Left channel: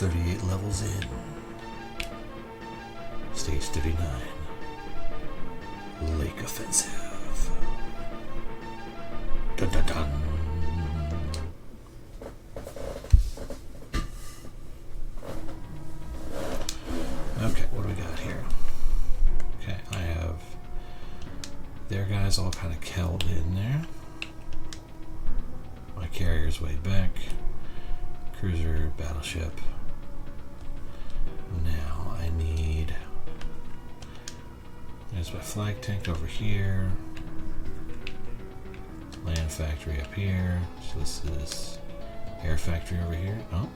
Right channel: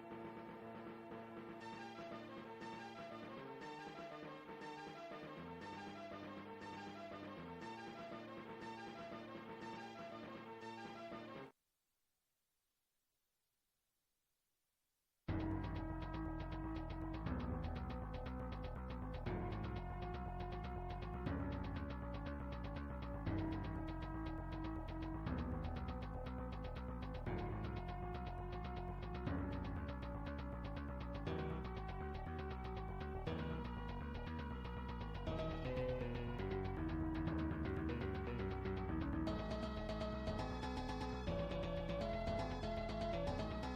38 levels in. Stage 39. Lake Offensive. Dun dun dun. Okay, what do we got here? Okay, I have their guys all kind of held in there. My carrier's way back. Cruiser, battleship. Now I need... There's my flag tank over here. Land factory up here. So this is air factory over here. Oh.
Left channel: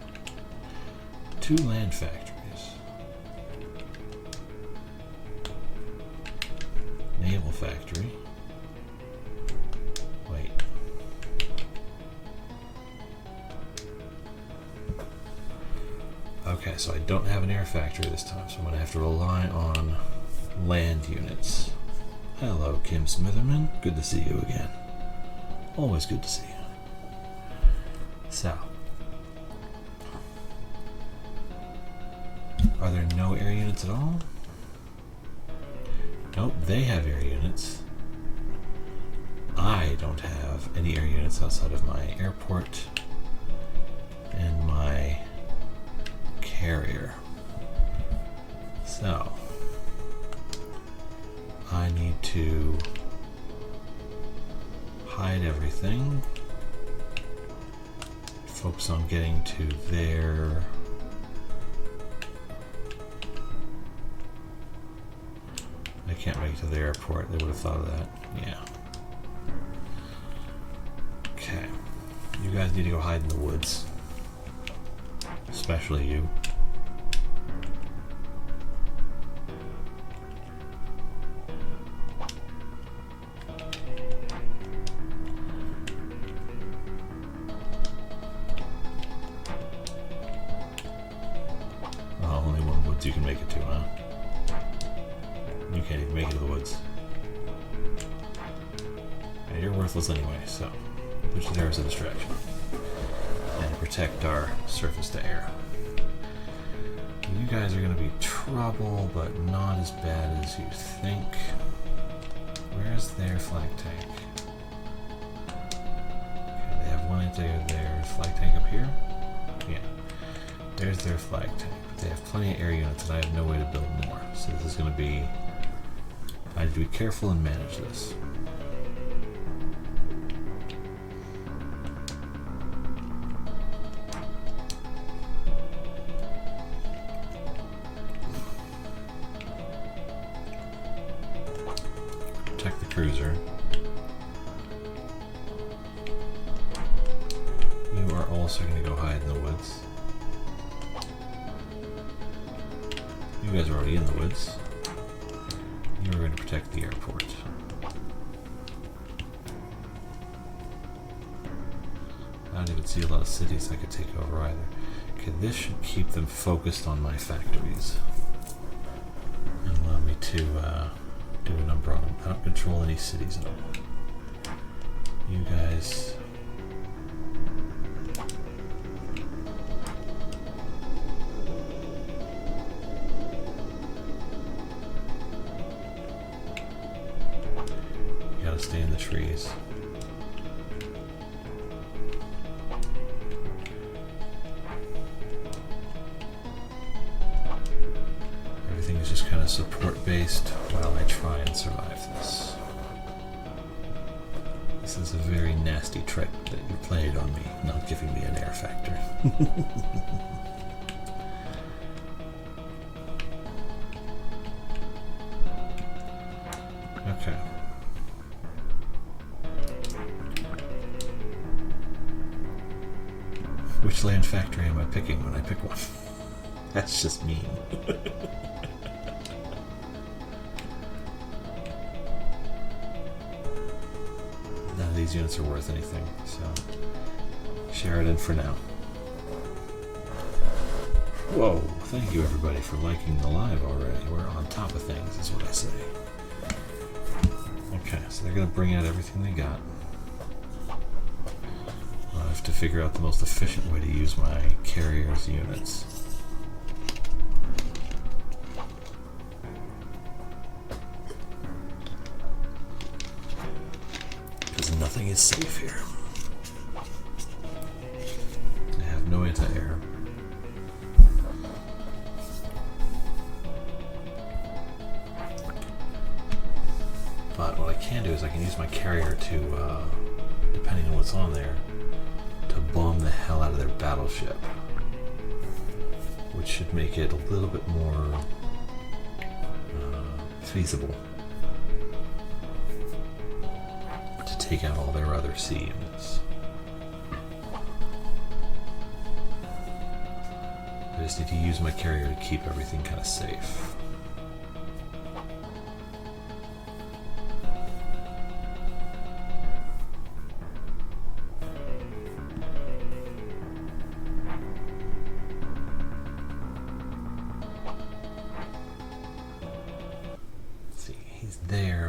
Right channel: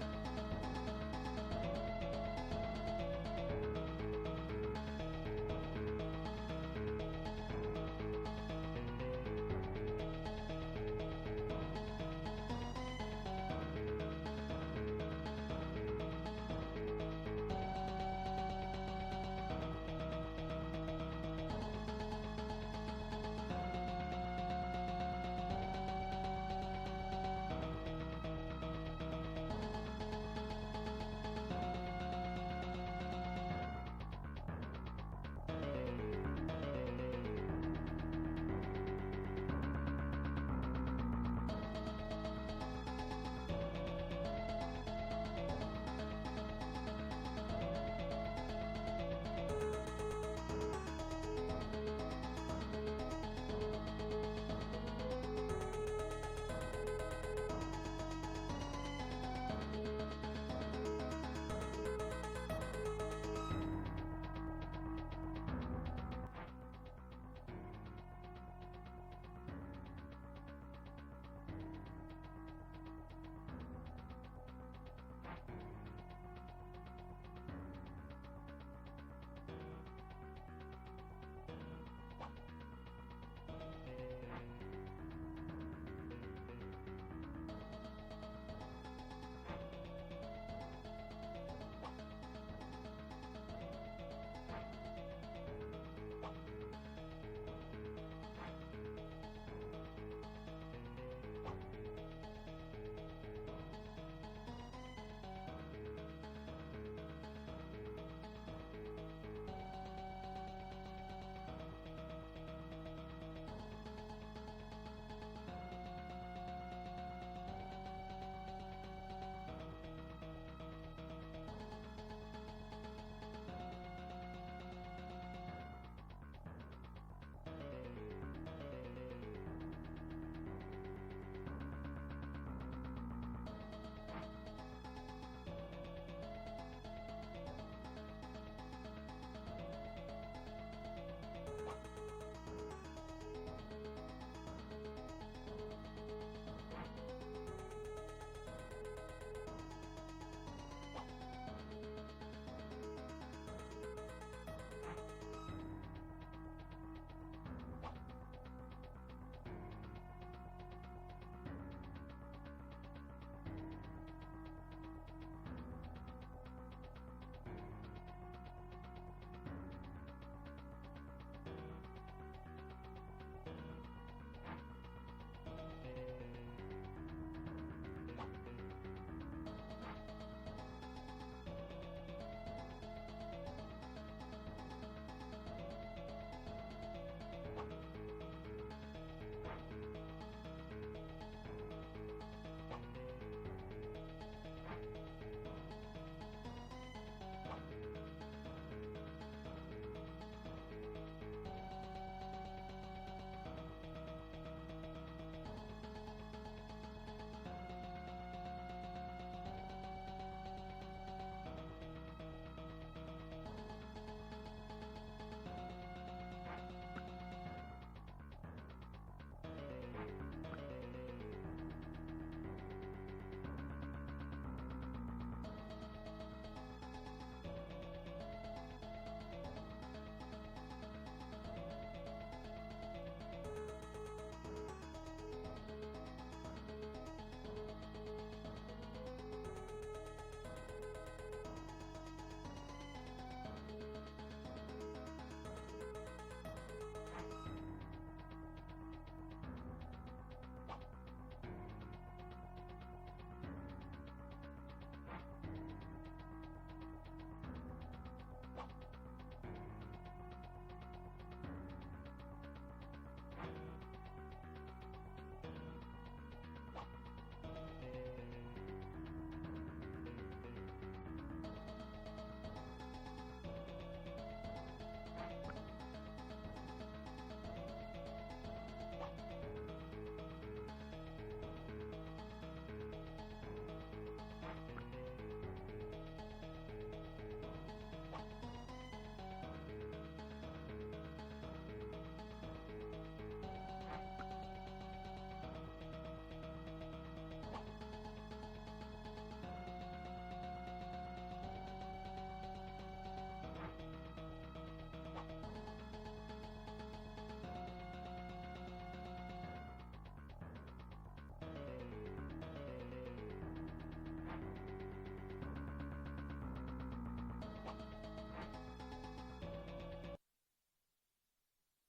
2 land factories. Naval factory. Wait. Okay, so I don't have an air factory this time, so I'm going to have to rely on land units. Hello, Kim Smitherman. Good to see you again. Always good to see you. So, are there no air units at all? Nope, they have air units. I don't have any air units outside of my airport and my carrier. So, I need to hide everything, focus on getting to their I can't make it to the airport. They would have thought of that. Yeah. Okay. You guys need to go hide in the woods. Especially you. Oh, only one woods you can make it to, huh? You can't even make it to the woods. And you're worthless anyway, so which there is a distraction. And protect our surface to air. You guys are going to be trouble, but not as bad as you think. Where's their flag tank? Okay, they have one into their flag tank up here. Yeah. There's their flag tank. They have plenty of air units and I have no way to build more. So this is going to be... I have to be careful and manage this. Protect the cruiser. You are also going to go hide in the woods. You guys are already in the woods. You're going to protect the airport. I don't even see a lot of cities I could take over either. Okay, this should keep them focused on my factories. And allow me to do a number on them. I don't control any cities at all. You guys... stay in the trees. Everything is just kind of support based while I try and survive this. This is a very nasty trick that you played on me, not giving me an air factor. Okay. Which land factory am I picking when I pick one? That's just mean. None of these units are worth anything, so share it in for now. Whoa, thank you everybody for liking the live already. We're on top of things, is what I say. Okay, so they're going to bring out everything they got. I have to figure out the most efficient way to use my carrier's units. everything is safe here. I have no anti-air. But what I can do is I can use my carrier to, depending on what's on there, to bomb the hell out of their battleship. Which should make it a little bit more feasible to take out all their other sea units. I just need to use my carrier to keep everything kind of safe.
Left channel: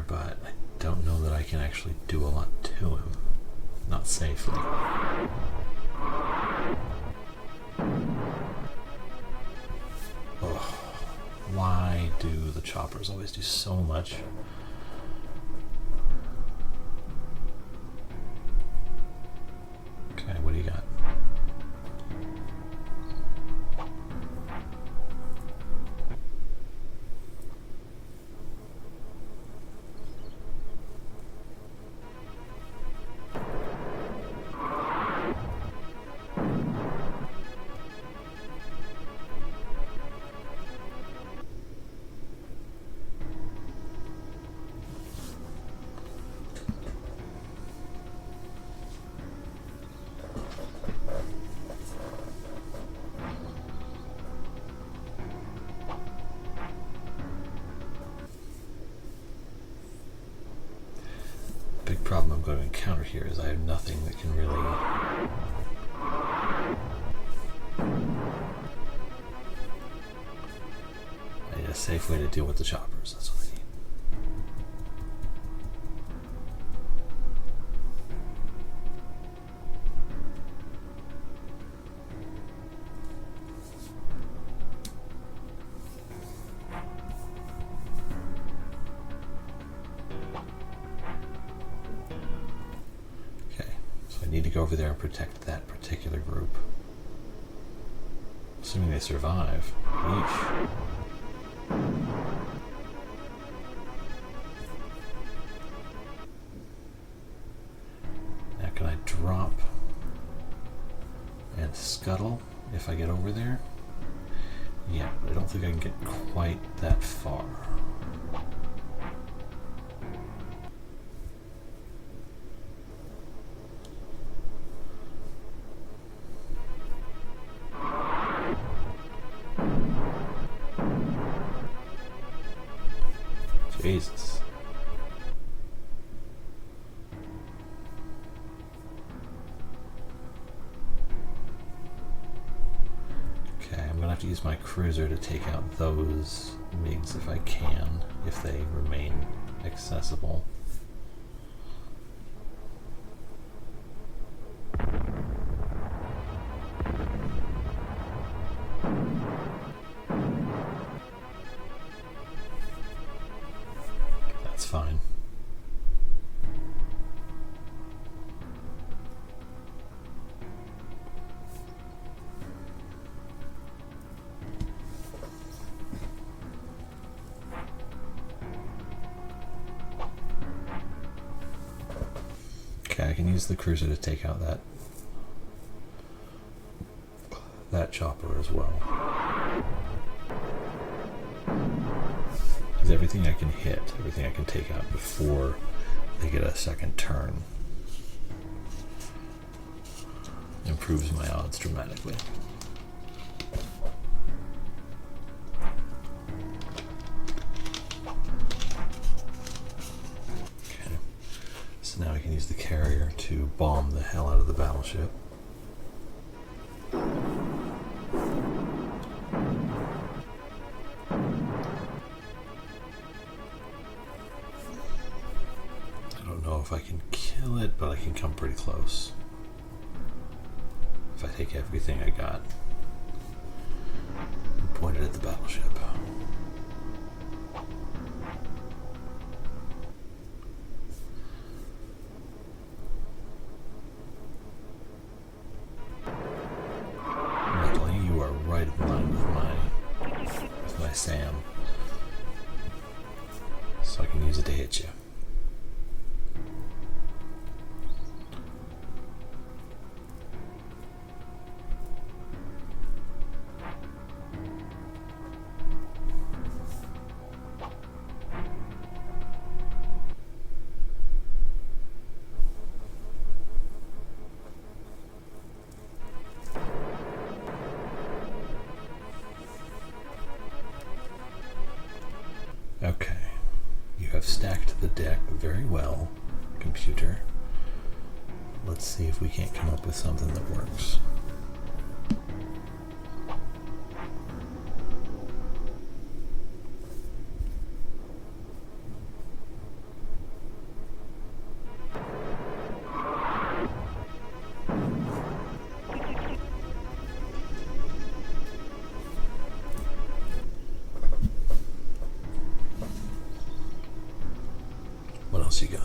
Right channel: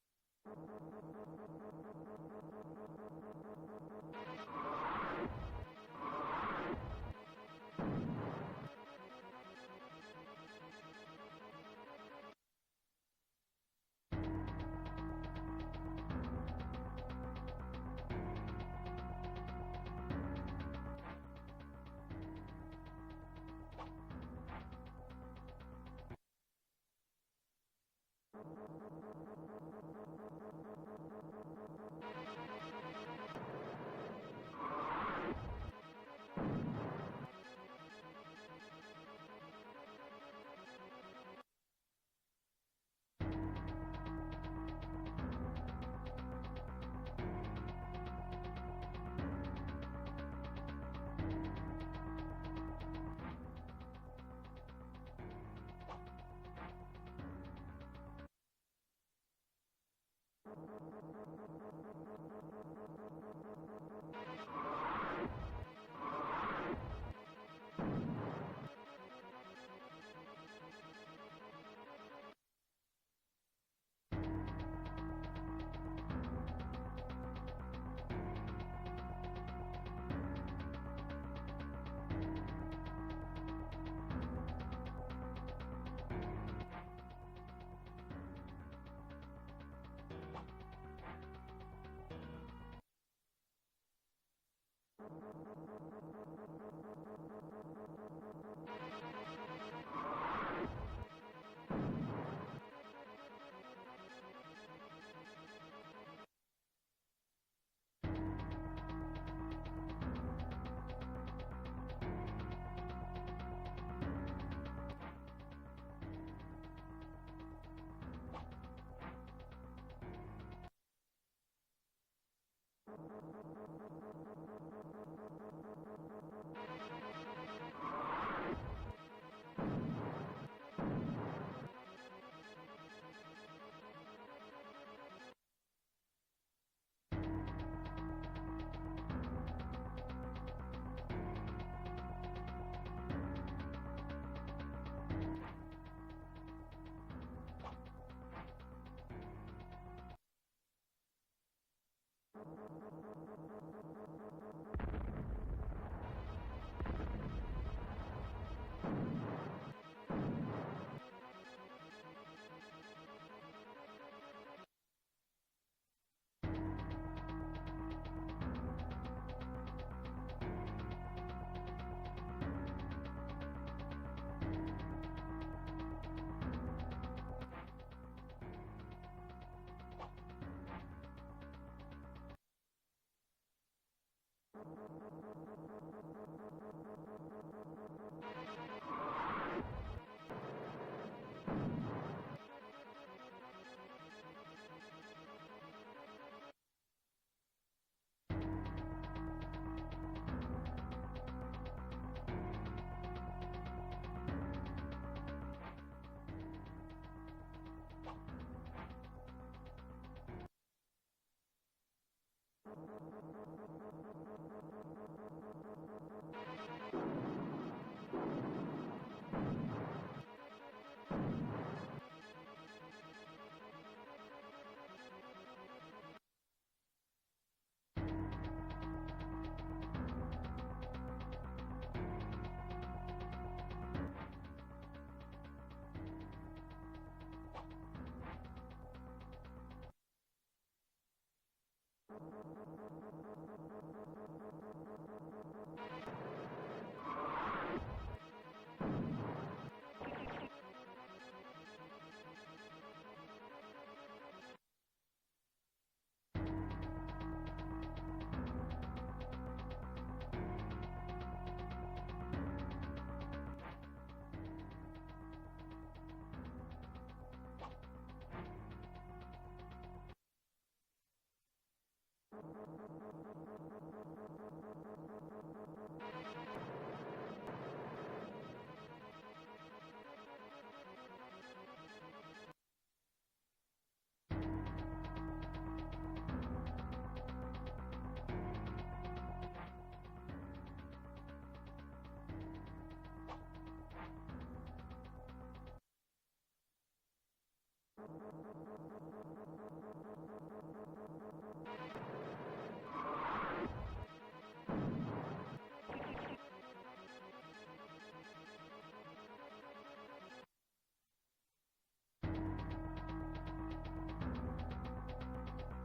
But I don't know that I can actually do a lot to him. Not safely. Ugh. Why do the choppers always do so much? Okay, what do you got? Problem I'm going to encounter here is I have nothing that can really I need a safe way to deal with the choppers. That's what I need. Go over there and protect that particular group. Assuming they survive. Yeesh. Now can I drop and scuttle if I get over there? Yeah, I don't think I can get quite that far. Jesus. Okay, I'm gonna have to use my cruiser to take out those MiGs if I can, if they remain accessible. That's fine. Okay, I can use the cruiser to take out that chopper as well. Because everything I can hit, everything I can take out before they get a second turn improves my odds dramatically. Okay, so now I can use the carrier to bomb the hell out of the battleship. If I can kill it, but I can come pretty close if I take everything I got and point it at the battleship. Sam. So I can use it to hit you. Okay, you have stacked the deck very well, computer. Let's see if we can't come up with something that works. What else you got?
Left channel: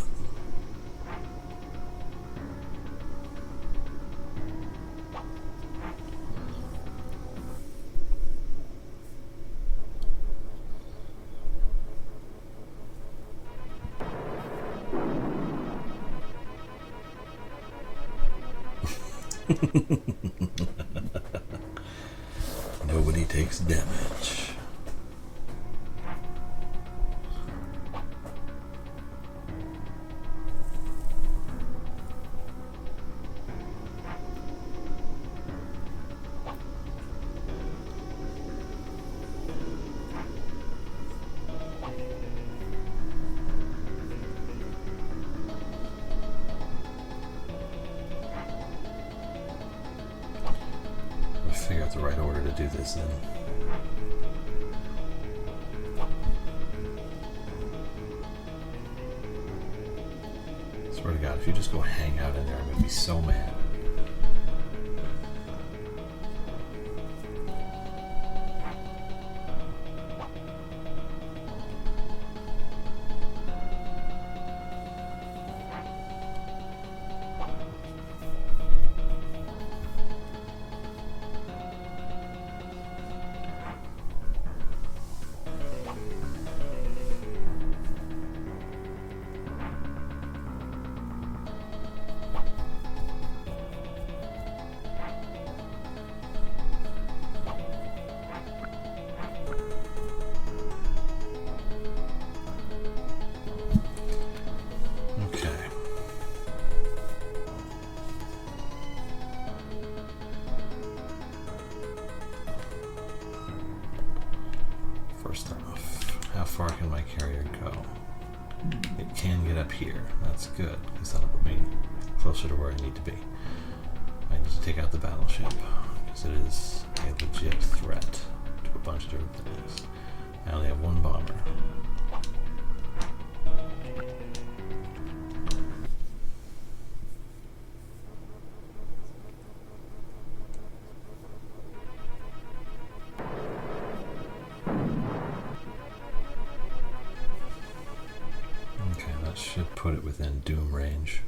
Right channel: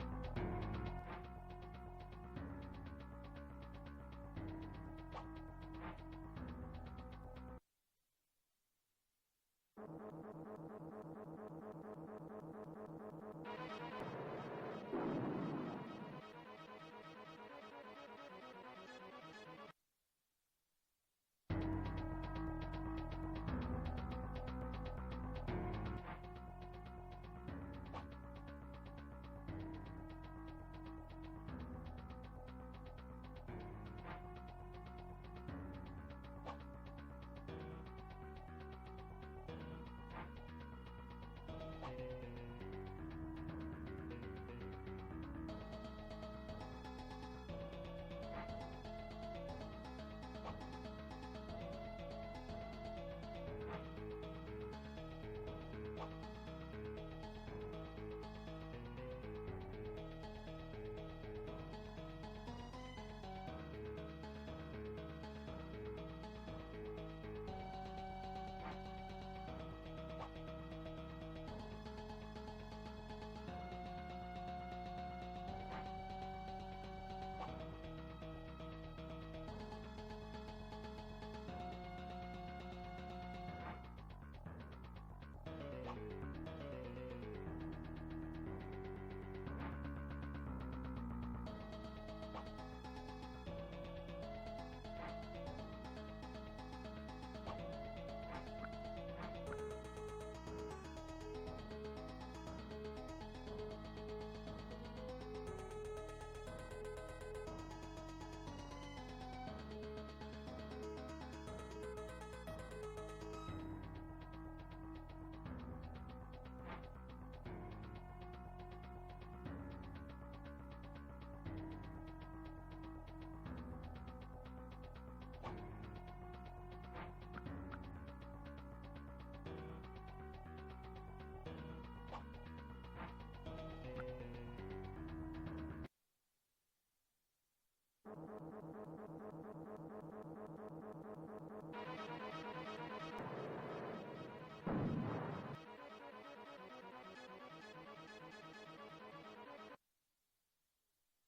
Nobody takes damage. Figure out the right order to do this then. Swear to God, if you just go hang out in there, I'm gonna be so mad. First off, how far can my carrier go? It can get up here. That's good, because that'll put me closer to where I need to be. I need to take out the battleship, because it is a legit threat to a bunch of different things. I only have one bomber. Should put it within doom range.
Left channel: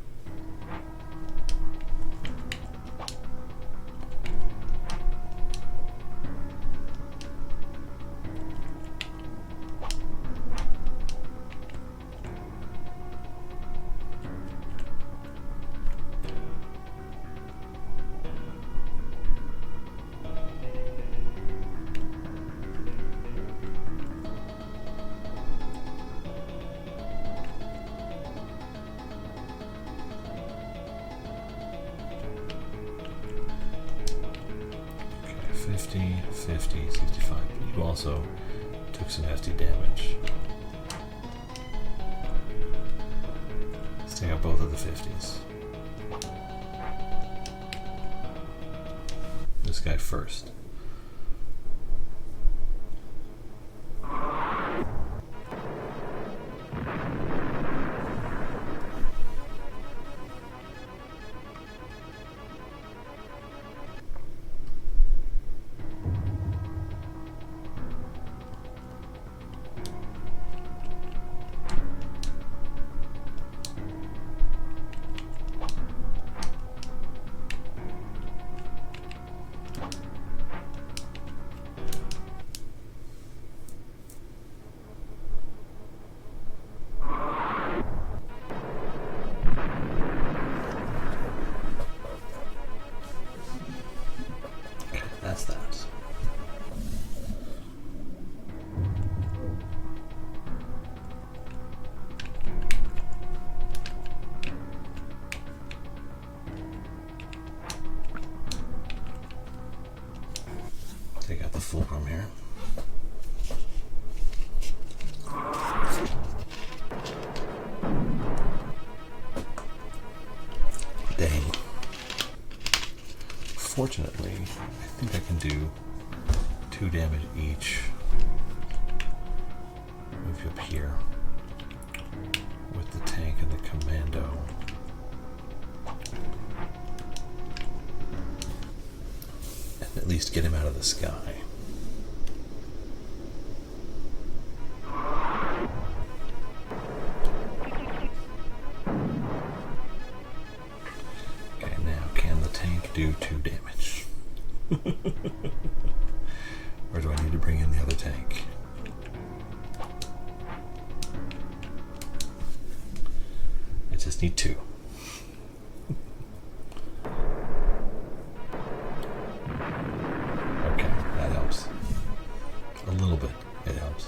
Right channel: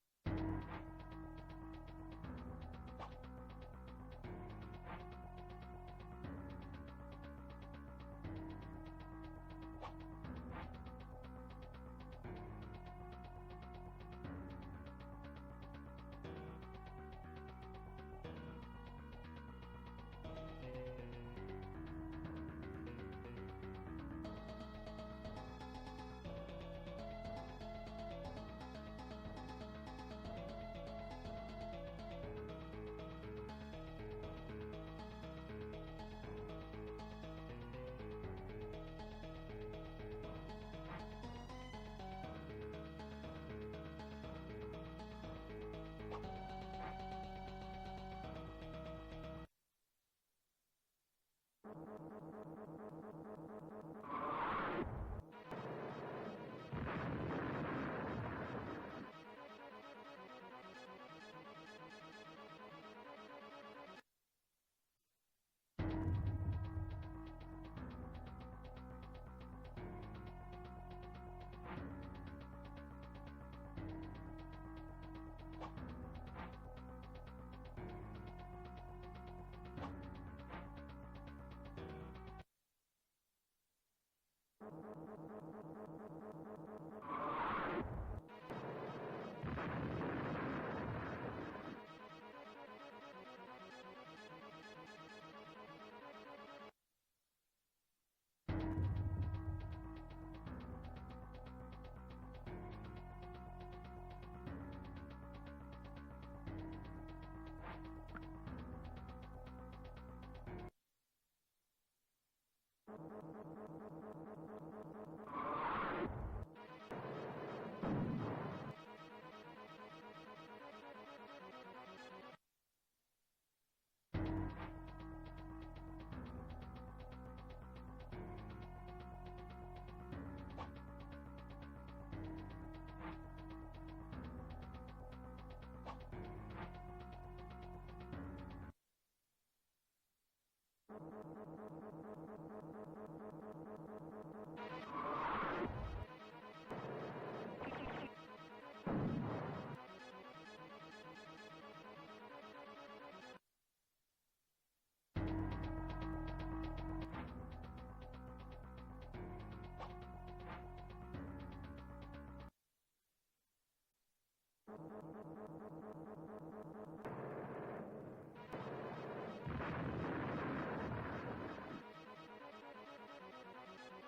Okay, 50, 50, 65. You also took some hefty damage. Let's take out both of the 50s. This guy first. fulcrum here. Dang. Fortunately, I think I can do 2 damage each. Move you up here with the tank and the commando. And at least get him out of the sky. Okay, now can the tank do 2 damage? Or do I need to bring in the other tank? I just need 2. Okay, that helps. A little bit, it helps.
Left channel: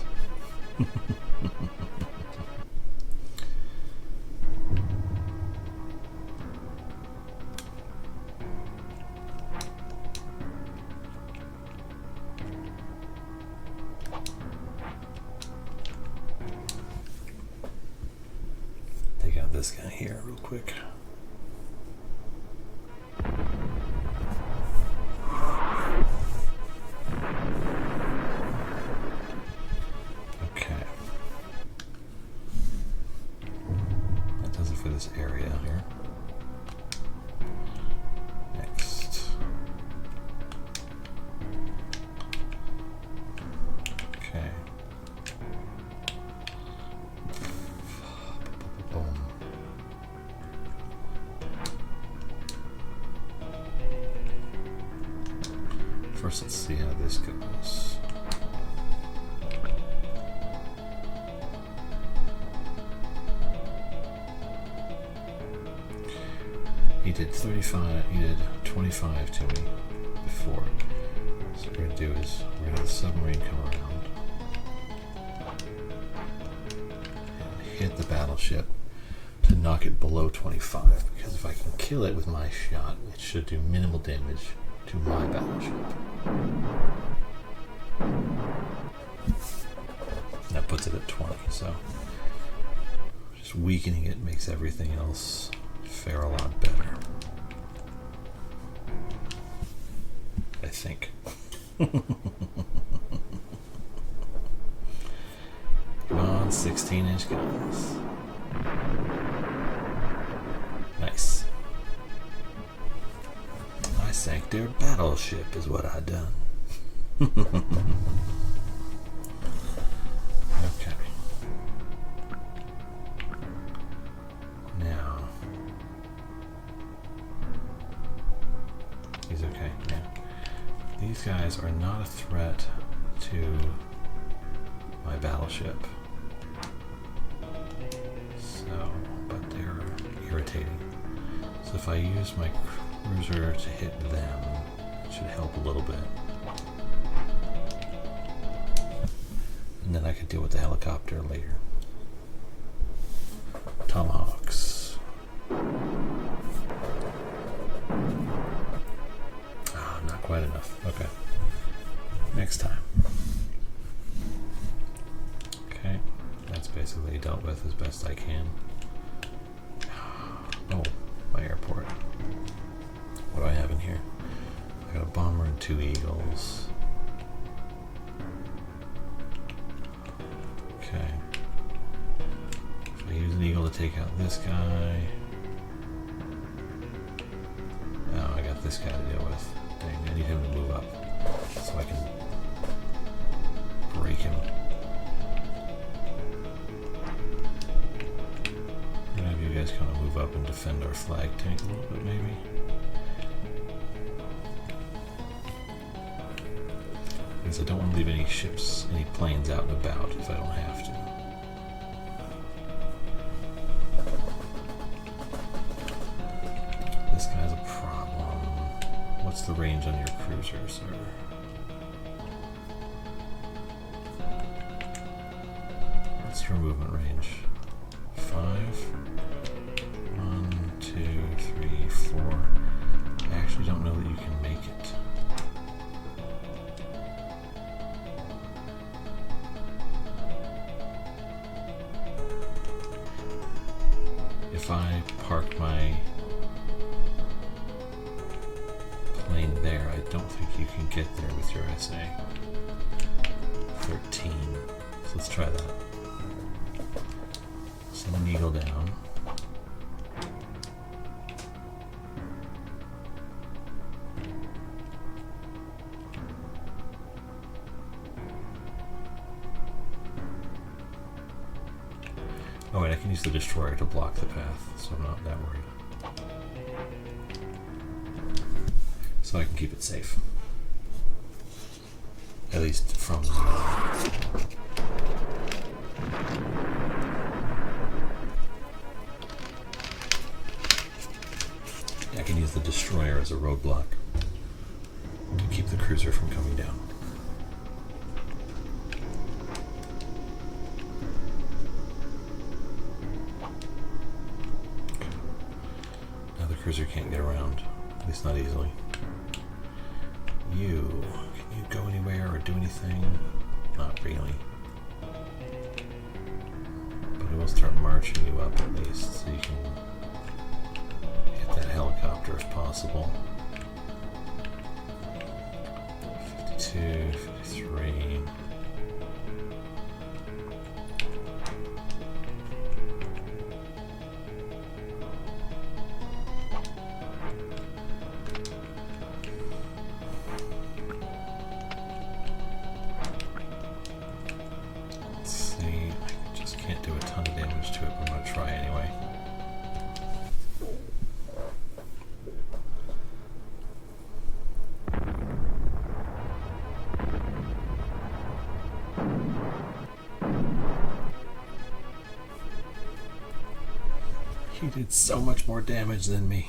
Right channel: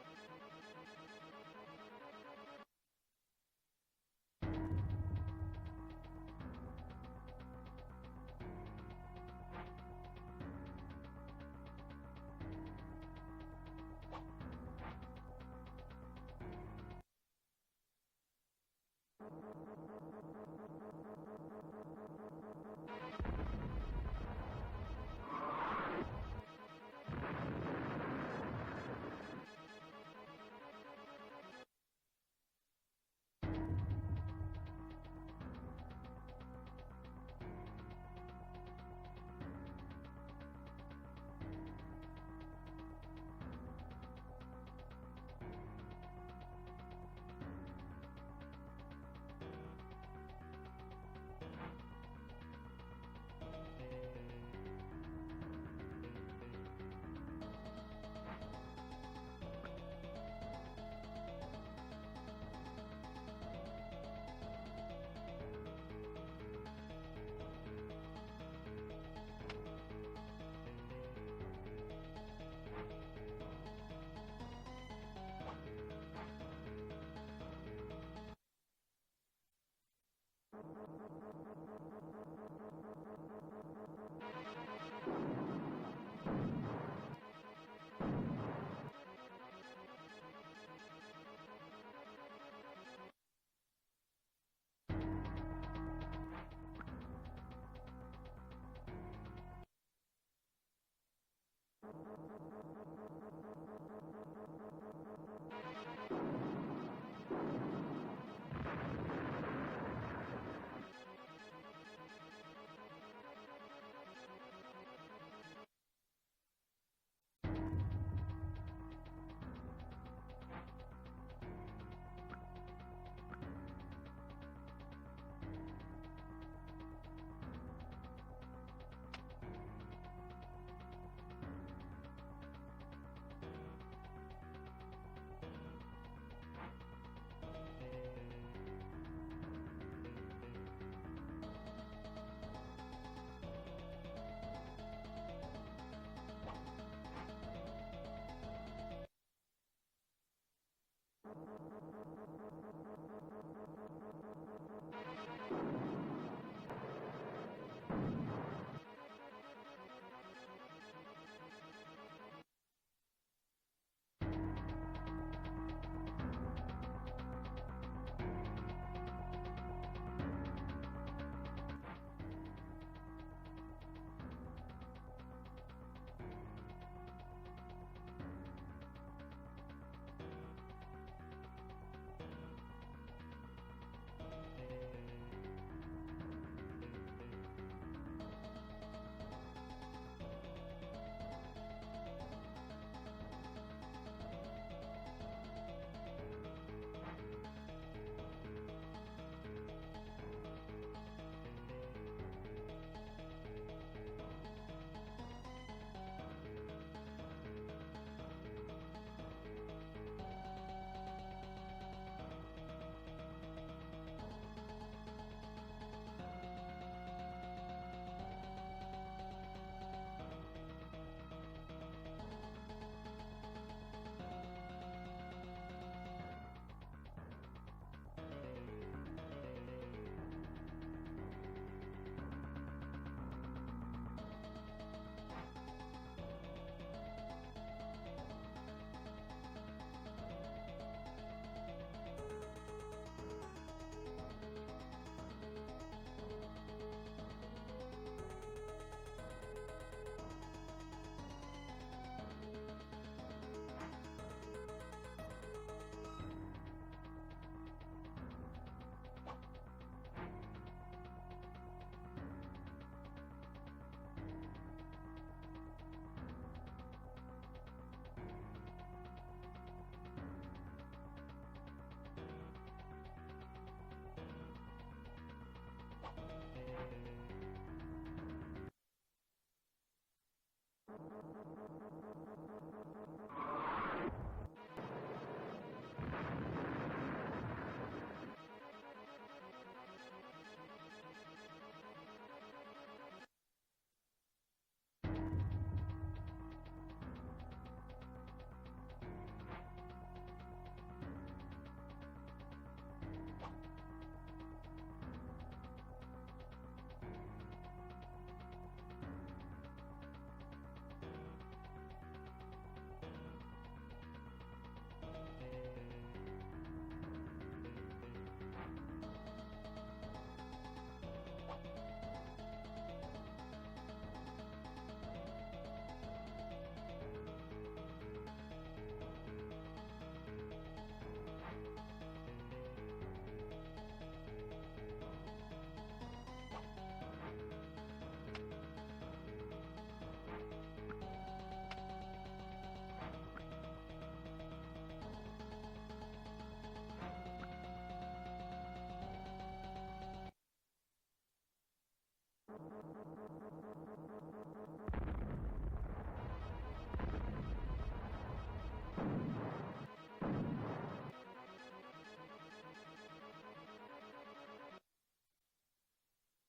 Take out this guy here real quick. Okay. That does it for this area here. Next. Okay. Boom. First, let's see how this goes. He did 35, he did 25 to me before. So what we're going to do is we're going to have the submarine come around and hit the battleship to knock it below 25. Because if I can kill it with my shot, it should do minimal damage to my battleship. That puts it at 20, so just weakening it makes everything else fare a lot better. I think. Come on, 16-inch guns. Nice. I sank their battleship is what I done. Okay. Now he's okay. Now these guys are not a threat to my battleship. So, but they're irritating. So if I use my cruiser to hit them, it should help a little bit. And then I could deal with the helicopter later. Tomahawks. Ah, not quite enough. Okay. Next time. Okay. That's basically dealt with as best I can. Oh, my airport. What do I have in here? I got a bomber and 2 eagles. Okay. If I use an eagle to take out this guy. Oh, I got this guy to deal with. Dang, I need him to move up so I can break him. I'm gonna have you guys kind of move up and defend our flag tank a little bit, maybe. Because I don't want to leave any ships, any planes out and about if I don't have to. This guy's a problem. What's the range on your cruiser, sir? What's your movement range? 5? 1, 2, 3, 4. I actually don't know that you can make it. get there with your SA. 13. So let's try that. Send an eagle down. Oh wait, I can use the destroyer to block the path, so I'm not that worried. So I can keep it safe. At least from I can use the destroyer as a roadblock to keep the cruiser from coming down. Now the cruiser can't get around, at least not easily. Can you go anywhere or do anything? Not really. But I will start marching you up at least so you can get that helicopter if possible. 52, 53. He did so much more damage than me.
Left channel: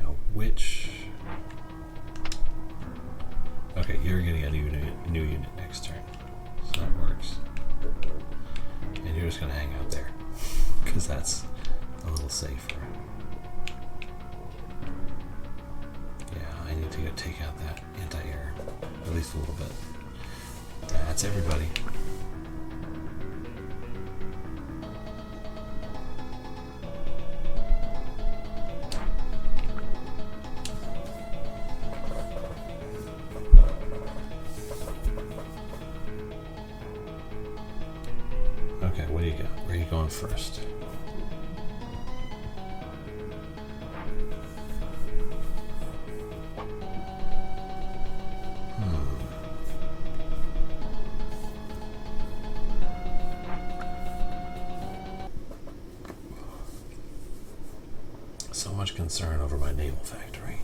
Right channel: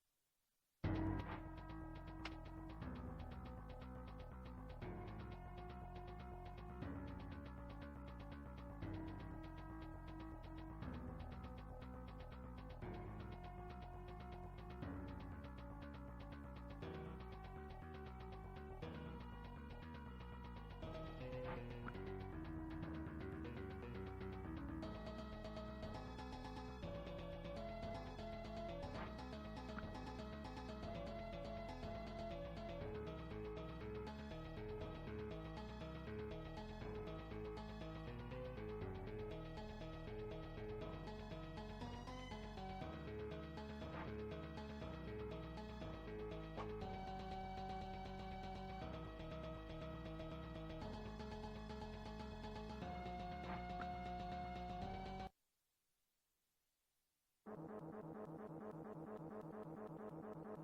Now which... Okay, you're getting a new unit next turn. So that works. And you're just going to hang out there. Because that's a little safer. Yeah, I need to go take out that anti-air. At least a little bit. That's everybody. Okay, what do you got? Where are you going first? So much concern over my naval factory.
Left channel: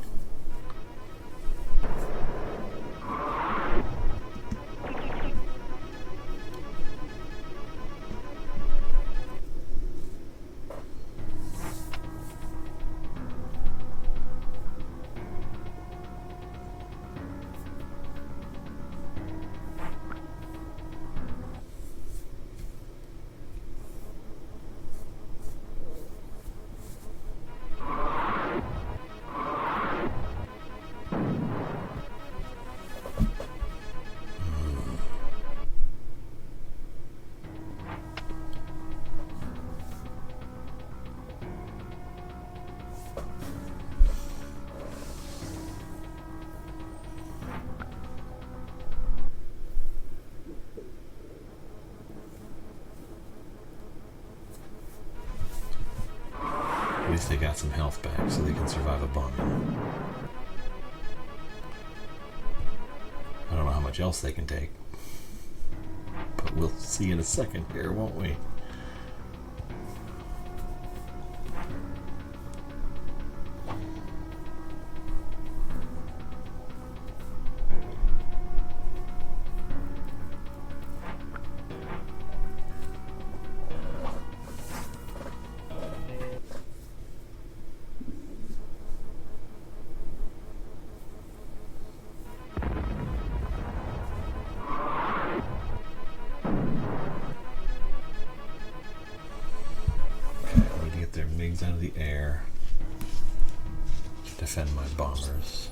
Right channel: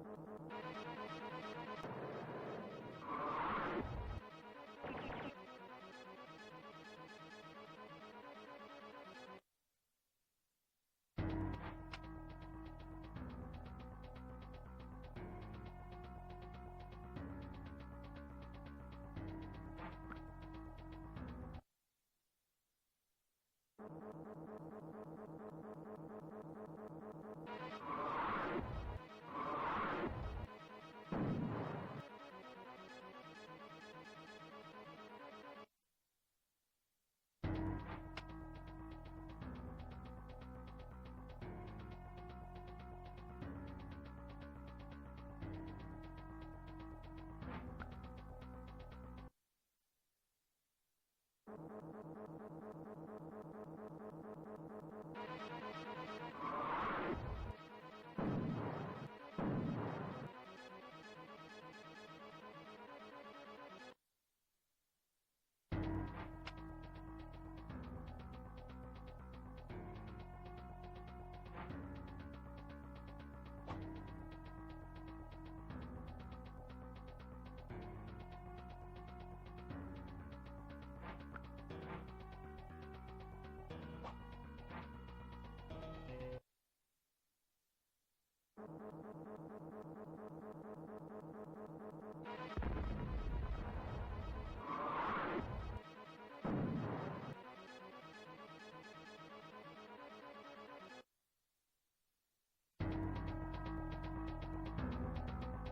At least they got some health back so they can survive a bombing. I don't know how much else they can take. But we'll see in a second here, won't we? defend my bombers.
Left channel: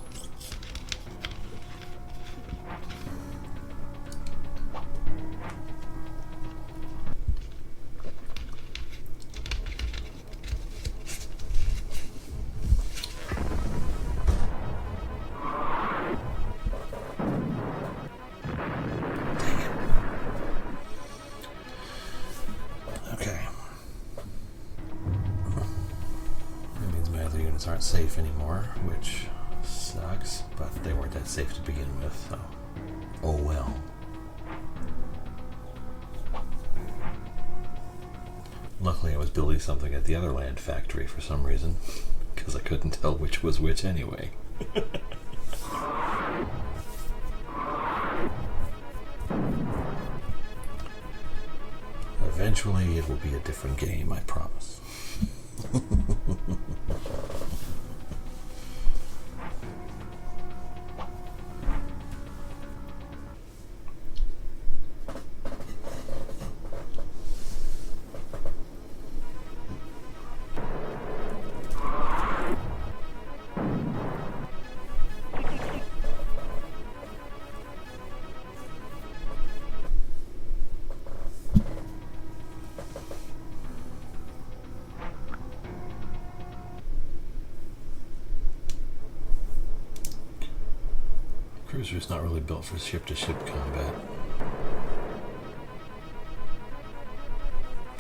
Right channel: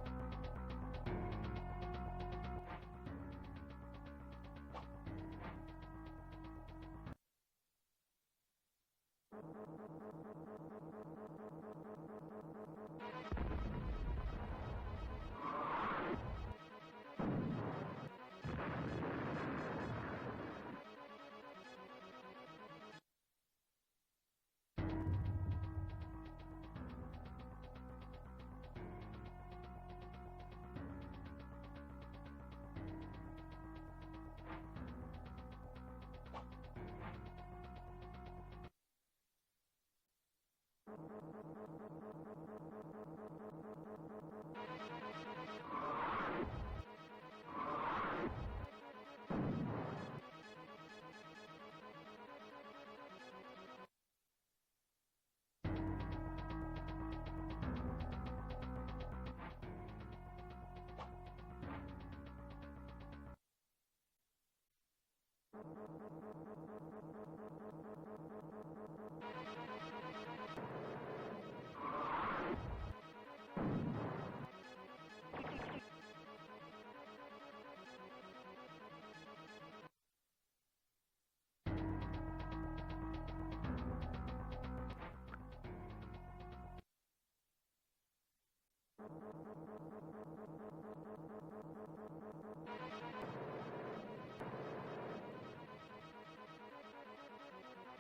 Aren't safe anymore, which sucks, but they weren't that safe to begin with, so oh well. Luckily I was building something at the other land factory for some reason, because I couldn't tell which was which anyway. Eventually it will be a different game, I promise. Cruiser's not really built for ship-to-ship combat.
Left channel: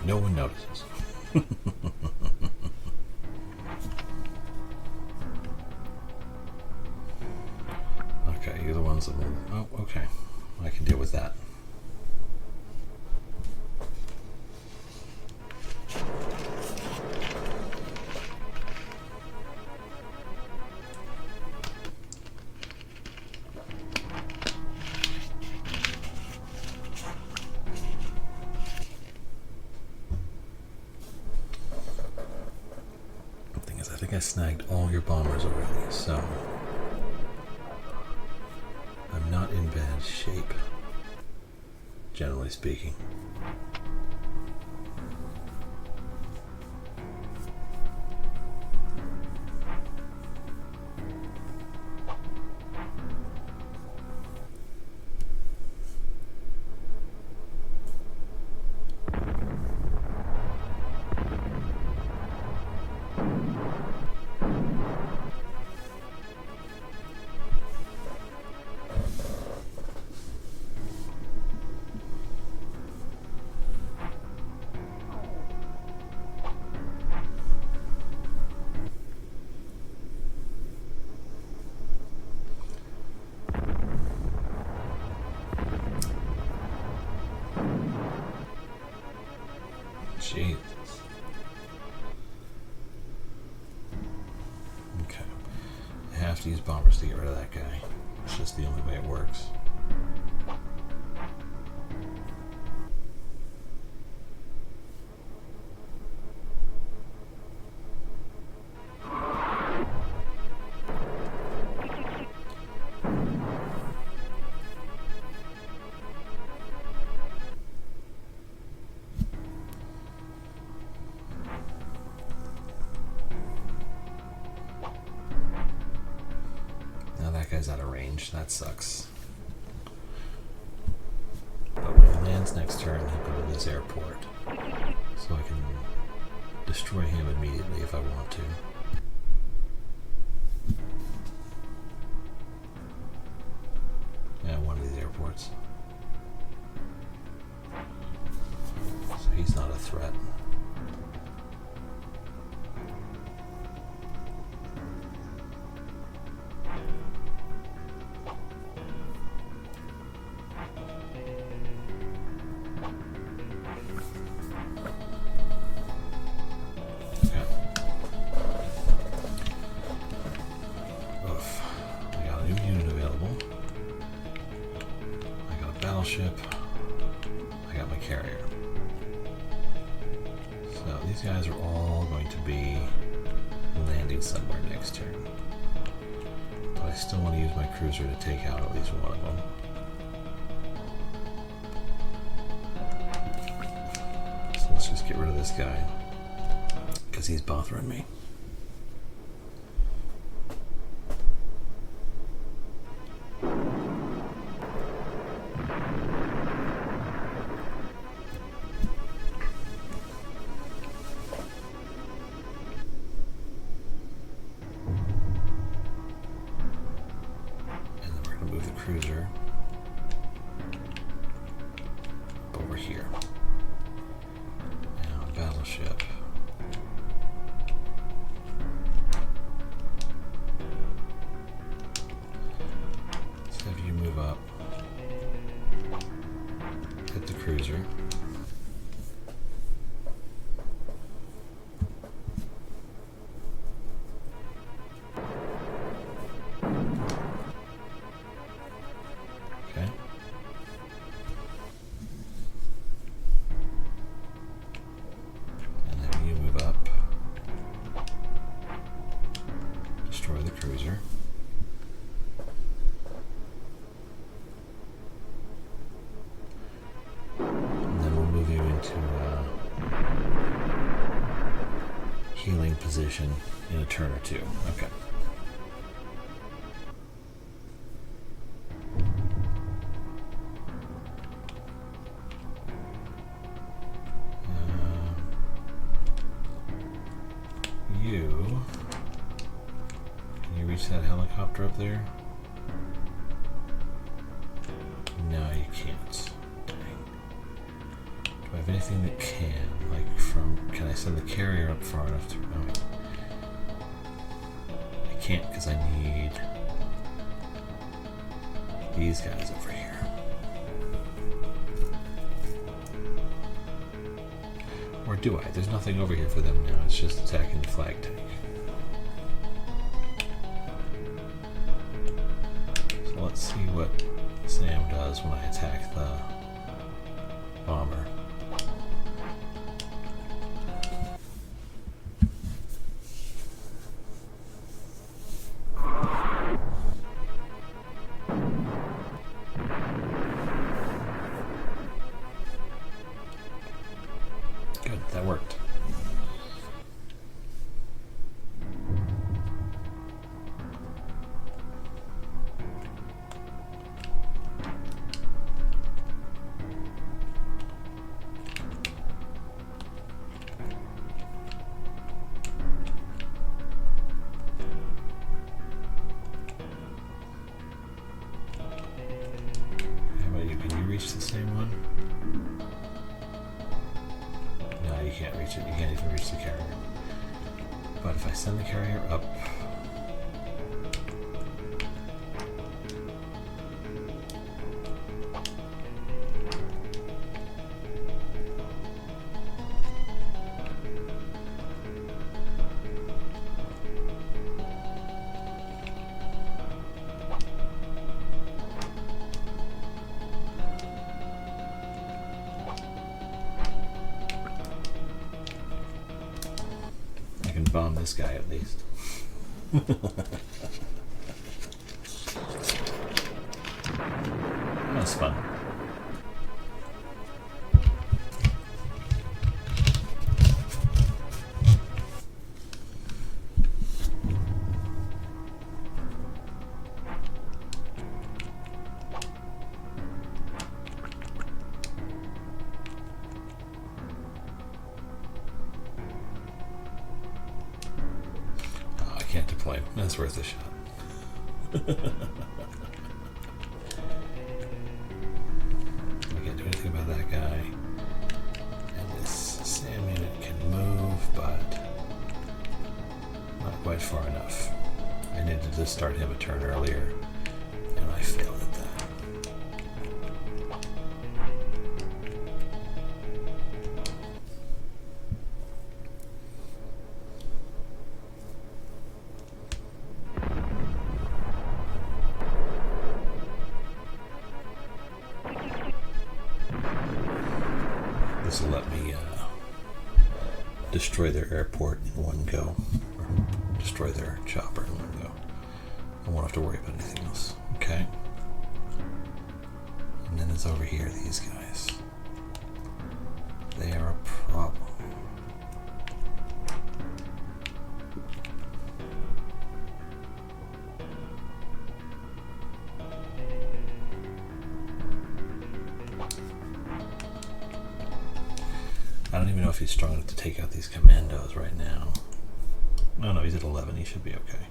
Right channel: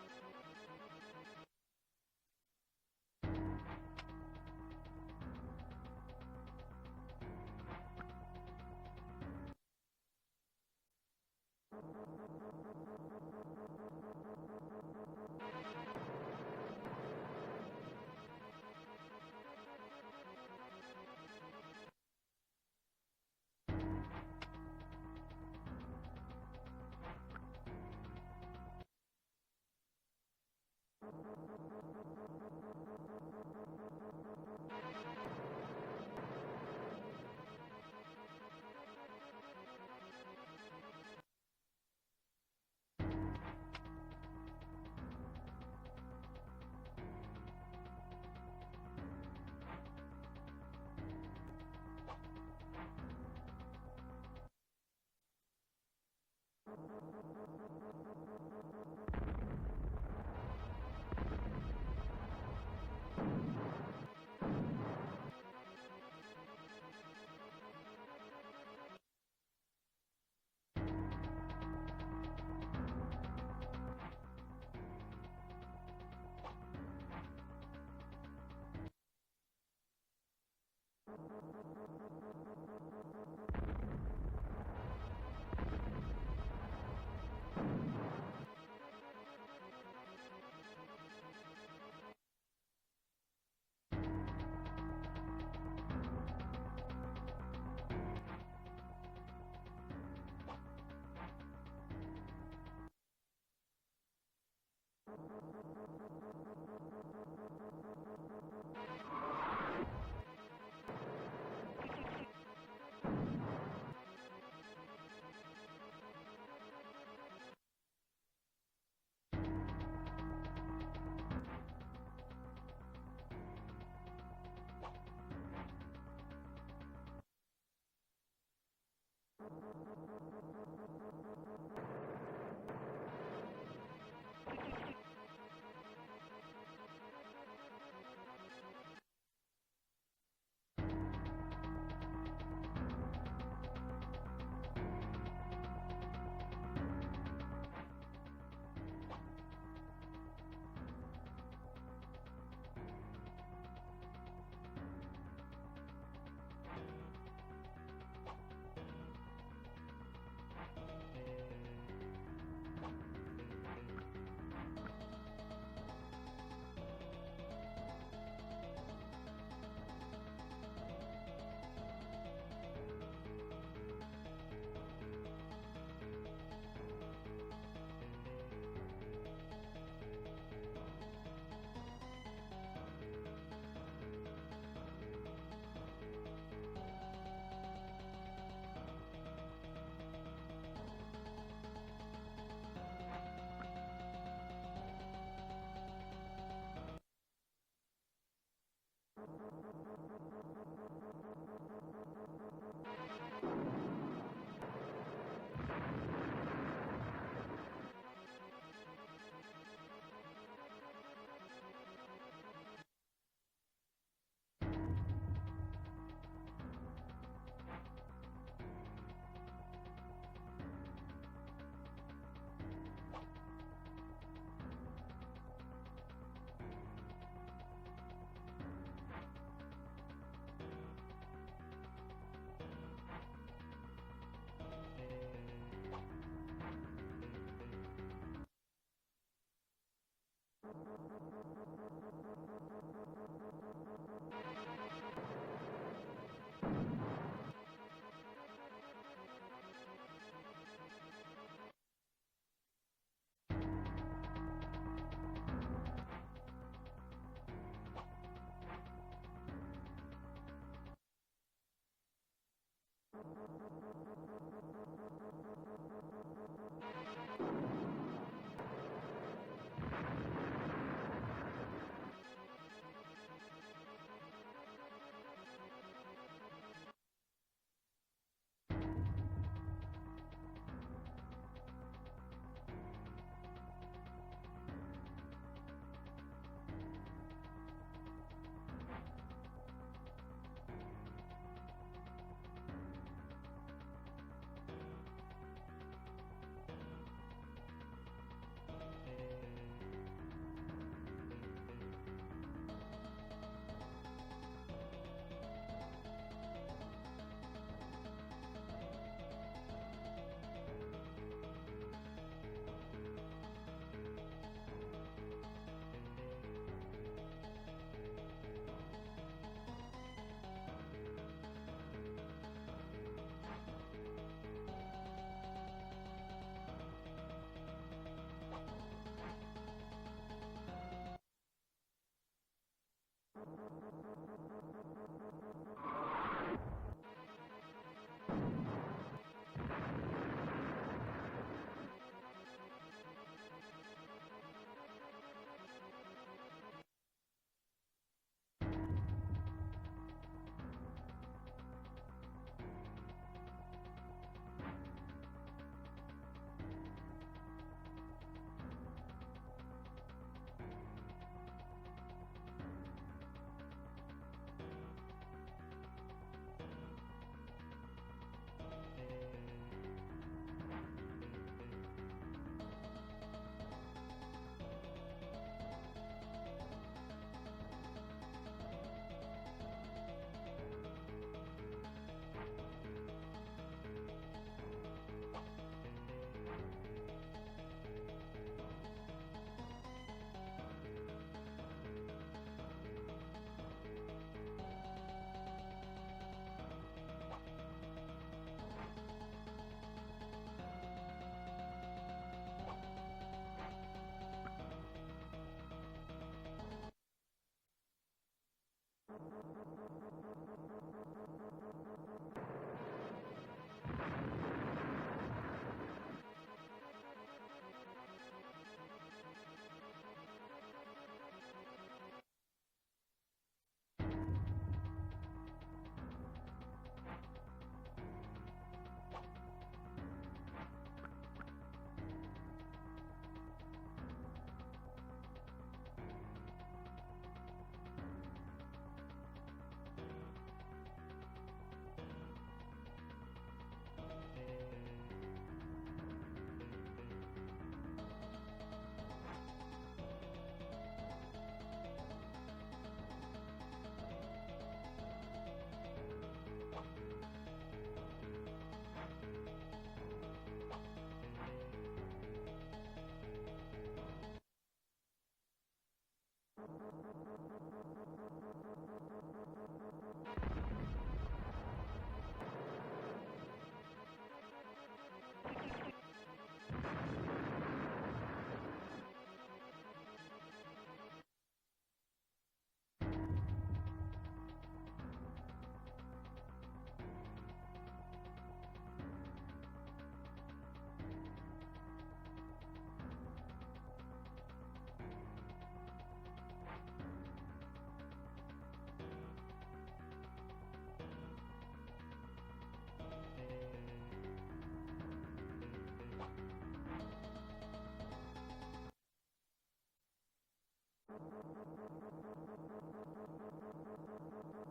No one notices. Okay, you're the ones that will... Oh, okay. I can deal with that. I snagged all your bombers already, so I'm not in bad shape, generally speaking. Jesus. Okay. I have to use bombers to get rid of that guy. It's just the only way it works. Out of range. That sucks. But when he lands next turn, he'll go to this airport. So I can destroy him immediately if I want to. Yeah, one of these airports. So he's not a threat. Ship. I got my carrier. So these guys are all going to be landing somewhere next turn. But I still want to use my cruiser to take out at least one of them. So let's just get rid of this guy because he's bothering me. cruiser. But we're here. Now, battleship. Let's have you move up. Hit the cruiser. Position in a turn or two. Okay. You can you reach that helicopter up there? No, you can't. Dang. Do I have anything that can? Like can I send the carrier up far enough to? Can't because I need these guys over here. Or do I? There's nothing over here for them now. It's just attacking the flag tank. So let's see what Sam does when I attack the bomber. That worked. How about you? Can you reach the same one? You can't reach it. You can't even reach the carrier. But if I send the carrier up, bomb this guy at least. That's fun. Can't deploy. That's worth a shot. I can't do anything about that guy. And this SAM unit can move, but not quite far enough. I needed to start him a turn earlier, and I failed at that. This will let me destroy their airport in one go, or destroy their chopper in one go. I won't have to worry about anything else. Okay. And then it's over here, these guys. They are a problem. I don't even know if he's strong enough to take out these commandos right now. No, he's at 11. He should be okay.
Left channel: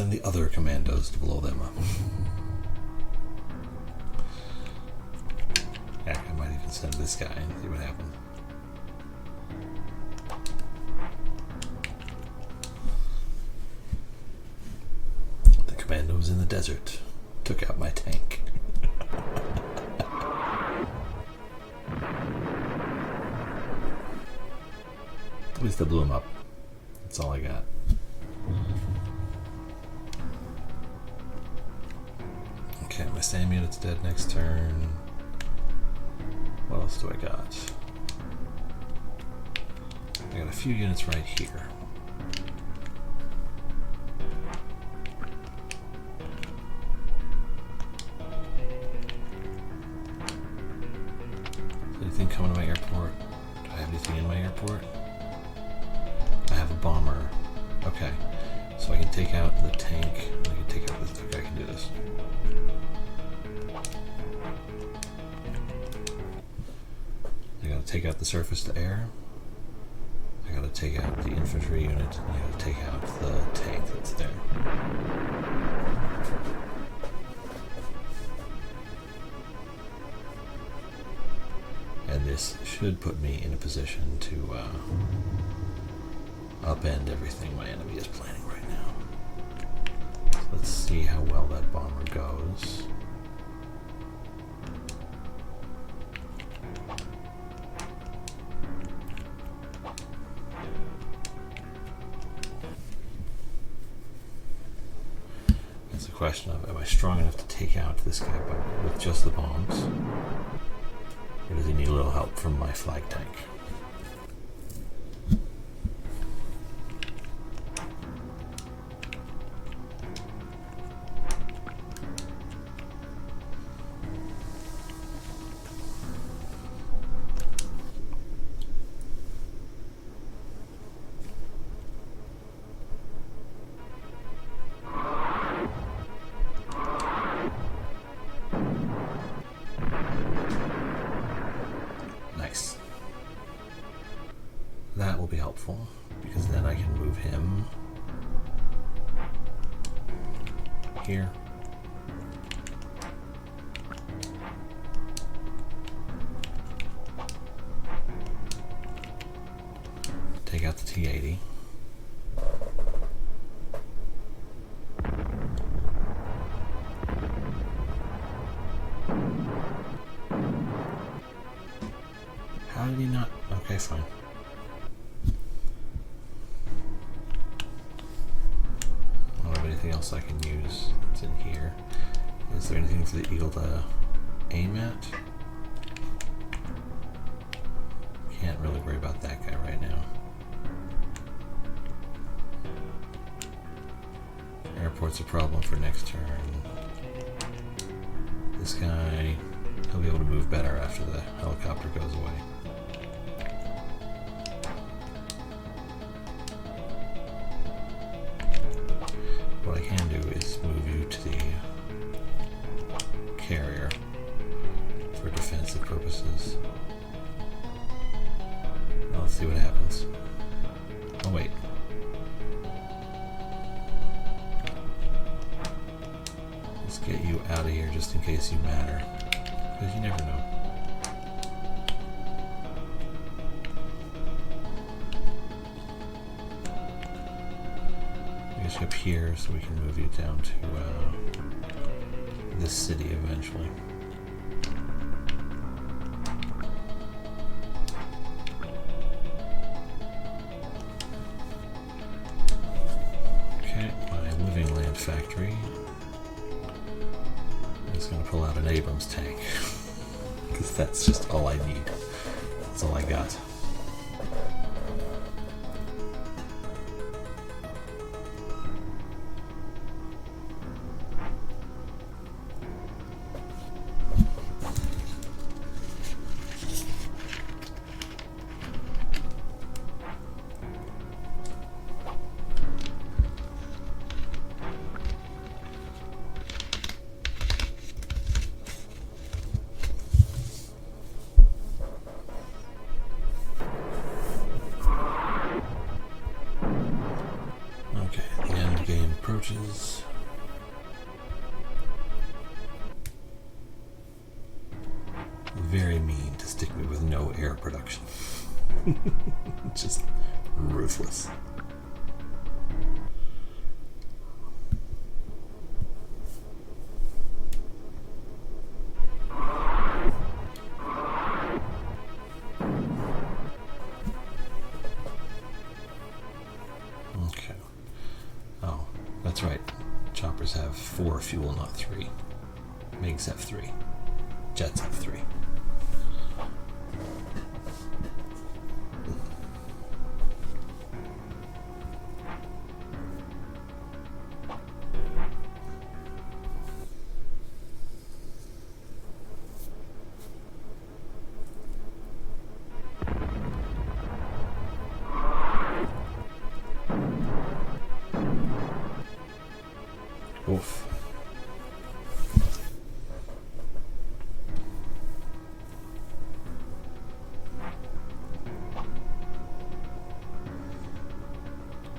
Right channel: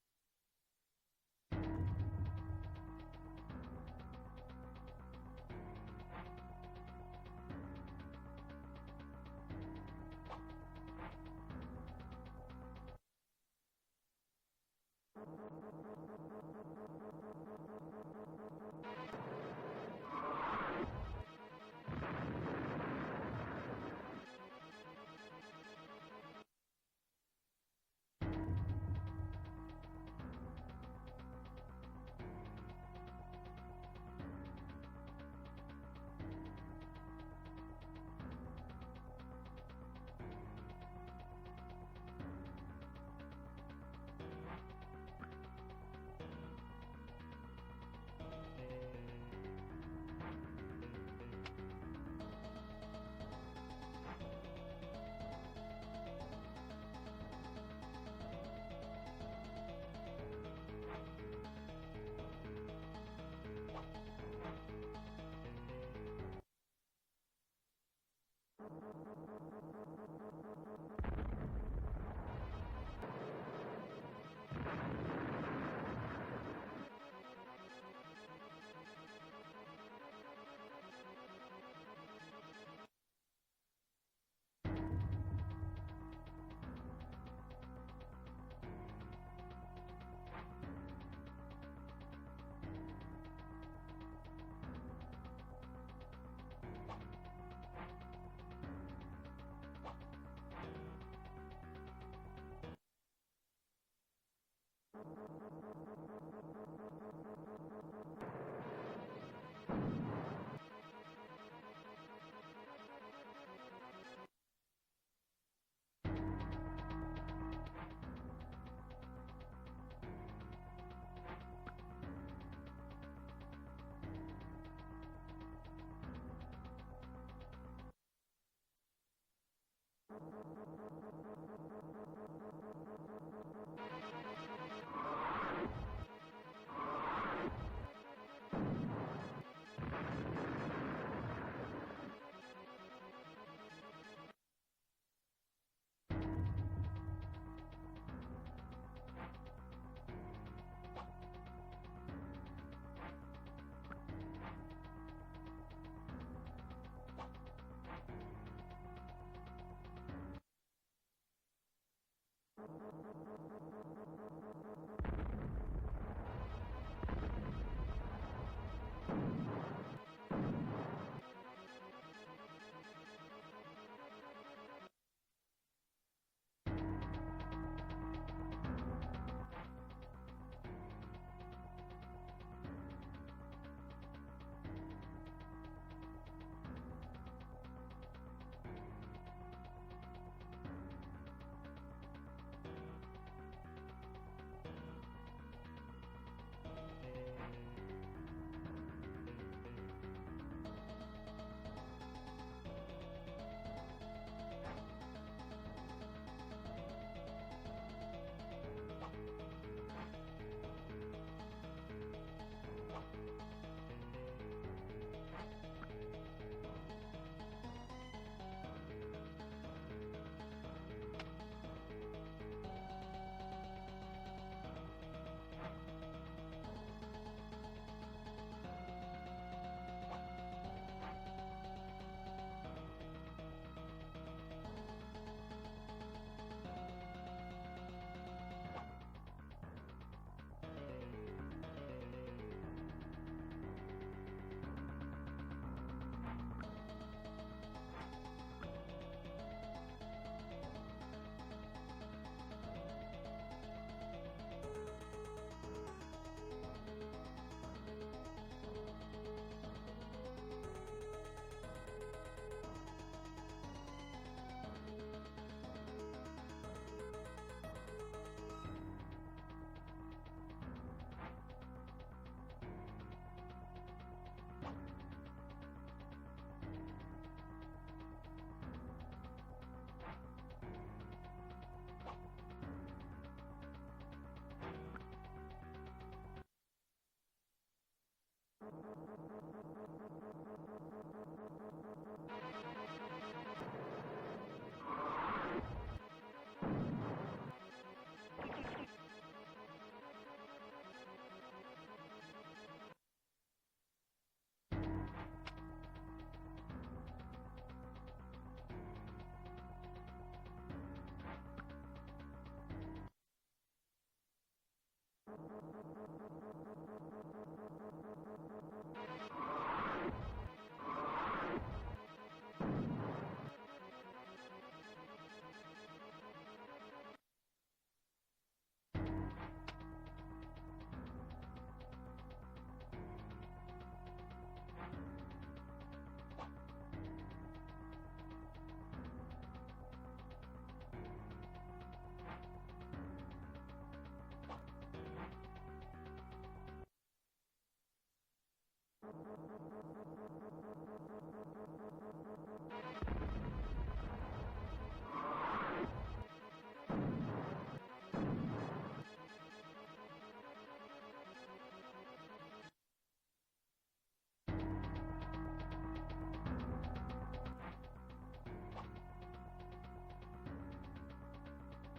send the other commandos to blow them up. Heck, I might even send this guy and see what happens. The commando was in the desert. Took out my tank. At least I blew him up. That's all I got. Okay, my SAM unit's dead next turn. What else do I got? I got a few units right here. Anything coming to my airport? Do I have anything in my airport? I have a bomber. Okay, so I can take out the tank. I can take out this. Okay, I can do this. I gotta take out the surface to air. I gotta take out the infantry unit. And I gotta take out the tank that's there. And this should put me in a position to upend everything my enemy is planning right now. So let's see how well that bomber goes. It's a question of, am I strong enough to take out this guy with just the bombs? Or does he need a little help from my flag tank? That will be helpful, because then I can move him here. Take out the T-80. How did he not? Okay, fine. Anything else I can use that's in here? Is there anything for the eagle to aim at? Can't really worry about that guy right now. Airport's a problem for next turn. This guy, he'll be able to move better after the helicopter goes away. What I can do is move you to the carrier for defensive purposes. Now let's see what happens. Oh wait. Let's get you out of here just in case you matter. Because you never know. Up here so we can move you down to this city eventually. Okay, my living land factory is going to pull out an Abrams tank because that's just all I need. That's all I got. production. Just ruthless. Okay. Oh, that's right. Choppers have 4 fuel, not 3. MiGs have 3. Jets have 3. Oof.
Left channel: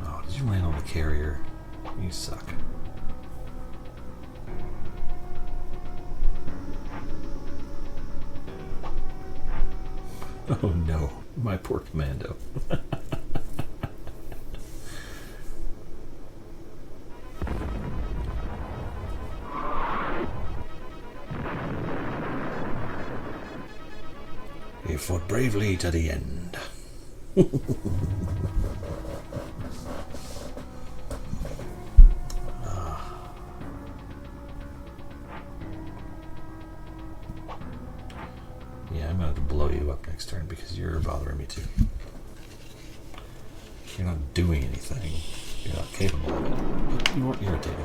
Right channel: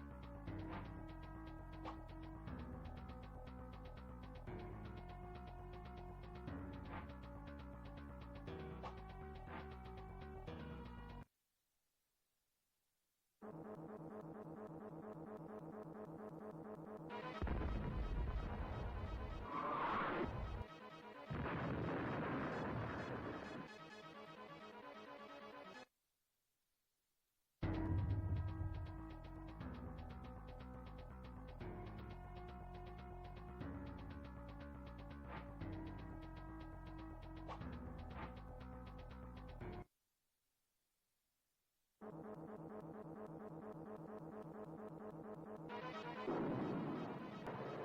Oh, did you land on the carrier? You suck. Oh no, my poor commando. He fought bravely to the end. Yeah, I'm going to blow you up next turn because you're bothering me too. You're not doing anything. You're not capable of it. But you weren't irritated.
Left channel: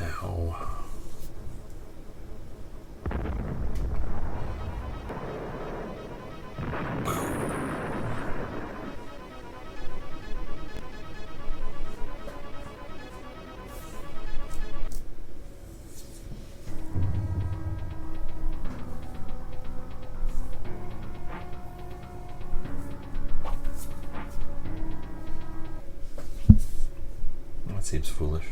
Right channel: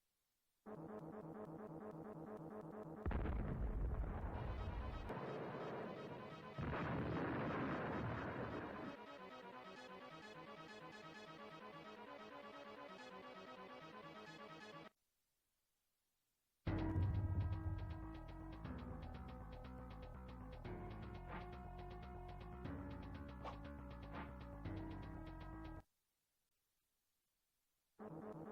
Ow. That seems foolish.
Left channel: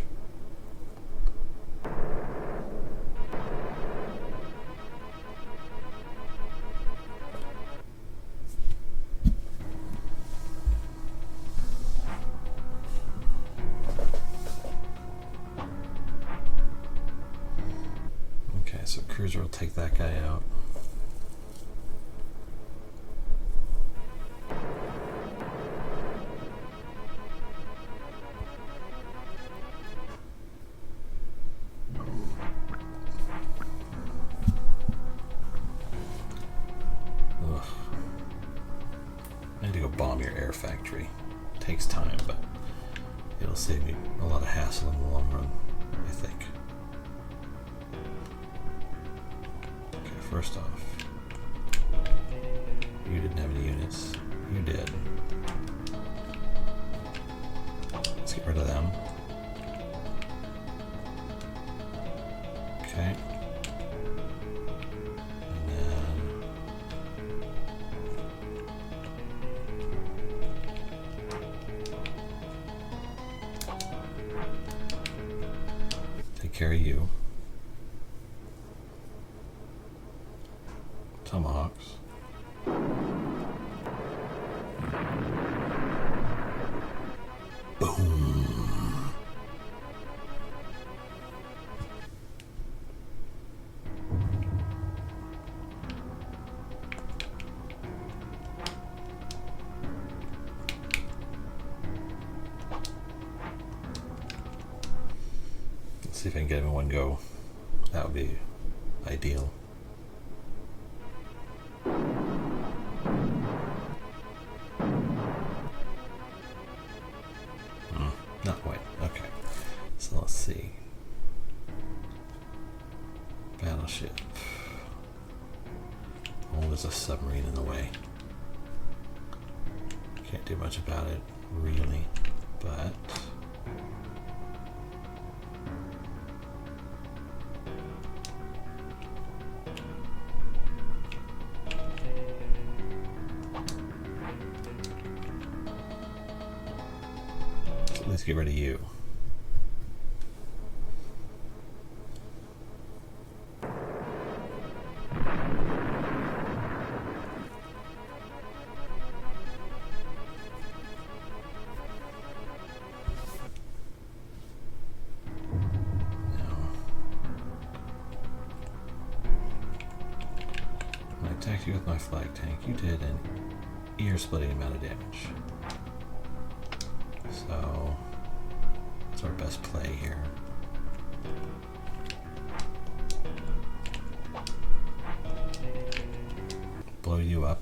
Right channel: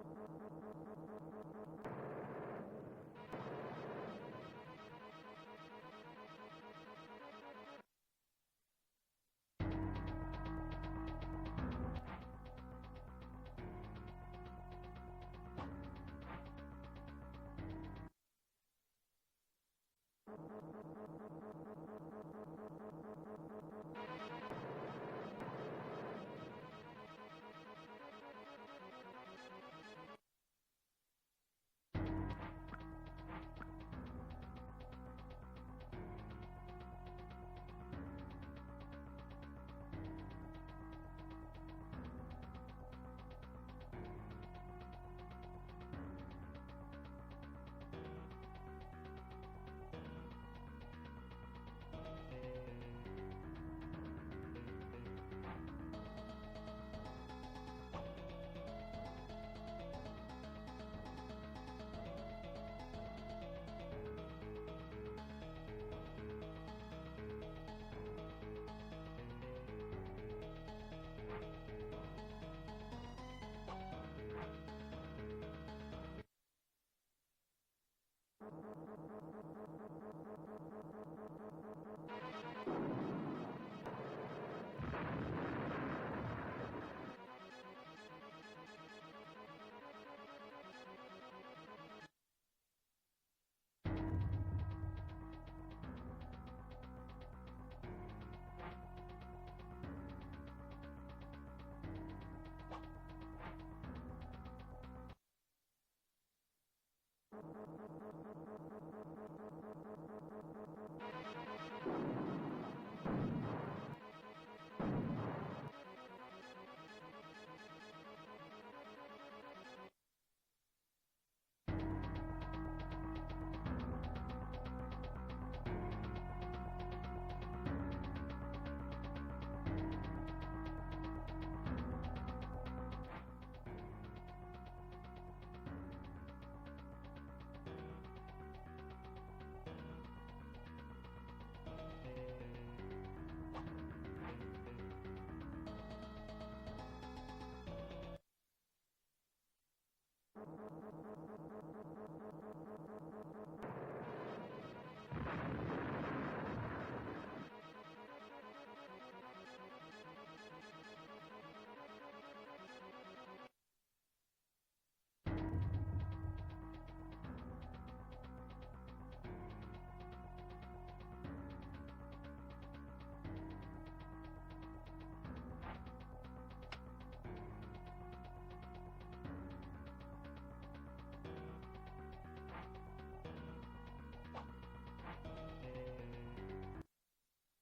Okay, so Cruiser will take that guy out. Ugh. I need to go bomb your air factory. Takes time, but it'll save me a lot of hassle in the long run, I think. Okay, first off, you didn't have any units. You did. Let's get rid of them. Okay. And then take care of you. Tomahawks. Boom. Let's see if I can get him in one go. That would be ideal. Not quite. Okay. So let's see. Battleship. Oh, there's a submarine in the way. Can't do much about it, really. But get rid of you. You with my flag tank, you did an ear-splitting amount of damage. So, it's our best play here. Blow you up.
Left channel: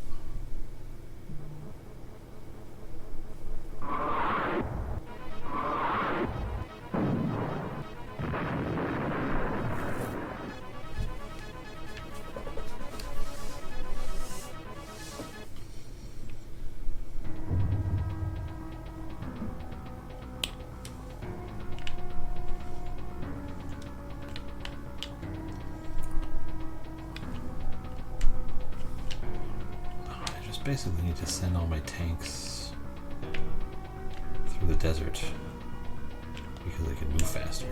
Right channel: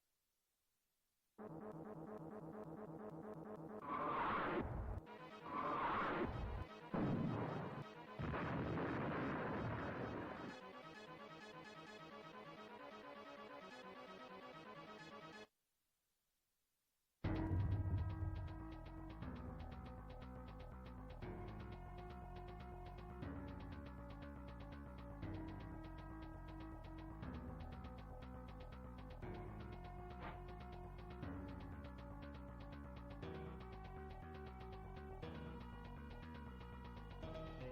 Basically need to send all my tanks through the desert because they can move faster.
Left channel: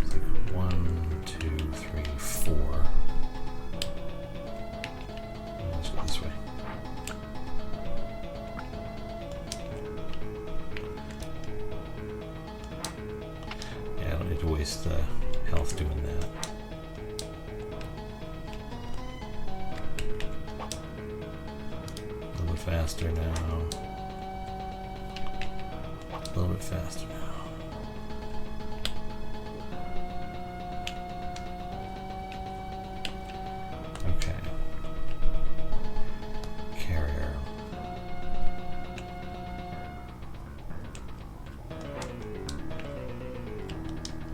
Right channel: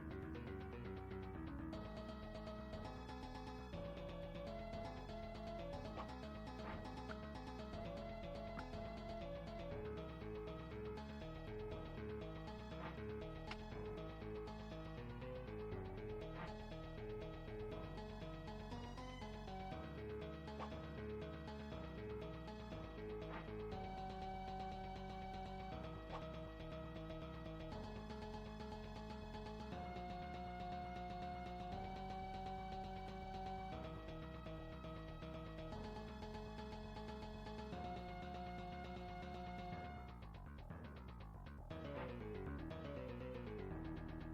It's like 1, 2, 3, 4. Let's go this way. Yeah, I don't need to waste health doing that. Faster now. A little bit faster now. Okay. Carrier.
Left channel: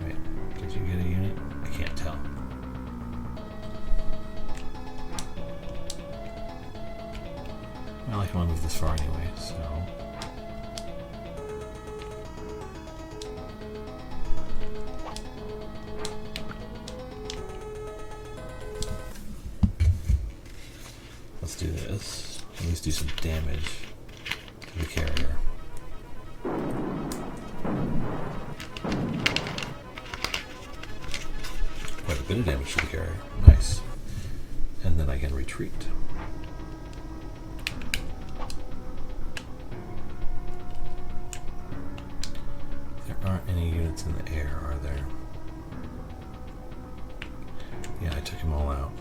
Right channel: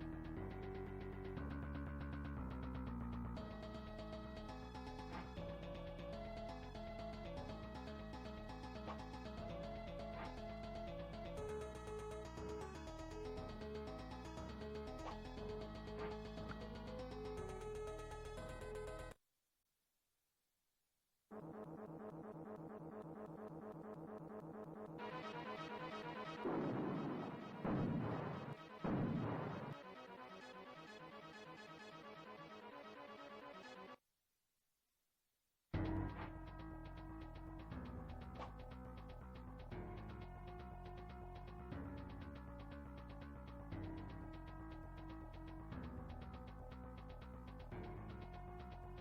Wait, did you get a unit? I can't tell. Well, I can only move this far anyway, so... Let's do this. At least do some damage to the carrier. Quite a bit of damage to the carrier. Nice. And then I can retreat. In the air, are there? Yeah, I took them all out.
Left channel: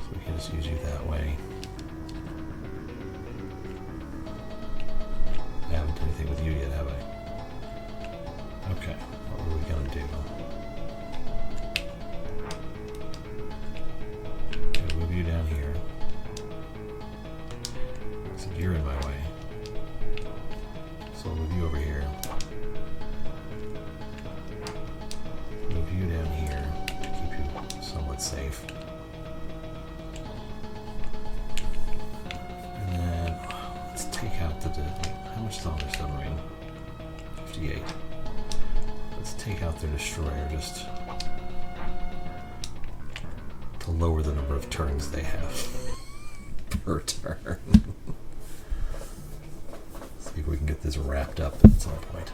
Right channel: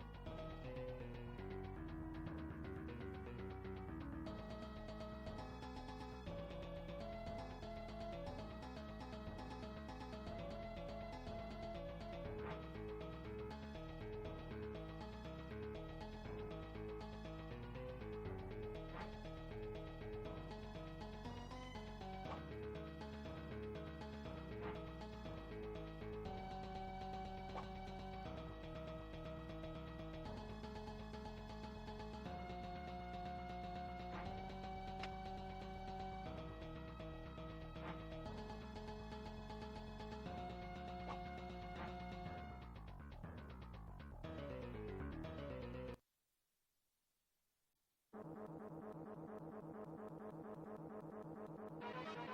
So we can just use you that way. I haven't done anything with you yet, have I? Okay, what are we gonna do? I'll move you down here. You're in my way. So I'll move you over here. Move you down here to keep you somewhat safe. And then let's take out the... How much is on their submarine? 58. Let's take out their destroyer just to lower the number of turns they have per turn. See if we can get this wrapped up at some point.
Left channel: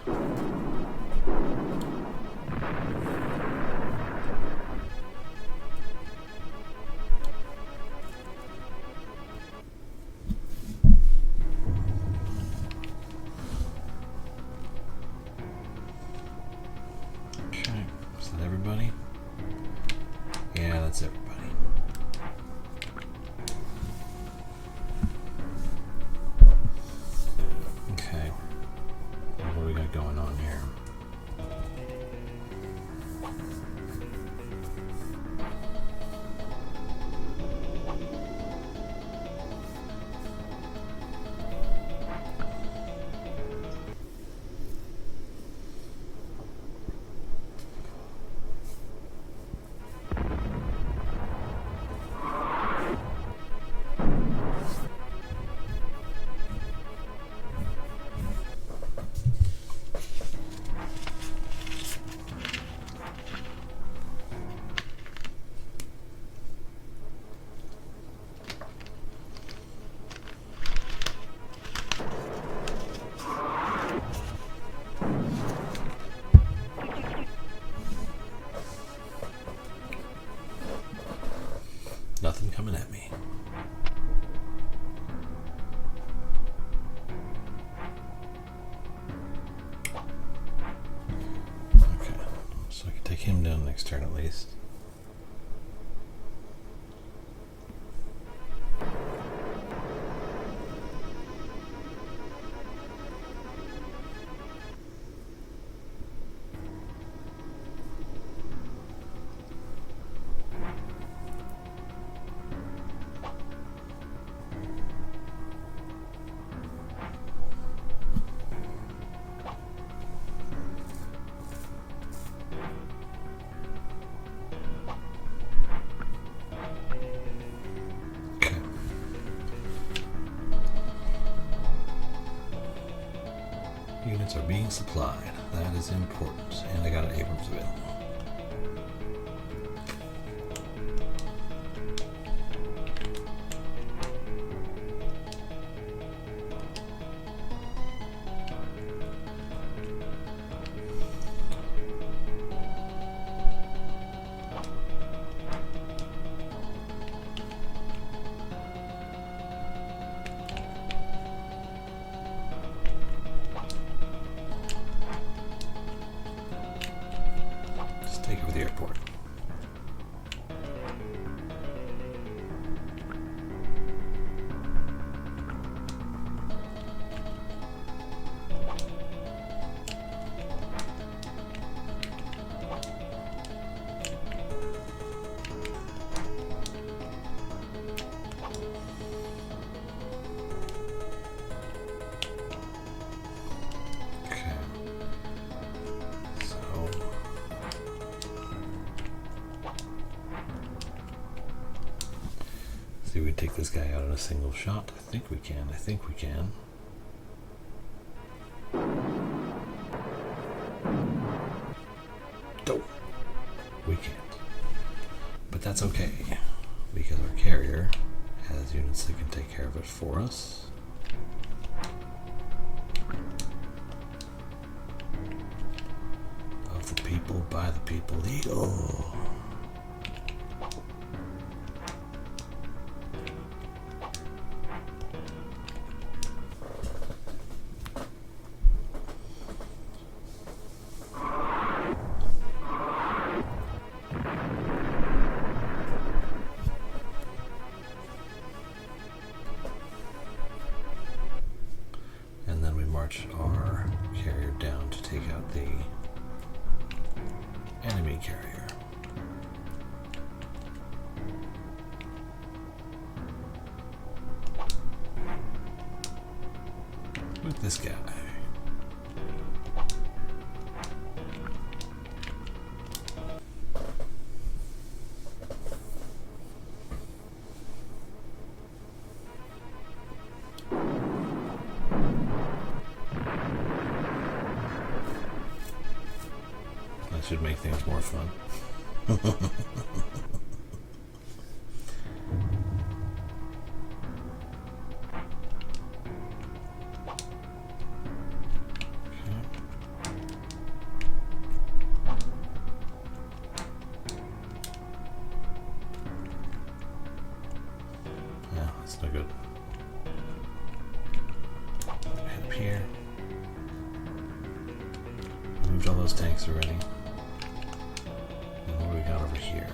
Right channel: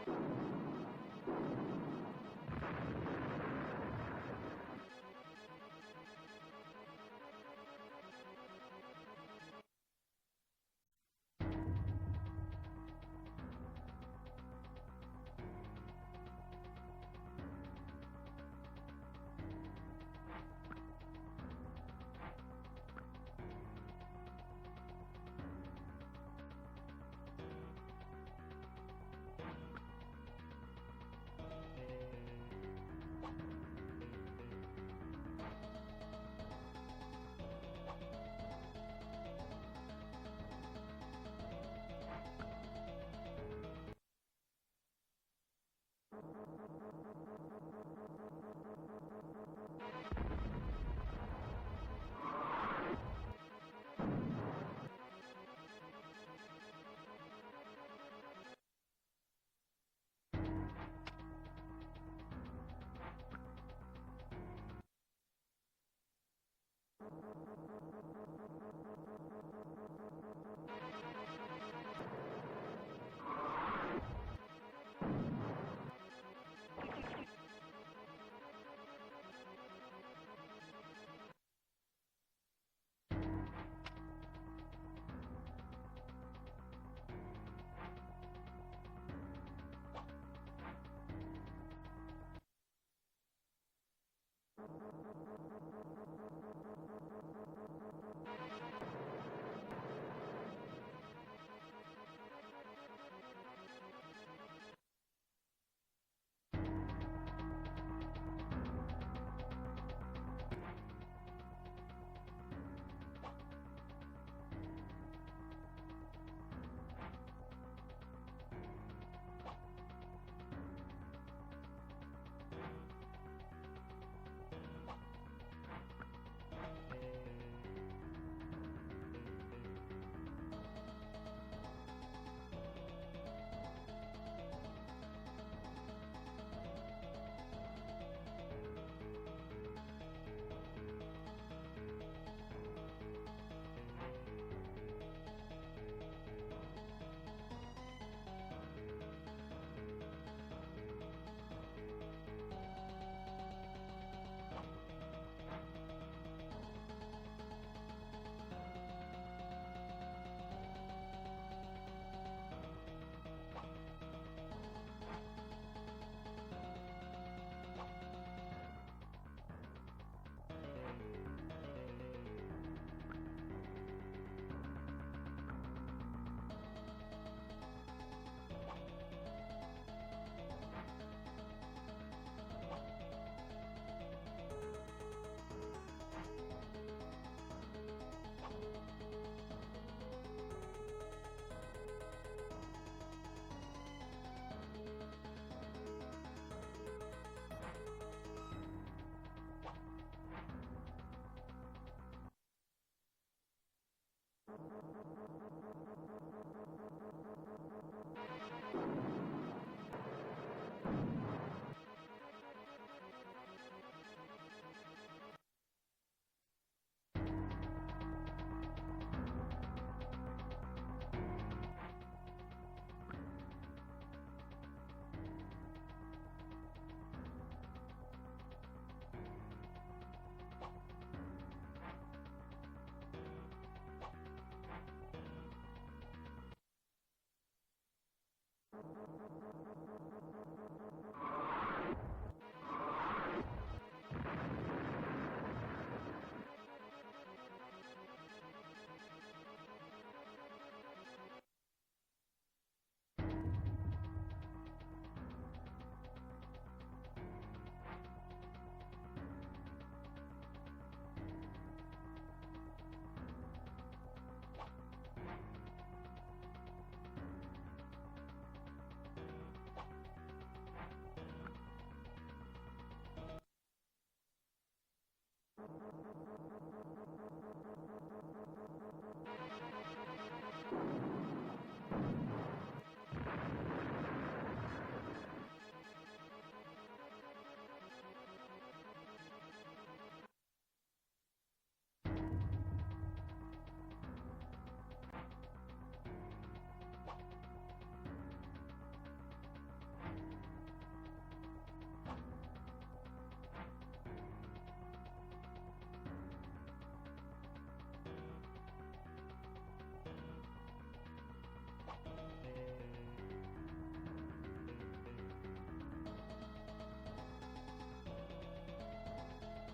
Okay, is that everybody? Yeah, that's everybody. What do we got going on here? next turn at least. Units are being supplied. That is important. And I got an Abrams available. Take over the airport. See, we take this guy out in a single shot. I think we can. I think we can. Nope. We can't. But that's okay, because our carrier has units that can take care of it for us. Of the people, by the people, Eagle. March our carrier down to take out the enemy carrier. With this guy. Should make things more fun. Yeah, that's no good. Head up here. Moved all those tanks already. Over here.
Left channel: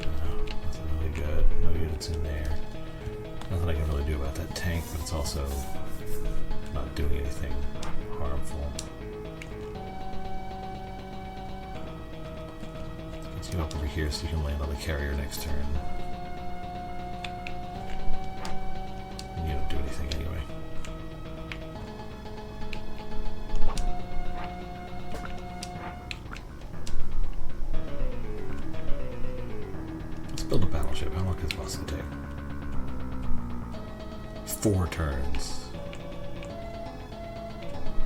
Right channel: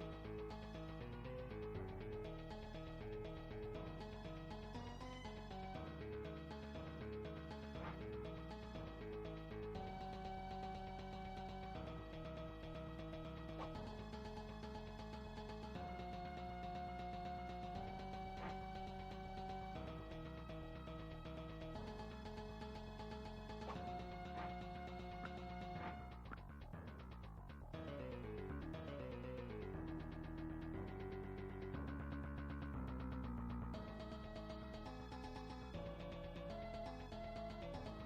Nothing really good. No units in there. Nothing I can really do about that tank, but it's also not doing anything harmful. Let's go up over here so you can land on the carrier next turn. And you don't do anything anyway. Build a battleship. How long does this possibly take? 4 turns.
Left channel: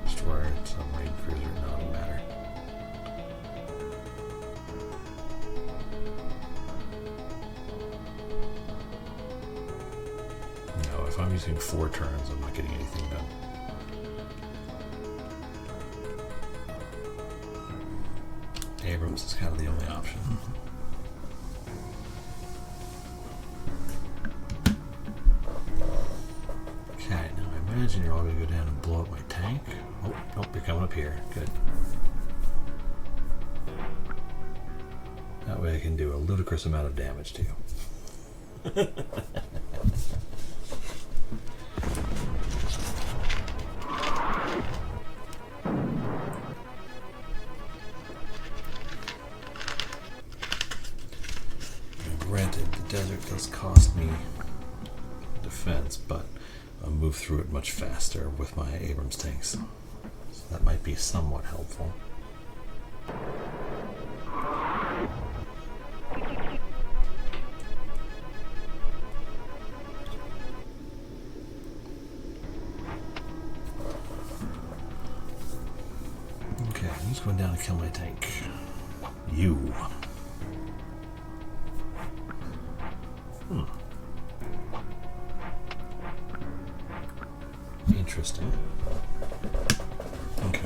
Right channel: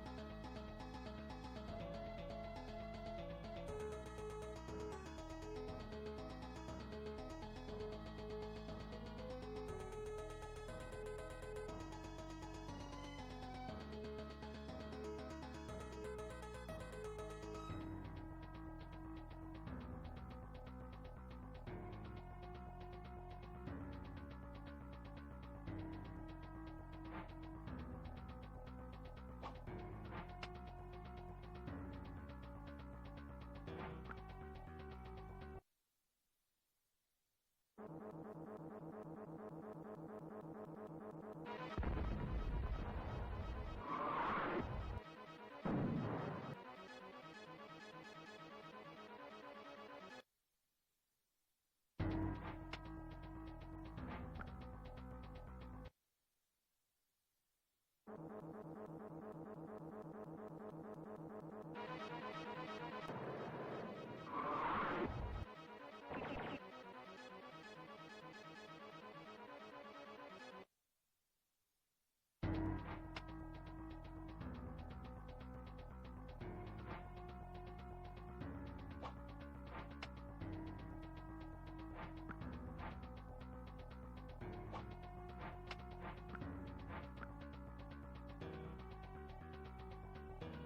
Destroyer, submarine, cruiser, no, it doesn't matter. No, if I'm using 4 turns, I'm not getting anything done. Abrams is kind of the only option. Okay, blow up my tank. Oh, nope, you're coming up here. Good. That way I can do a ludicrous amount of damage to you. Granted, the desert does cost me defense, but I'll move through it much faster with my Abrams tanks. So that might be somewhat helpful. Okay, who's going down to kill my tank? You. Interesting. Okay.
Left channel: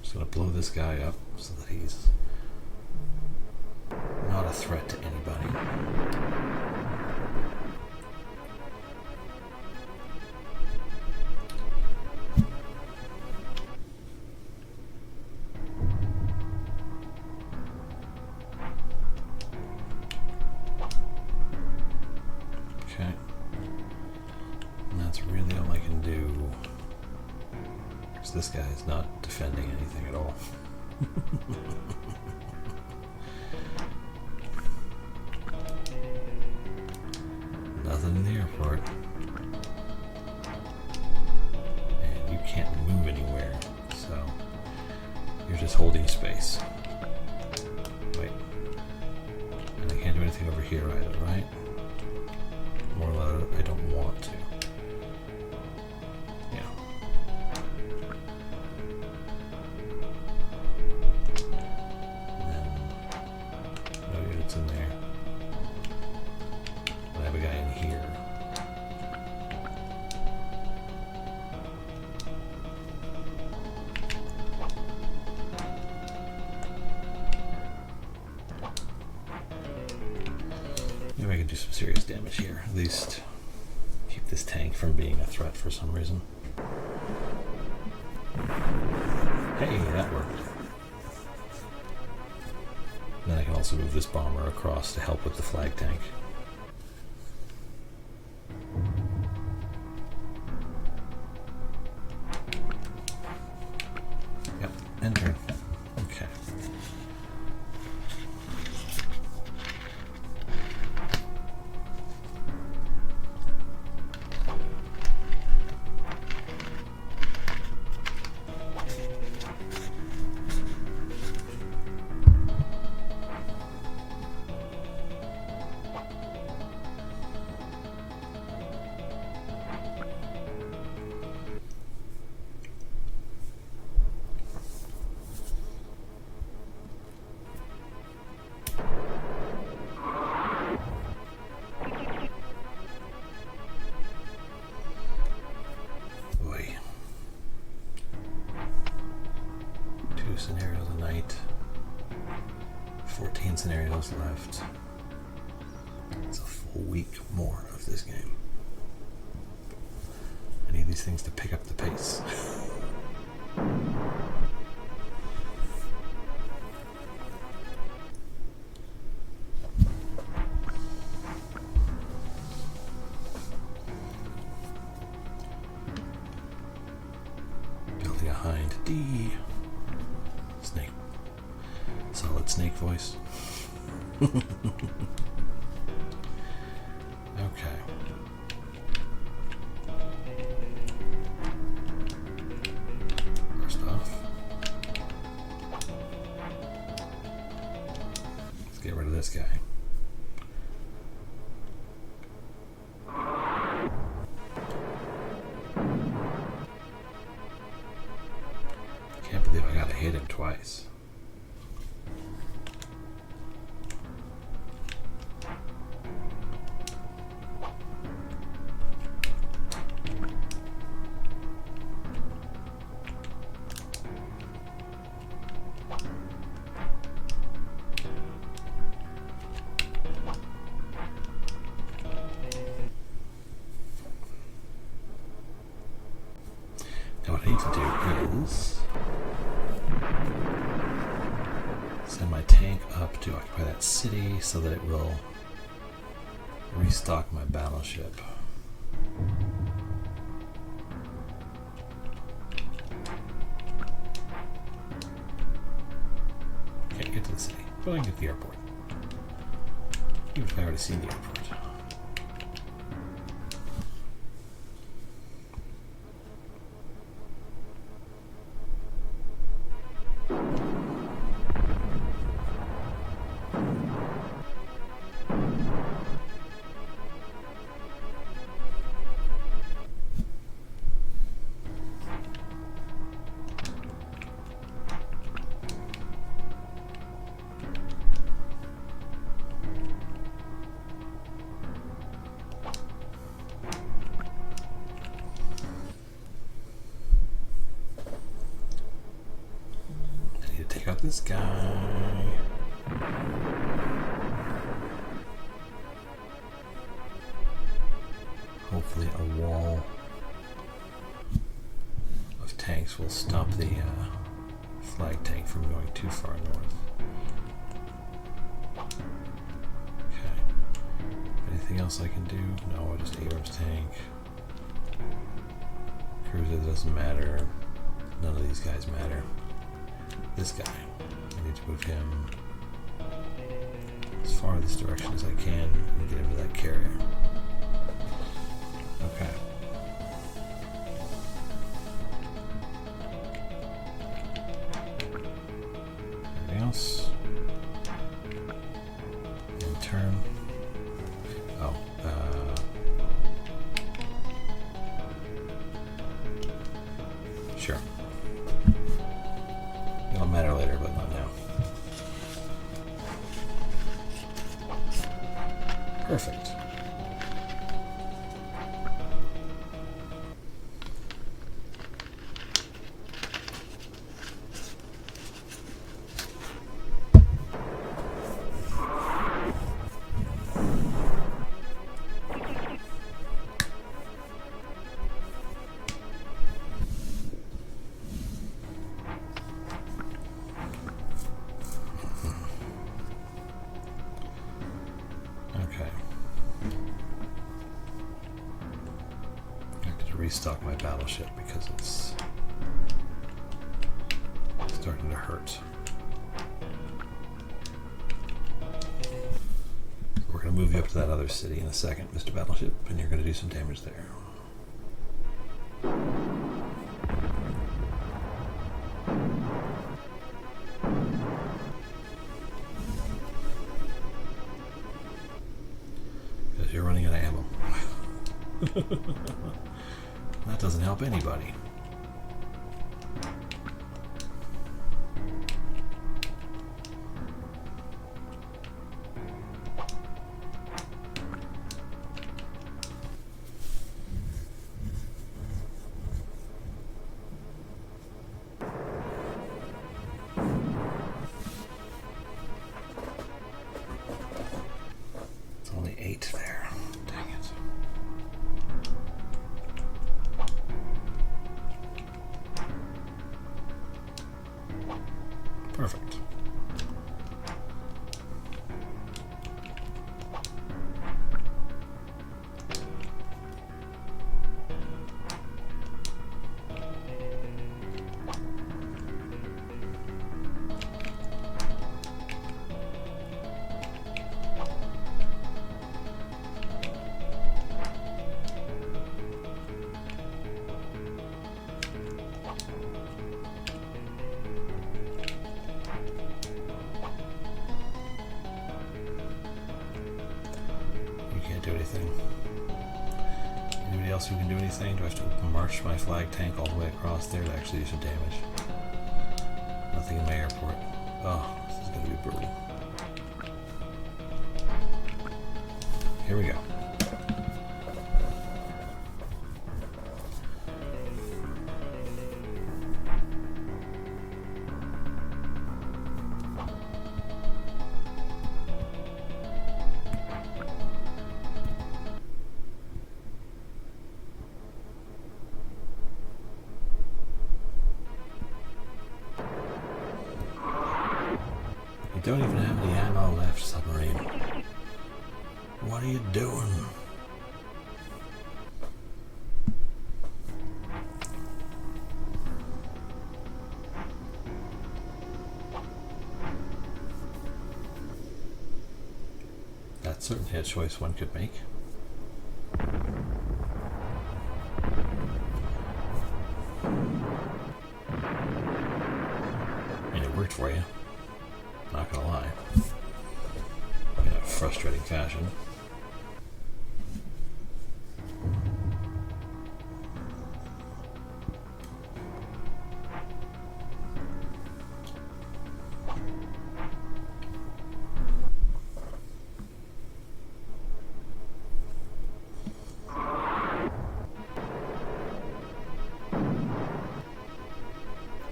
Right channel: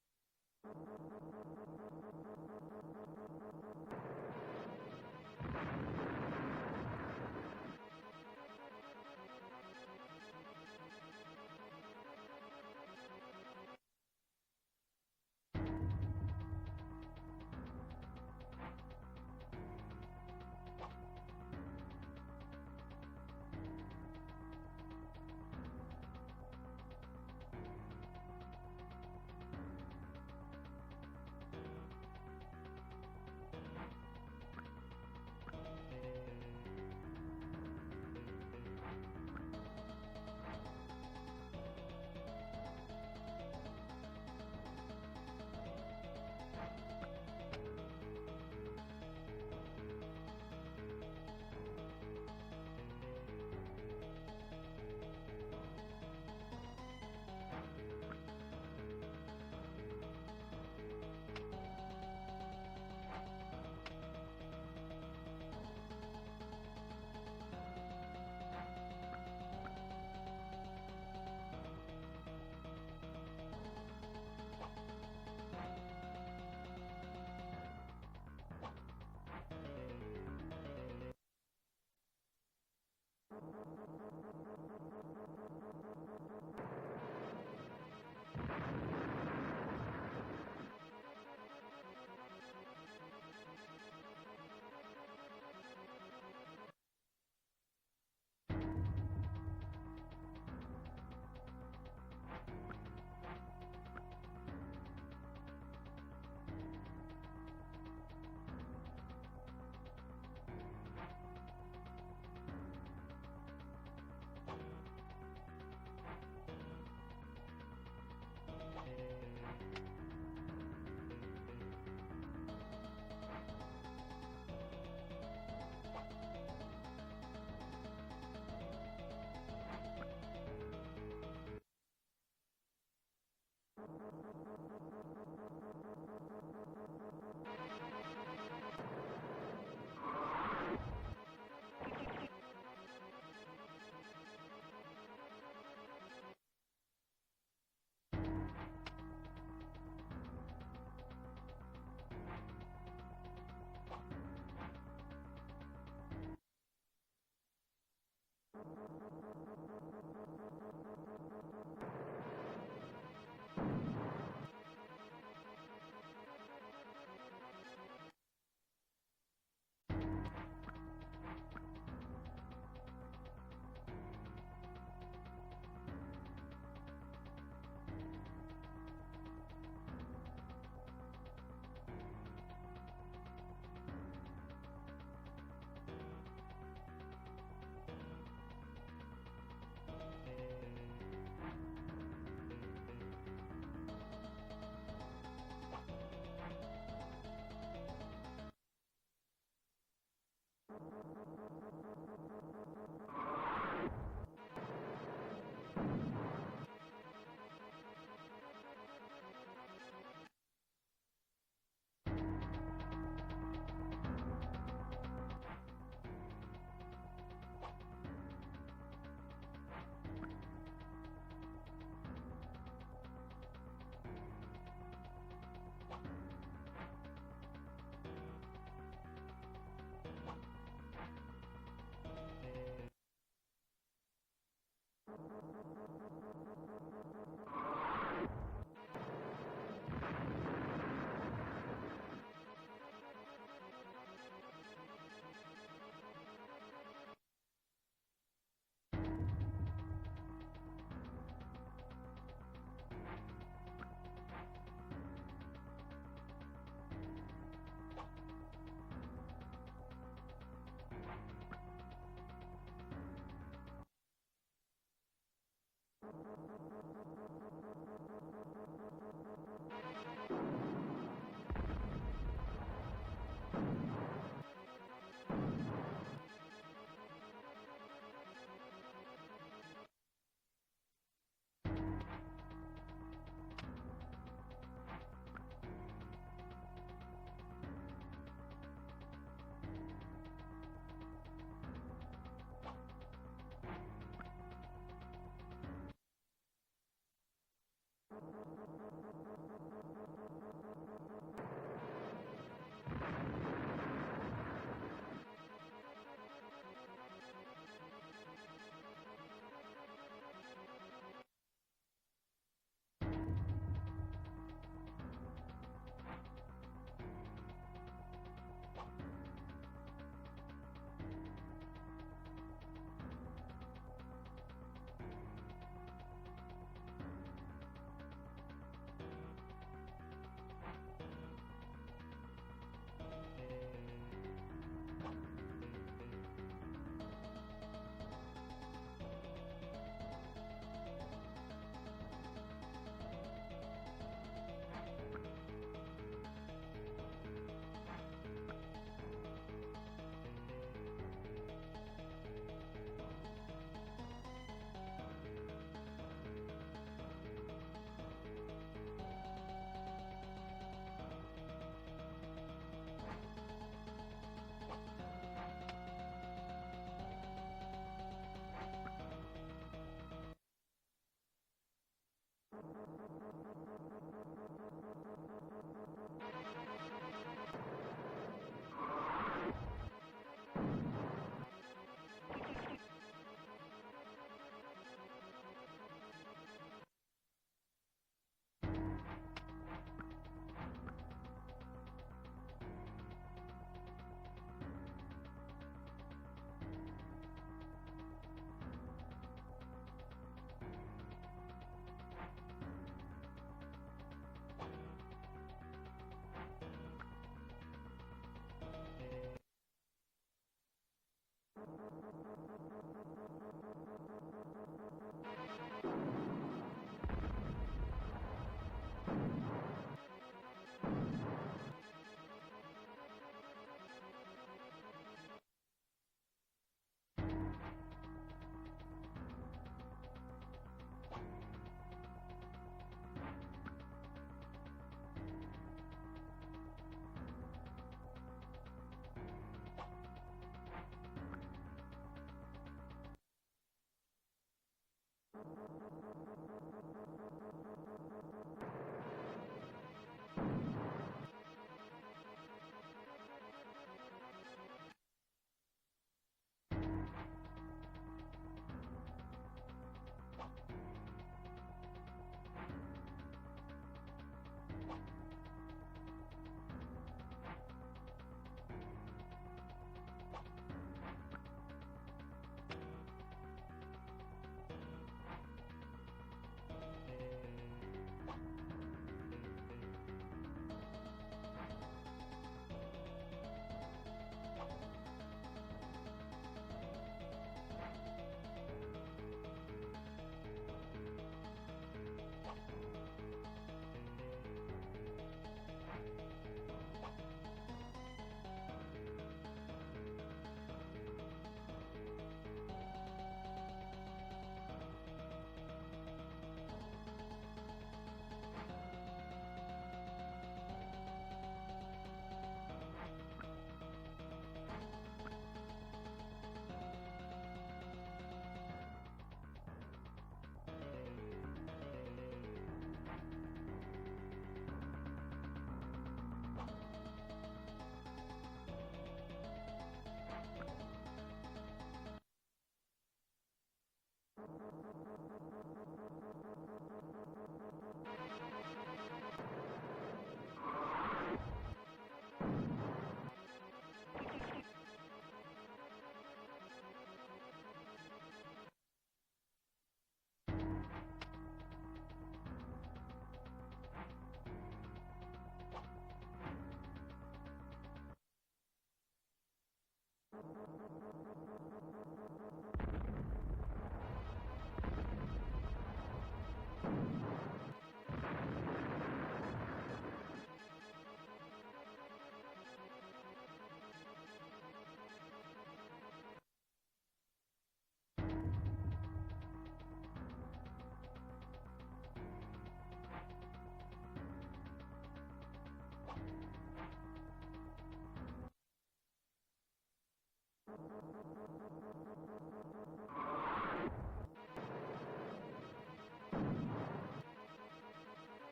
Just gonna blow this guy up so that he's not a threat to anybody. Okay. And that's really all I can do. Because this guy is not defending anything at all. Nothing in the airport. And you can't move anywhere, so you're just holding space. Wait. And I can't do anything over here either, right? More loud, I don't want to. Maybe I can do some serious damage here. At least keep this tank from being a threat for some reason. Hey, that worked. Then I can also move this bomber across to help with the flag tank. Yep, end turn. Okay. Scenarios a night. 14 scenarios left. It's a full week more of this game. these things to pick up the pace. Building a hind D. Snake. Solid snake voice. Okay. First off, let's get rid of this guy. Can't believe I gotta hit him twice. Now what I need to do is send my tank up to occupy that city so that it will restock my battleship. Can't get to the city, but I can get to the airport. Even if I already seen the airport. This guy. Hopefully a wall of tanks will stop the flag tank from going too far north. Okay. Anything else I can do? No, just Abrams tank. Cruiser doesn't matter. None of these guys matter. This guy. I need to move him as far this direction as I can and get into that carrier. Okay. Anything else? In turn. Oh, sure. It'll matter later, but not now. Perfect. Restock my battleship because it's starting to hurt. We're going to move you up to that other city in a second, Mr. Battleship, and you're going to do some damage there. Because you're running out of ammo. That doesn't help anybody. It's only 8 there. Dang it. do anything. Anybody else who can do anything? Do I have to march my flag tank all the way across there to actually do some damage? Nothing in my airport. Oh, this is going to be brutal. Here we go. You don't even have any ammo left, submarine. What are you doing? That's certainly a choice one could make. I mean, it worked for you. Not gonna lie. In a frustrating fashion.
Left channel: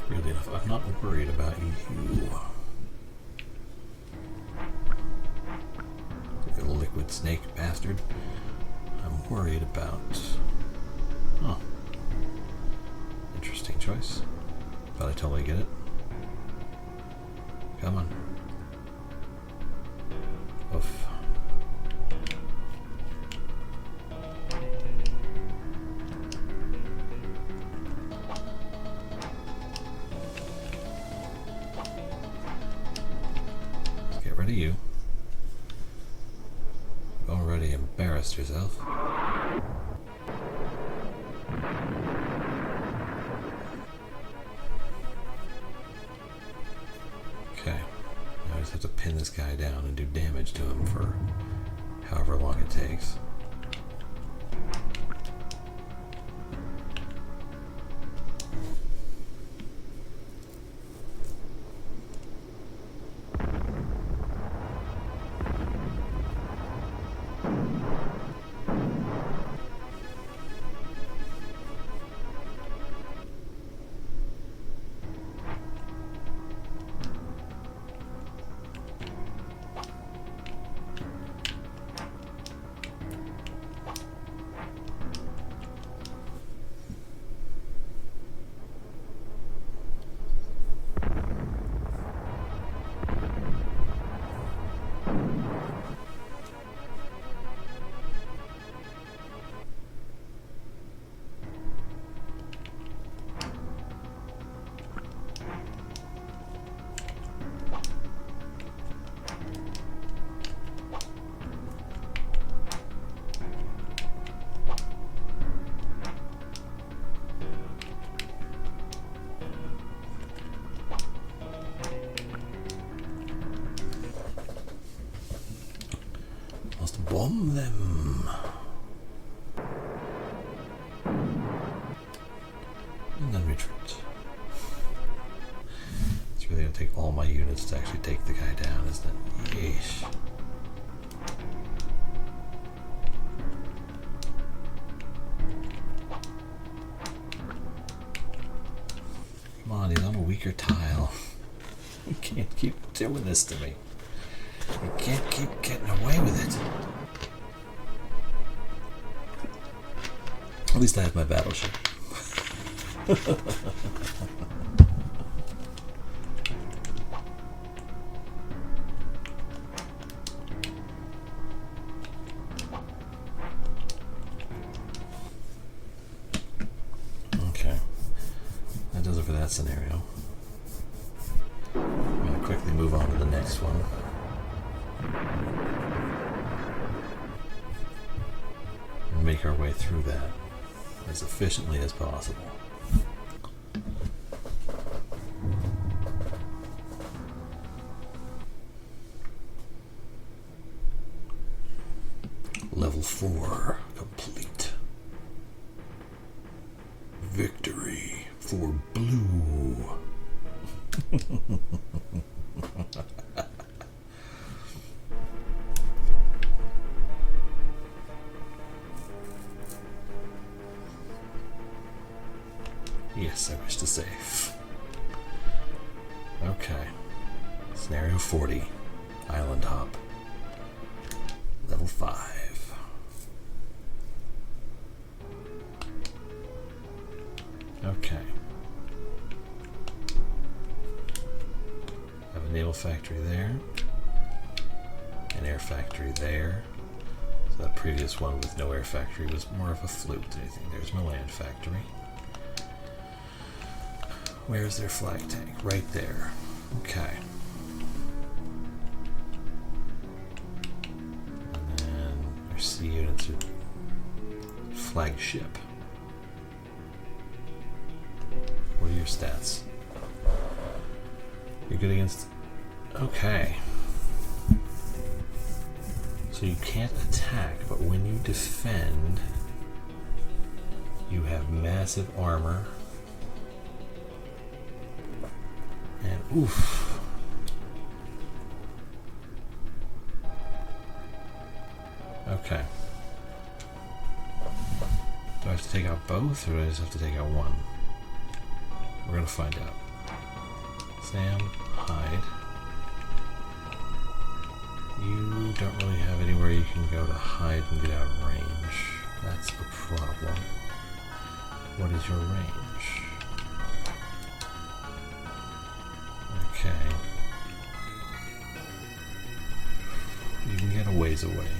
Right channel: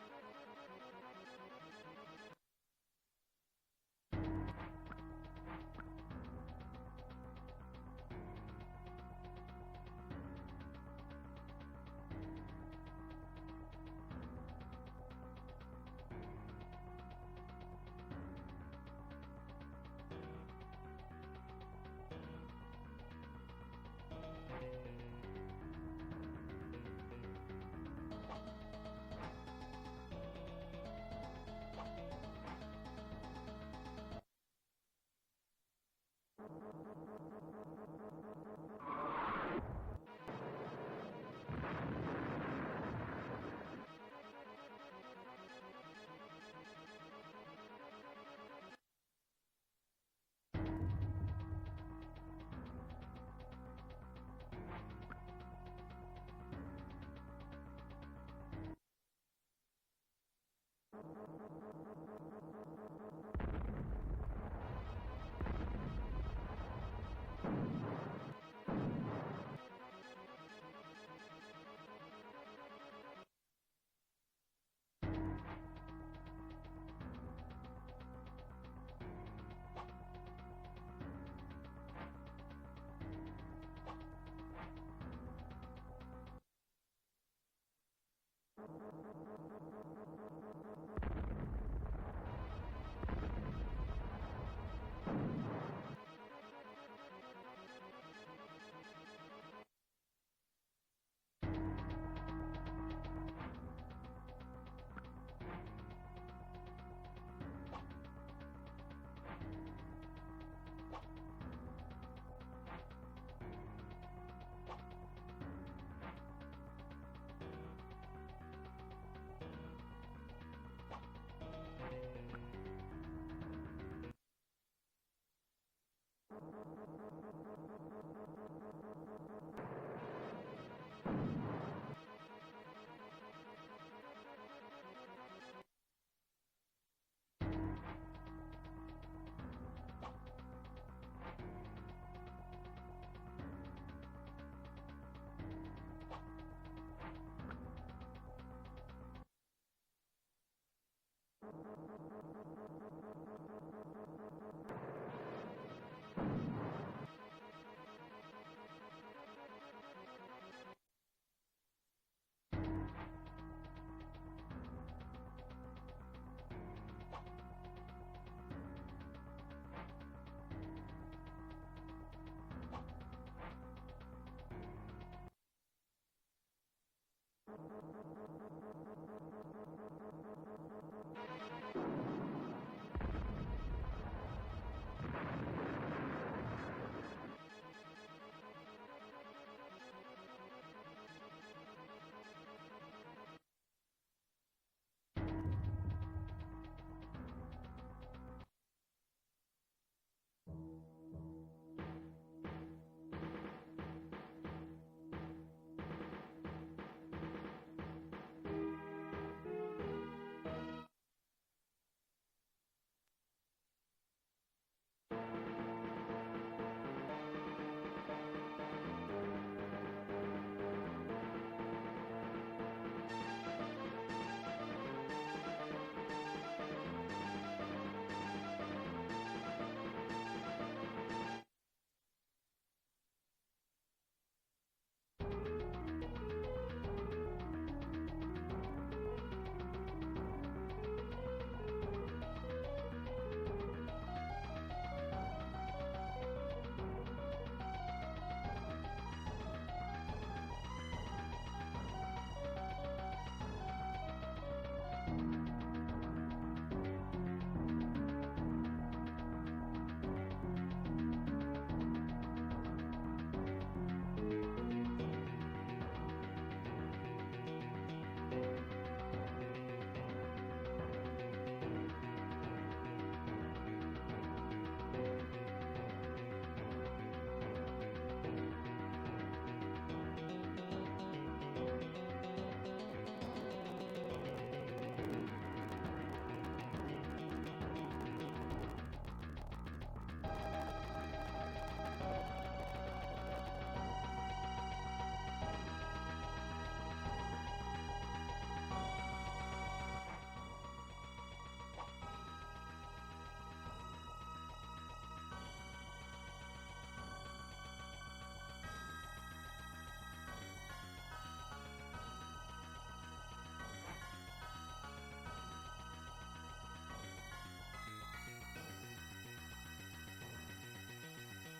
Really enough, I'm not worried about you. Liquid snake bastard. I'm worried about... Oh. Interesting choice. But I totally get it. Come on. Oof. Let's get rid of you. Already embarrassed yourself. Okay, now I just have to pin this guy down and do damage to him for however long it takes. Bomb them. And then retreat. It's really going to take all my units to actually take the guy down, isn't it? Yeesh. Come on, he's on a weaker tile. You can't keep doing this to me. You can't keep getting away with it. At least I have my battleship. Okay. That does it for that scenario. I'm going to quickly move on to the next one. And make our way through that as efficiently as possible. Level Level 4 complete. Victory for blue. Yes, I wish to save. Okay. Scenario 40. Island hop. Level 5. Okay. Have a naval factory there. An air factory there. So that previous one with no air factory was more of a fluke. I think there's no land factory. Where's their flag tank? Right there. Okay. And their sea units are flagship. What are your stats? You're good against... Okay. So you can't attack, but when you defend, you have massive armor. And oof. Okay. Do I have to take out both, or do I just have to take out one? We're gonna find out. Sam, hide. You don't really have anywhere you can go to hide and get out of range. That's the problem. What is your range? Okay. You can get a ways away.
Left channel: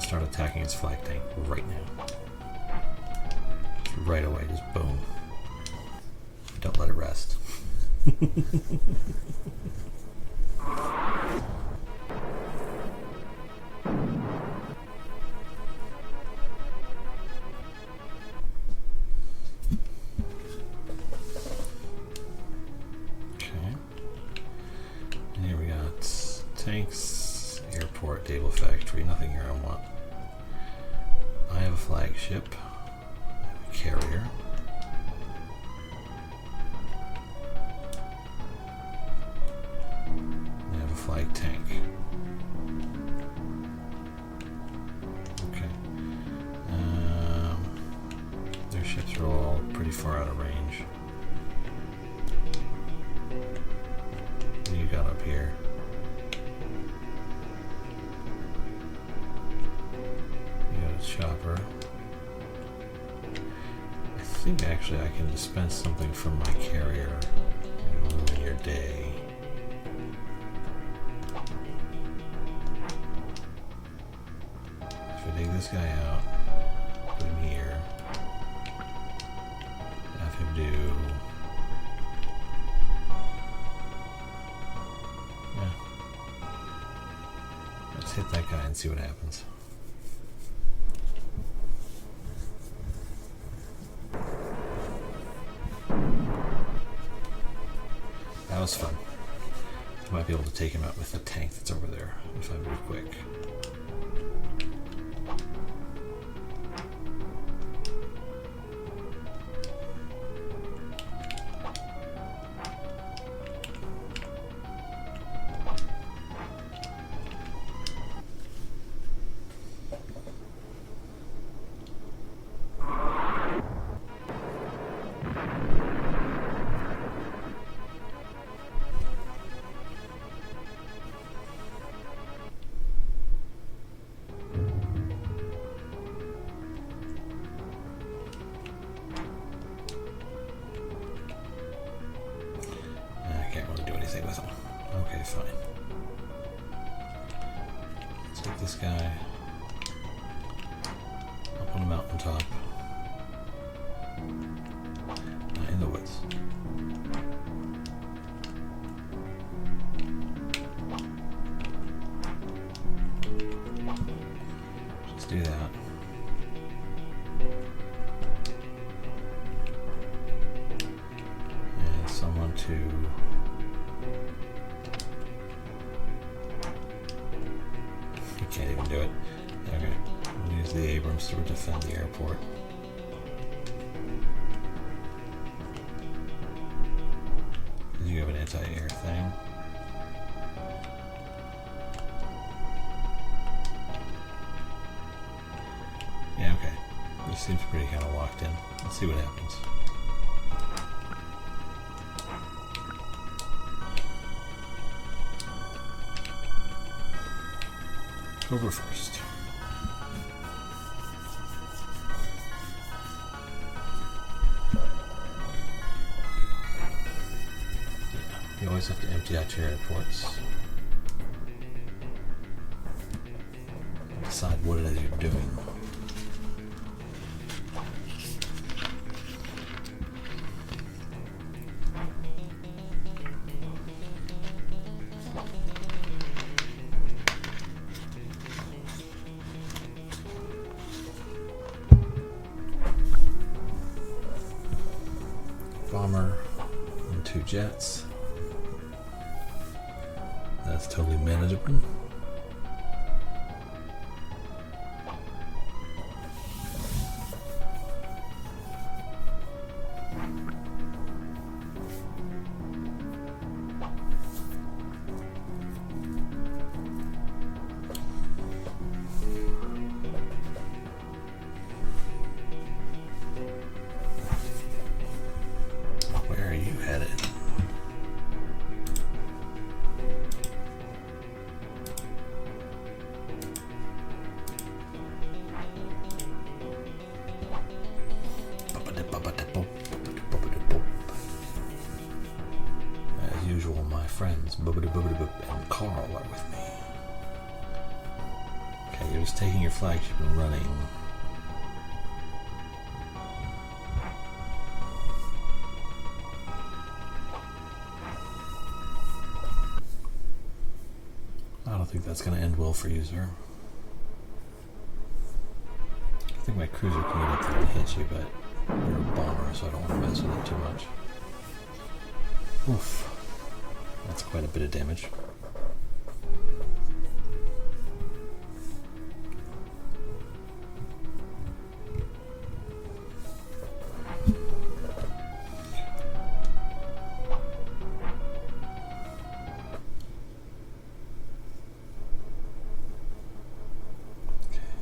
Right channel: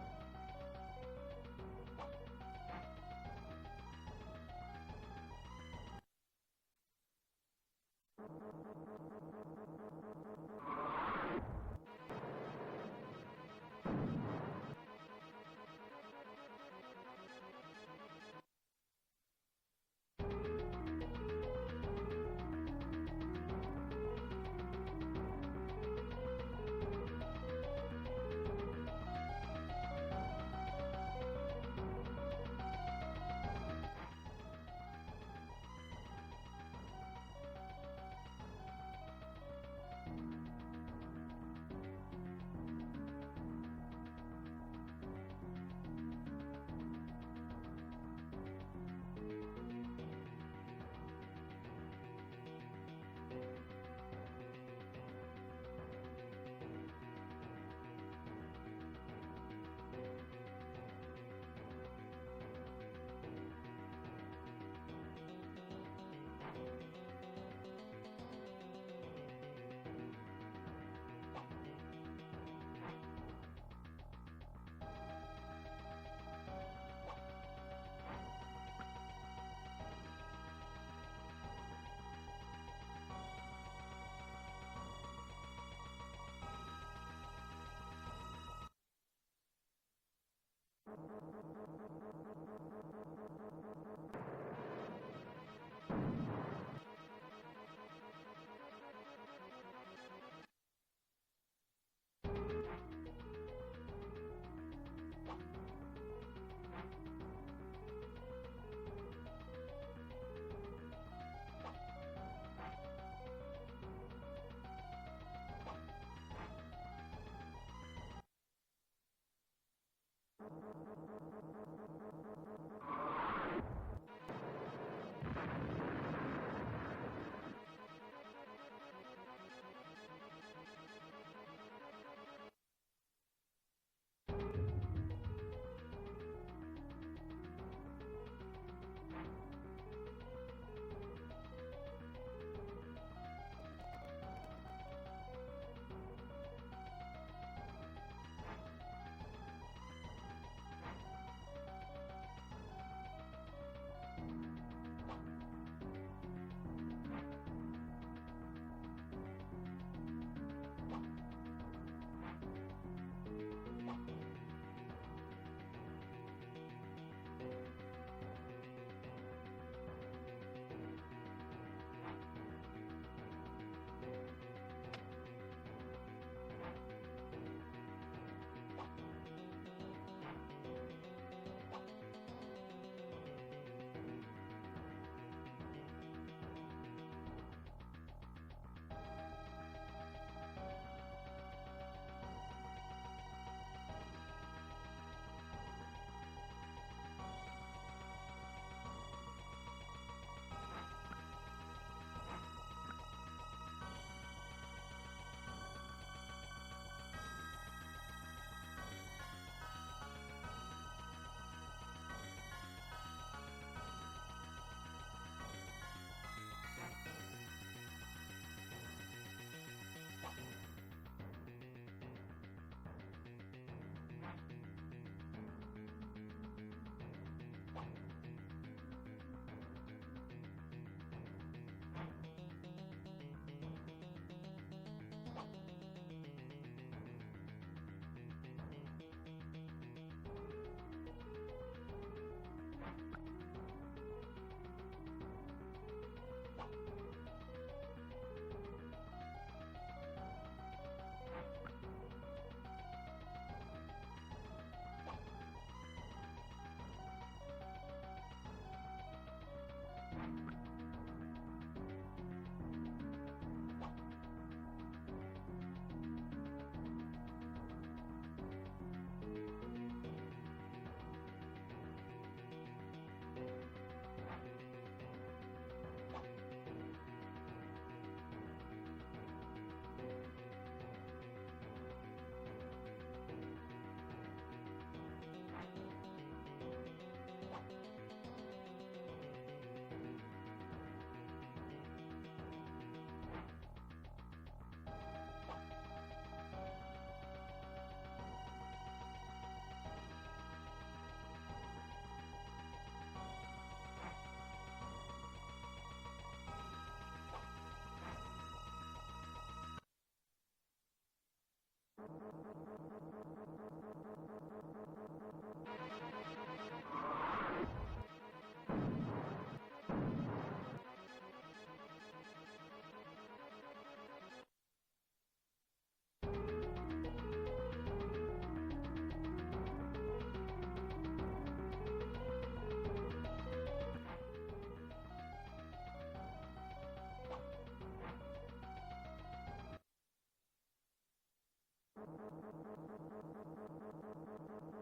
Start attacking its flag tank right now. Just right away, just boom. Don't let it rest. Okay. And here we got tanks, airport, naval factory, nothing here I want. I have a flagship, a carrier. I have a flag tank. Okay. Their ships are all pretty far out of range. What do you got up here? Chopper. I think actually I can dispense something from my carrier in your day. If I take this guy out, put him here, have him do... Yeah. Let's hit that guy and see what happens. That was fun. I might be able to take him out with the tank that's over there if I move quick. This guy. top. In the woods. Just do that. And someone to you can't even do it. Okay. We'll use the Abrams to defend the airport. You have an anti-air thing. Yeah, okay. This seems pretty kind of locked in. Let's see what happens. October 1st. You always have to empty out your airports. Decide what it is you're doing. Bomber and 2 jets. That's totally manageable. Where are you headed? As usual, my friends and Carl are with me. Okay, you're just taking your flagship and running. I don't think that's going to end well for you, sir. I think my cruiser can get up there and hit you, but you're a bomber, so I don't want to mess with it too much. Oof. That's quite a bit of damage.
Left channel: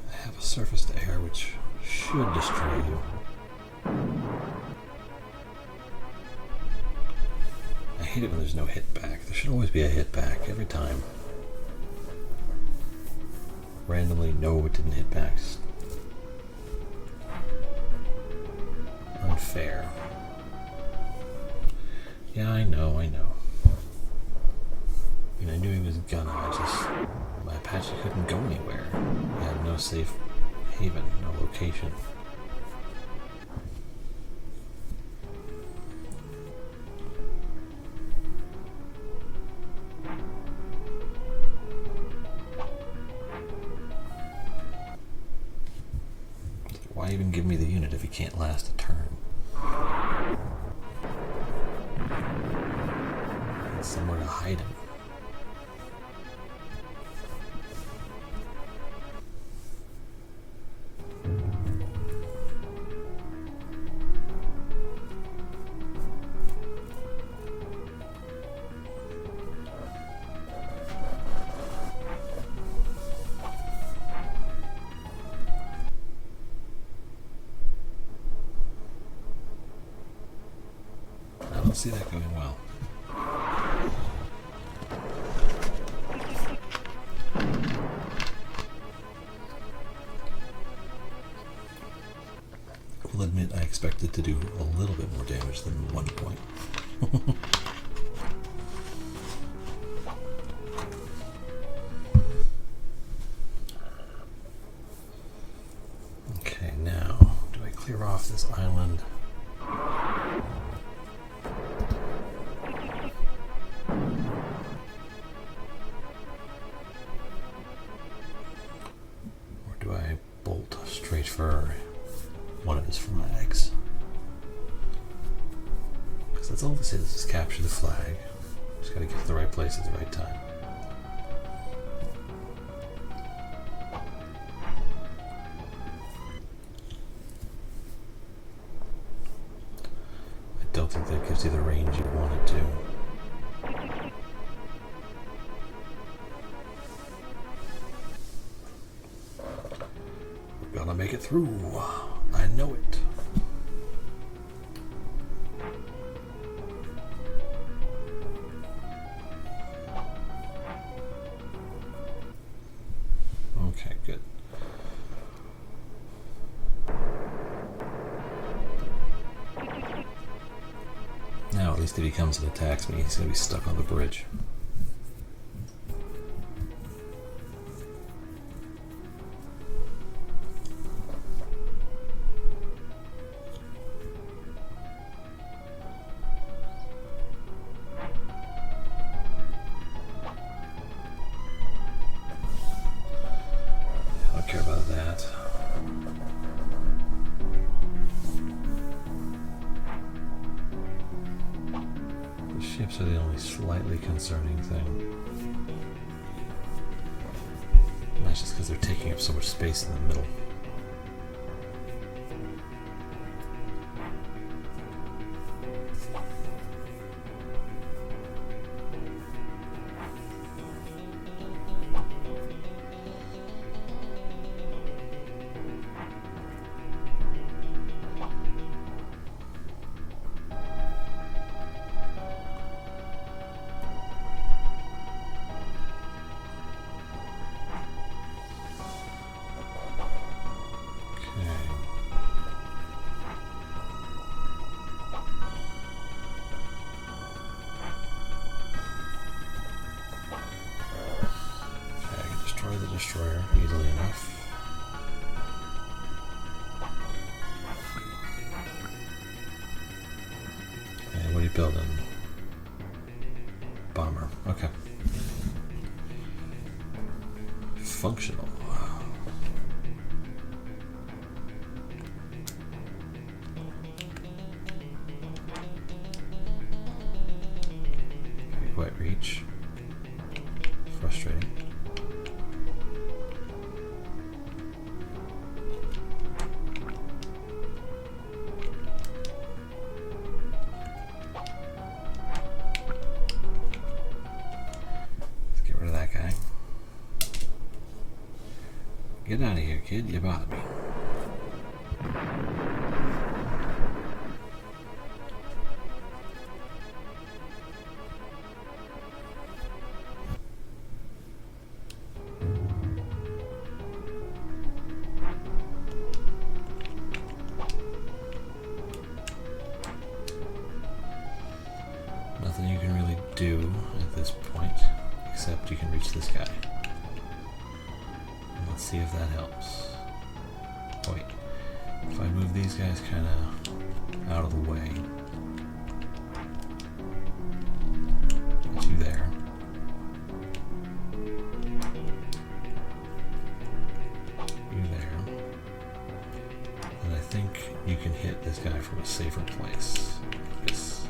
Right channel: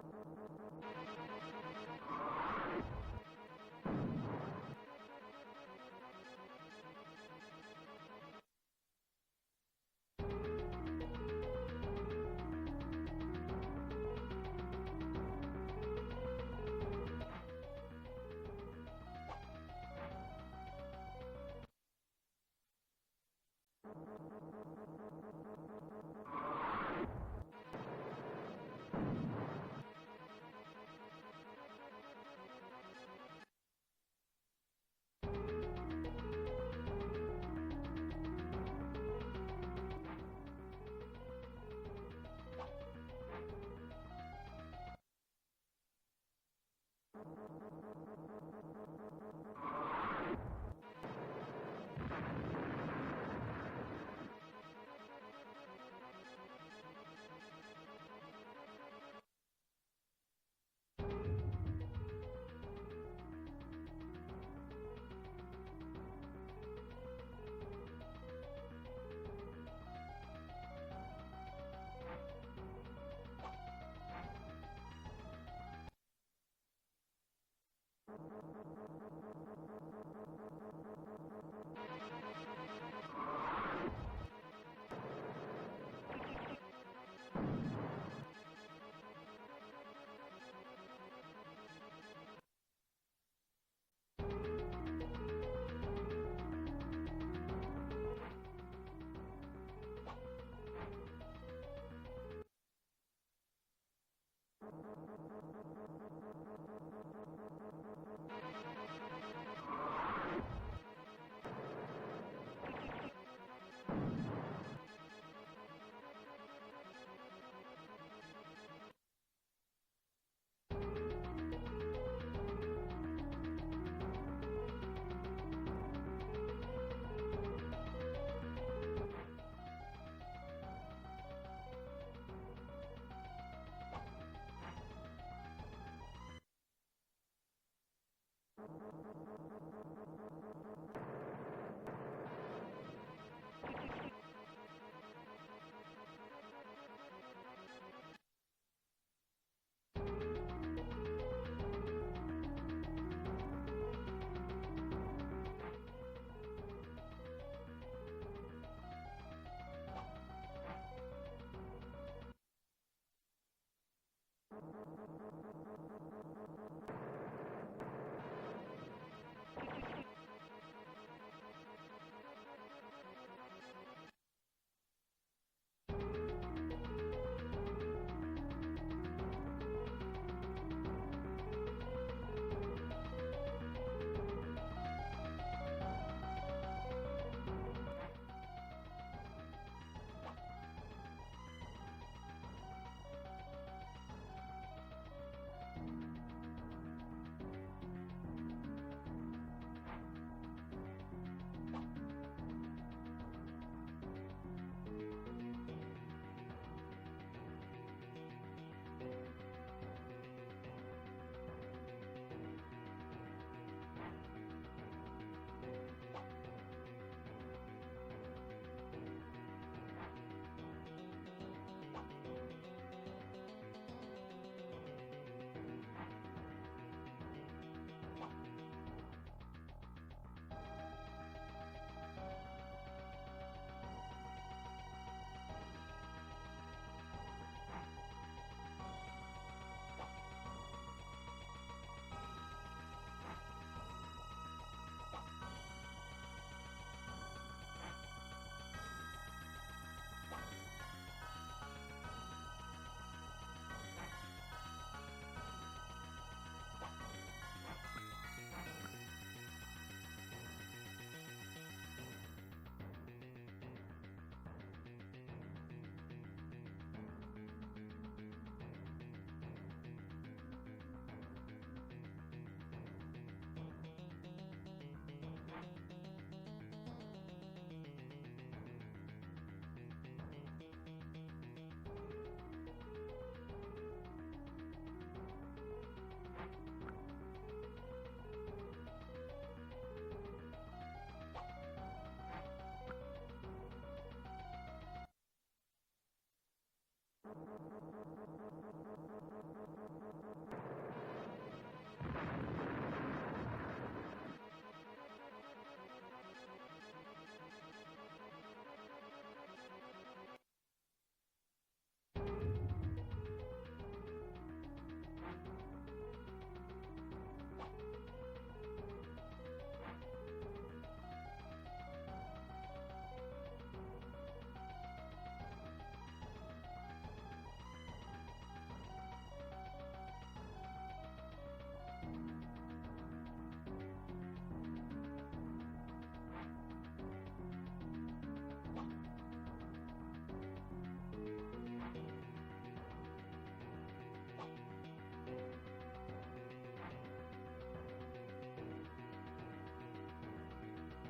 I have a surface to air which should destroy you. I hate it when there's no hit back. There should always be a hit back every time. Randomly, no, it didn't hit back. Unfair. Yeah, I know. I knew he was gonna, my Apache couldn't go anywhere. He had no safe haven, no location. Why even give me the unit if he can't last a turn? Somewhere to hide him. I don't see that going well. I will admit I expected to do a little bit more damage than 1 point. Okay, now this island. Or do I bolt straight for one of his flags? Because that's all this is capture the flag. Just gotta get to the right place at the right time. I don't think that gives you the range you want it to. We're gonna make it through. I know it. Okay, good. Now, at least if he comes and attacks me, he's going to be stuck on the bridge. I don't care about that. Ships are the only slightly concerning thing. That's just because they're taking up so much space in the middle. Destroyer easily enough. And what are you building? Bomber. Okay. Functional. Can't quite reach. Frustrating. Get out of here, kid. You bothered me. Nothing you can really do at this point, except you can reach this guy. Let's see if that helps. Oh, wait. If I move these guys kind of out of the way. Get you there. You there. And I think you can hit this guy from a safer place. This.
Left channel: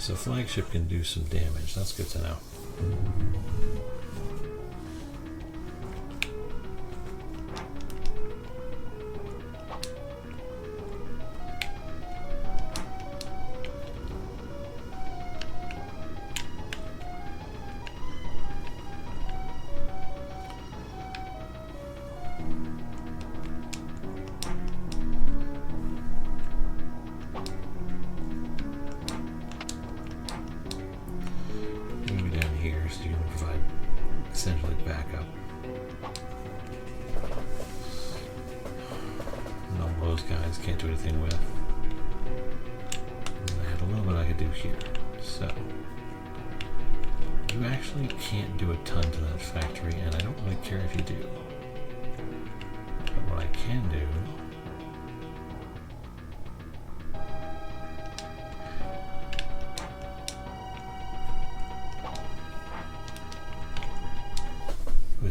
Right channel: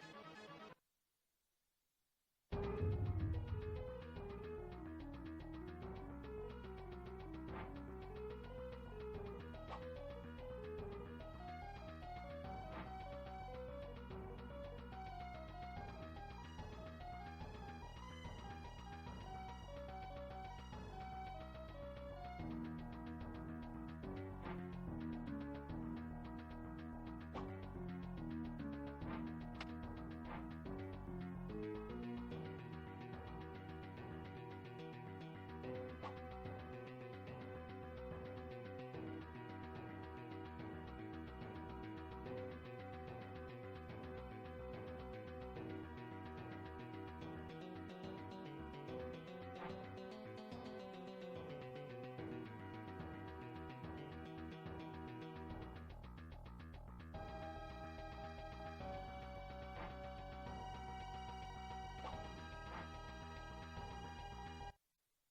so flagship can do some damage. That's good to know. Essentially backup. No, those guys can't do anything with. I have a little bit I could do here. So you actually can't do a ton to that factory, and I don't really care if you do. But what I can do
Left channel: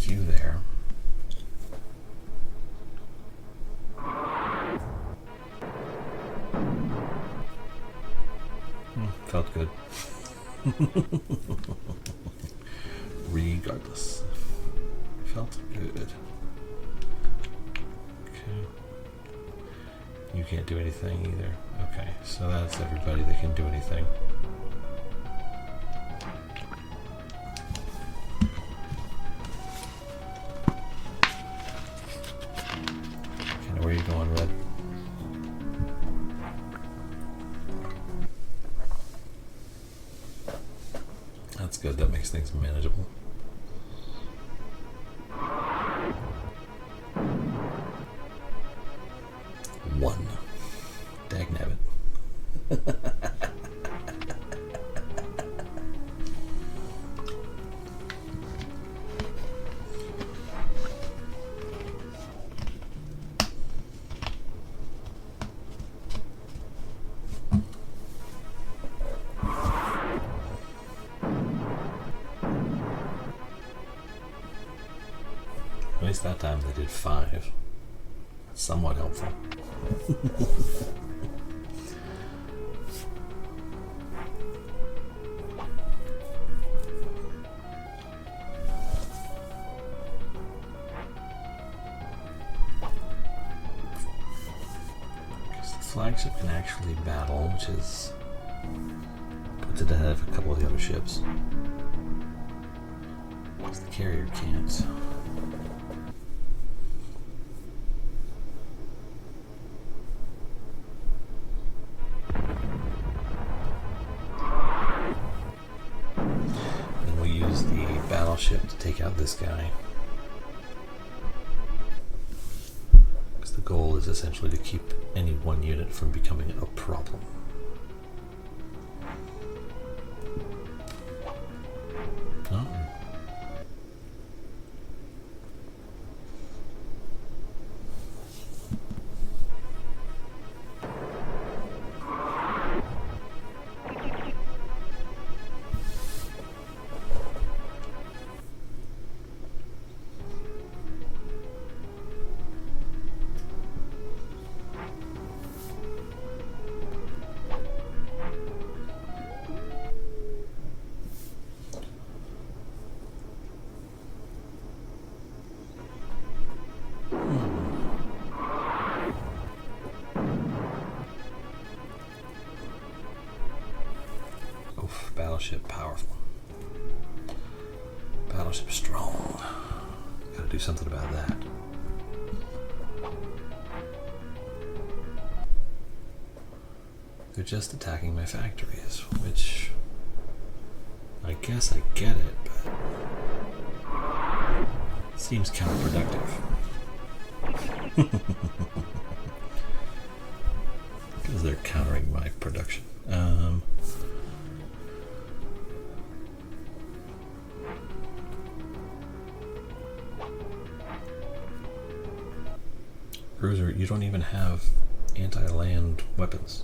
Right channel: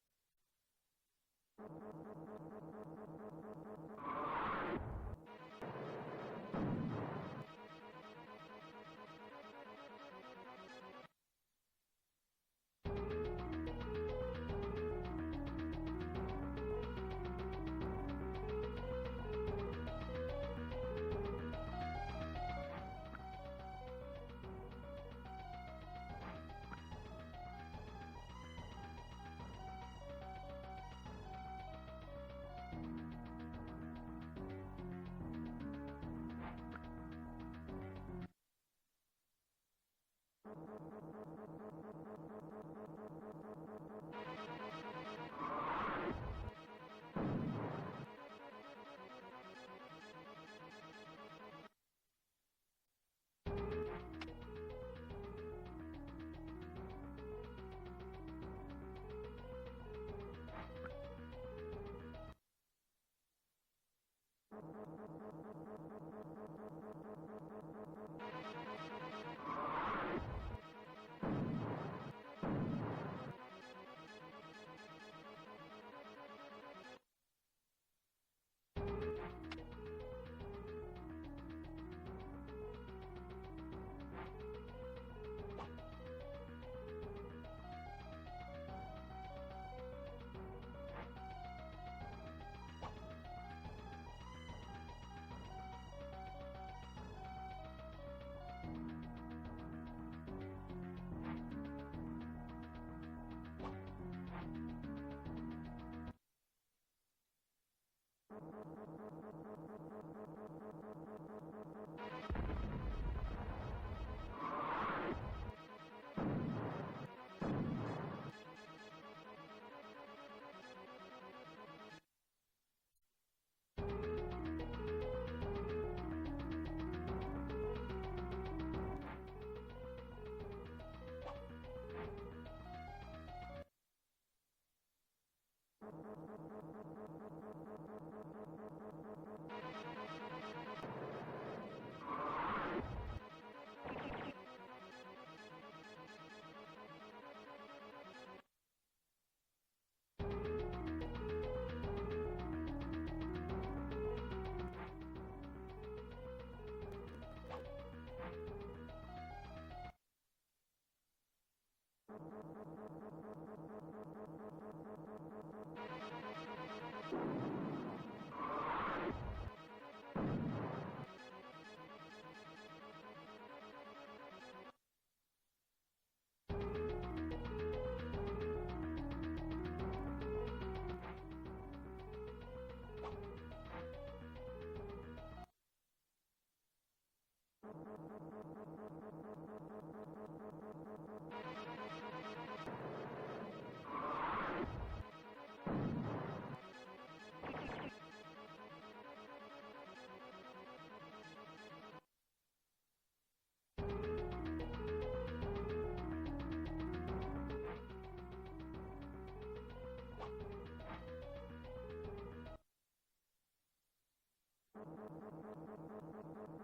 you there. Felt good. Regardless. Felt good. Okay. You can't do anything either. Okay, so that's everybody that can do anything. Where are you going, Red? That's good. That makes things manageable. One. Dagnabbit. At least that time they did 5. Somewhat helpful. Because the flagship can actually battle, which is puts it ahead of a couple of the other ships. Because the carrier can't. Ship to take out this guy, because the goal is essentially to keep any one unit from becoming a problem. Oh. Battleship powerful. Battleship strong. Gotta do something about that. They're just attacking my factories, which I guess I get it, but seems counterproductive. Because they're countering my production. Cruiser, you don't even have anti-land weapons.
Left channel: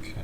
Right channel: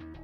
Okay.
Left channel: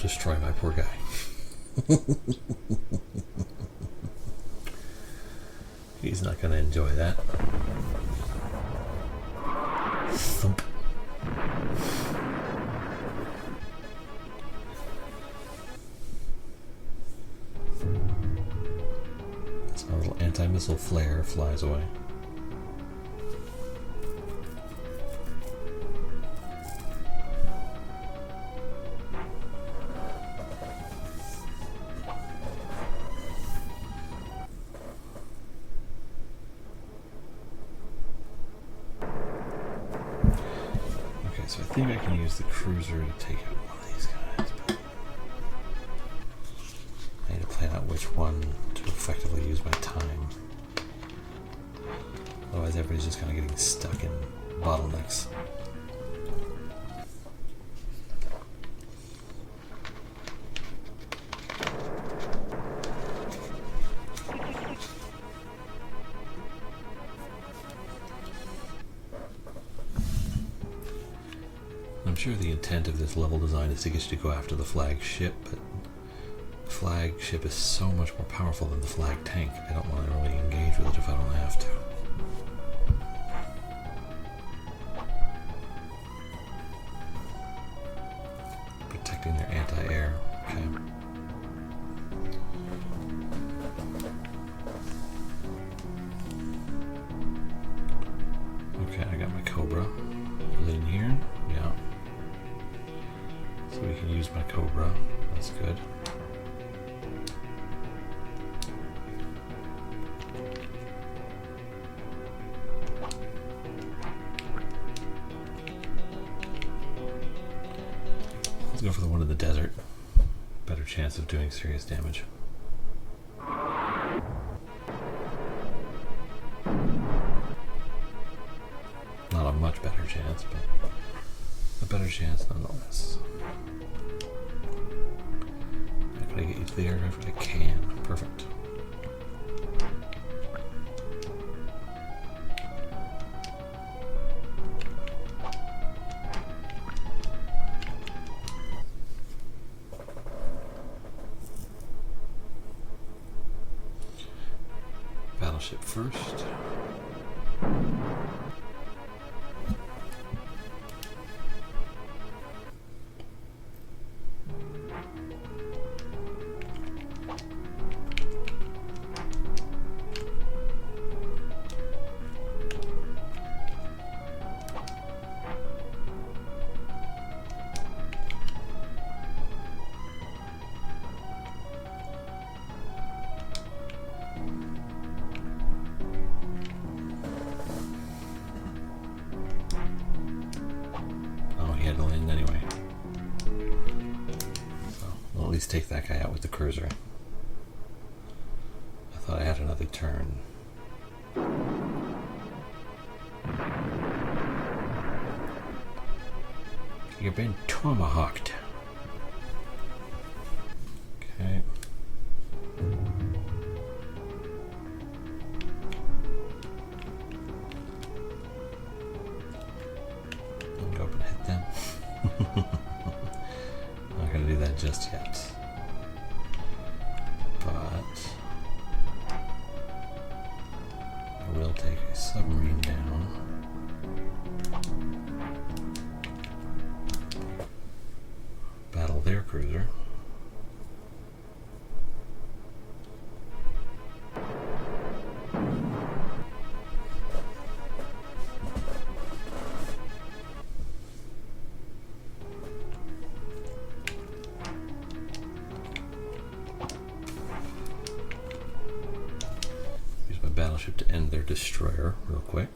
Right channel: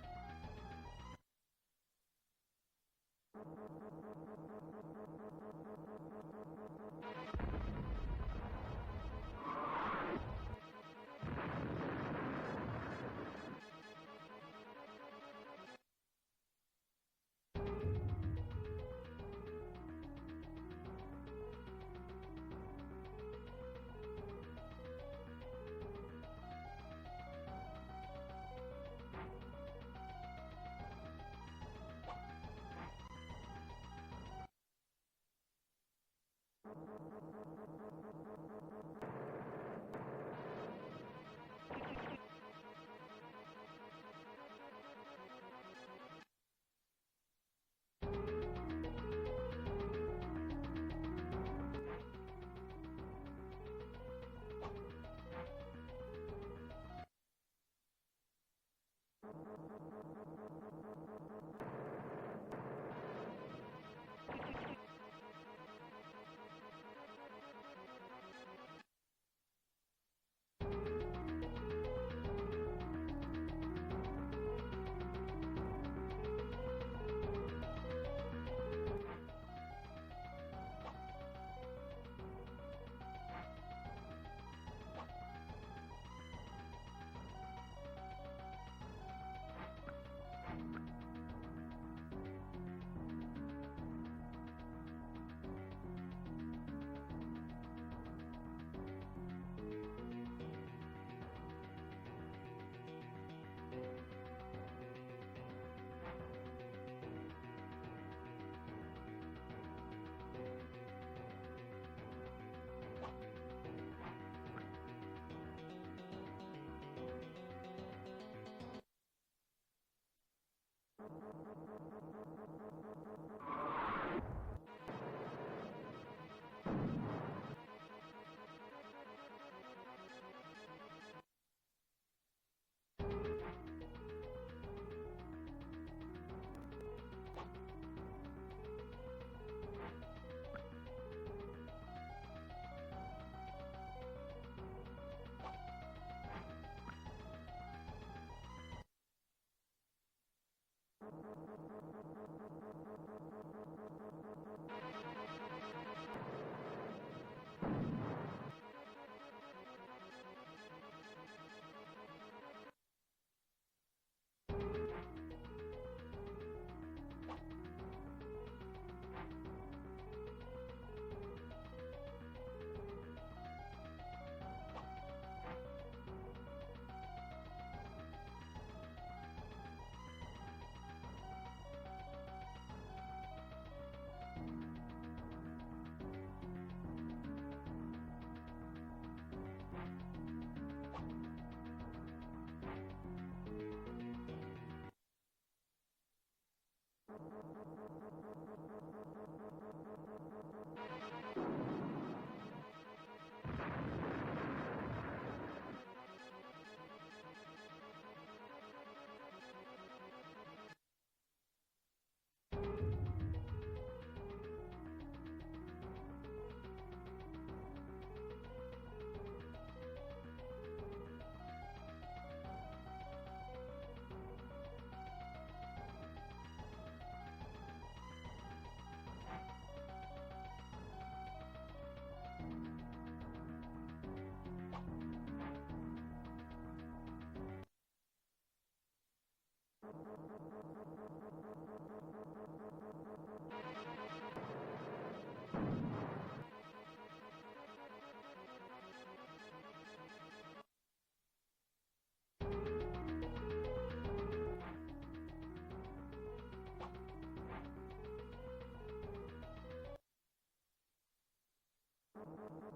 destroy my poor guy. He's not going to enjoy that. Thump. So a little anti-missile flare flies away. So I think I can use the cruiser to take out one of these guys, but I need to plan out which one to effectively use my time. Otherwise everybody's just kind of getting stuck in bottlenecks. I'm sure the intent of this level design is to get you to go after the flagship, but the flagship is so much more powerful than the flag tank. I don't want to really engage with it if I don't have to. Protecting their anti-air. Okay. Okay, I got my Cobra. Is it in here? Yeah. So we can use my Cobra. That's good. Let's go for the one in the desert. Better chance of doing serious damage. Not a much better chance, but a better chance nonetheless. How can I get you to the aircraft? I can. Perfect. Battleship first. Take that guy out with the cruiser. I thought I had another turn. You've been tomahawked. Okay. Go up and hit them. Not gonna do that just yet. We'll take a submarine down. Battle their cruiser. Battleship to end their destroyer real quick.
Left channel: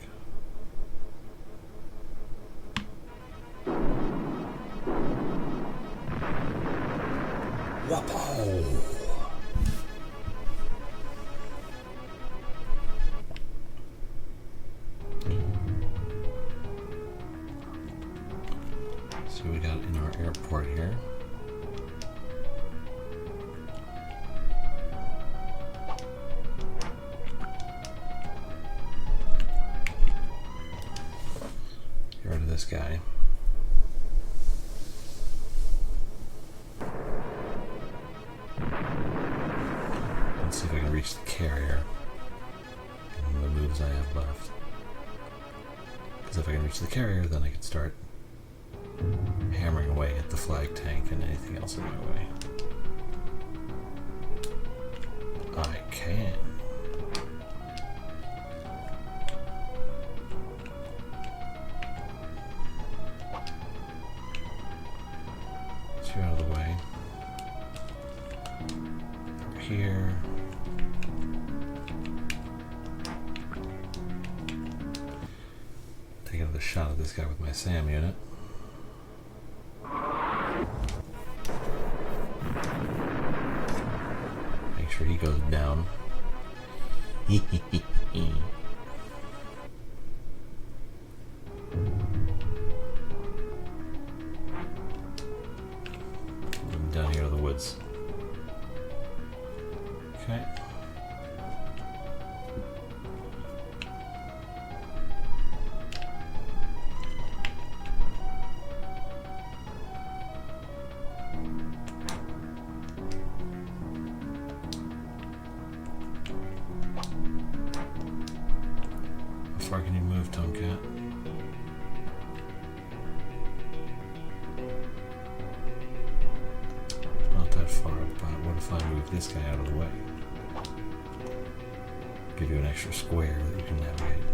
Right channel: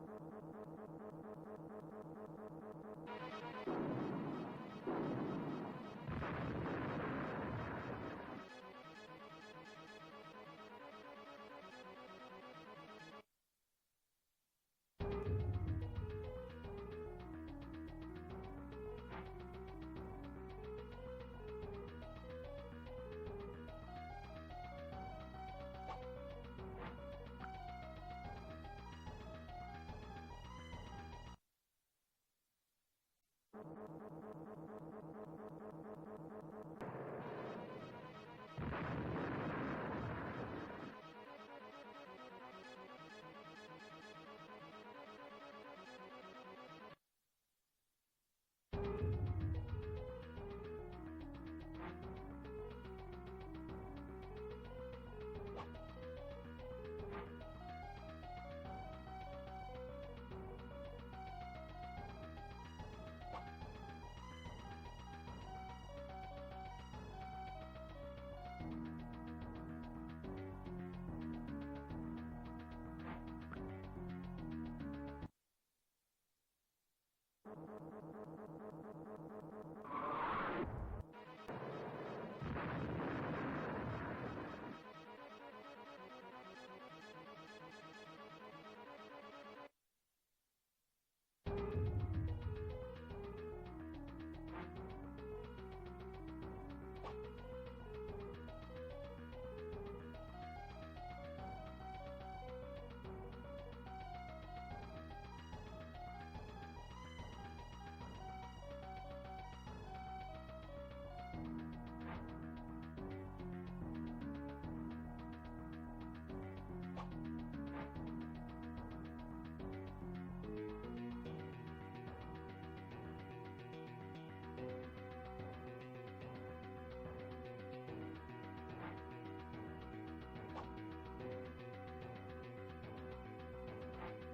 Whoa! So we got in our airport here. This guy. reach the carrier and the moves I have left. Because if I can reach the carrier, then I can start hammering away at the flag tank and anything else in my way. I can. So you're out of the way. Over here. Take another shot at this guy with my SAM unit. Make sure he goes down. Down here in the woods. Okay. How far can you move, Tomcat? Not that far, but what if I move this guy out of the way? Give you an extra square that you can navigate.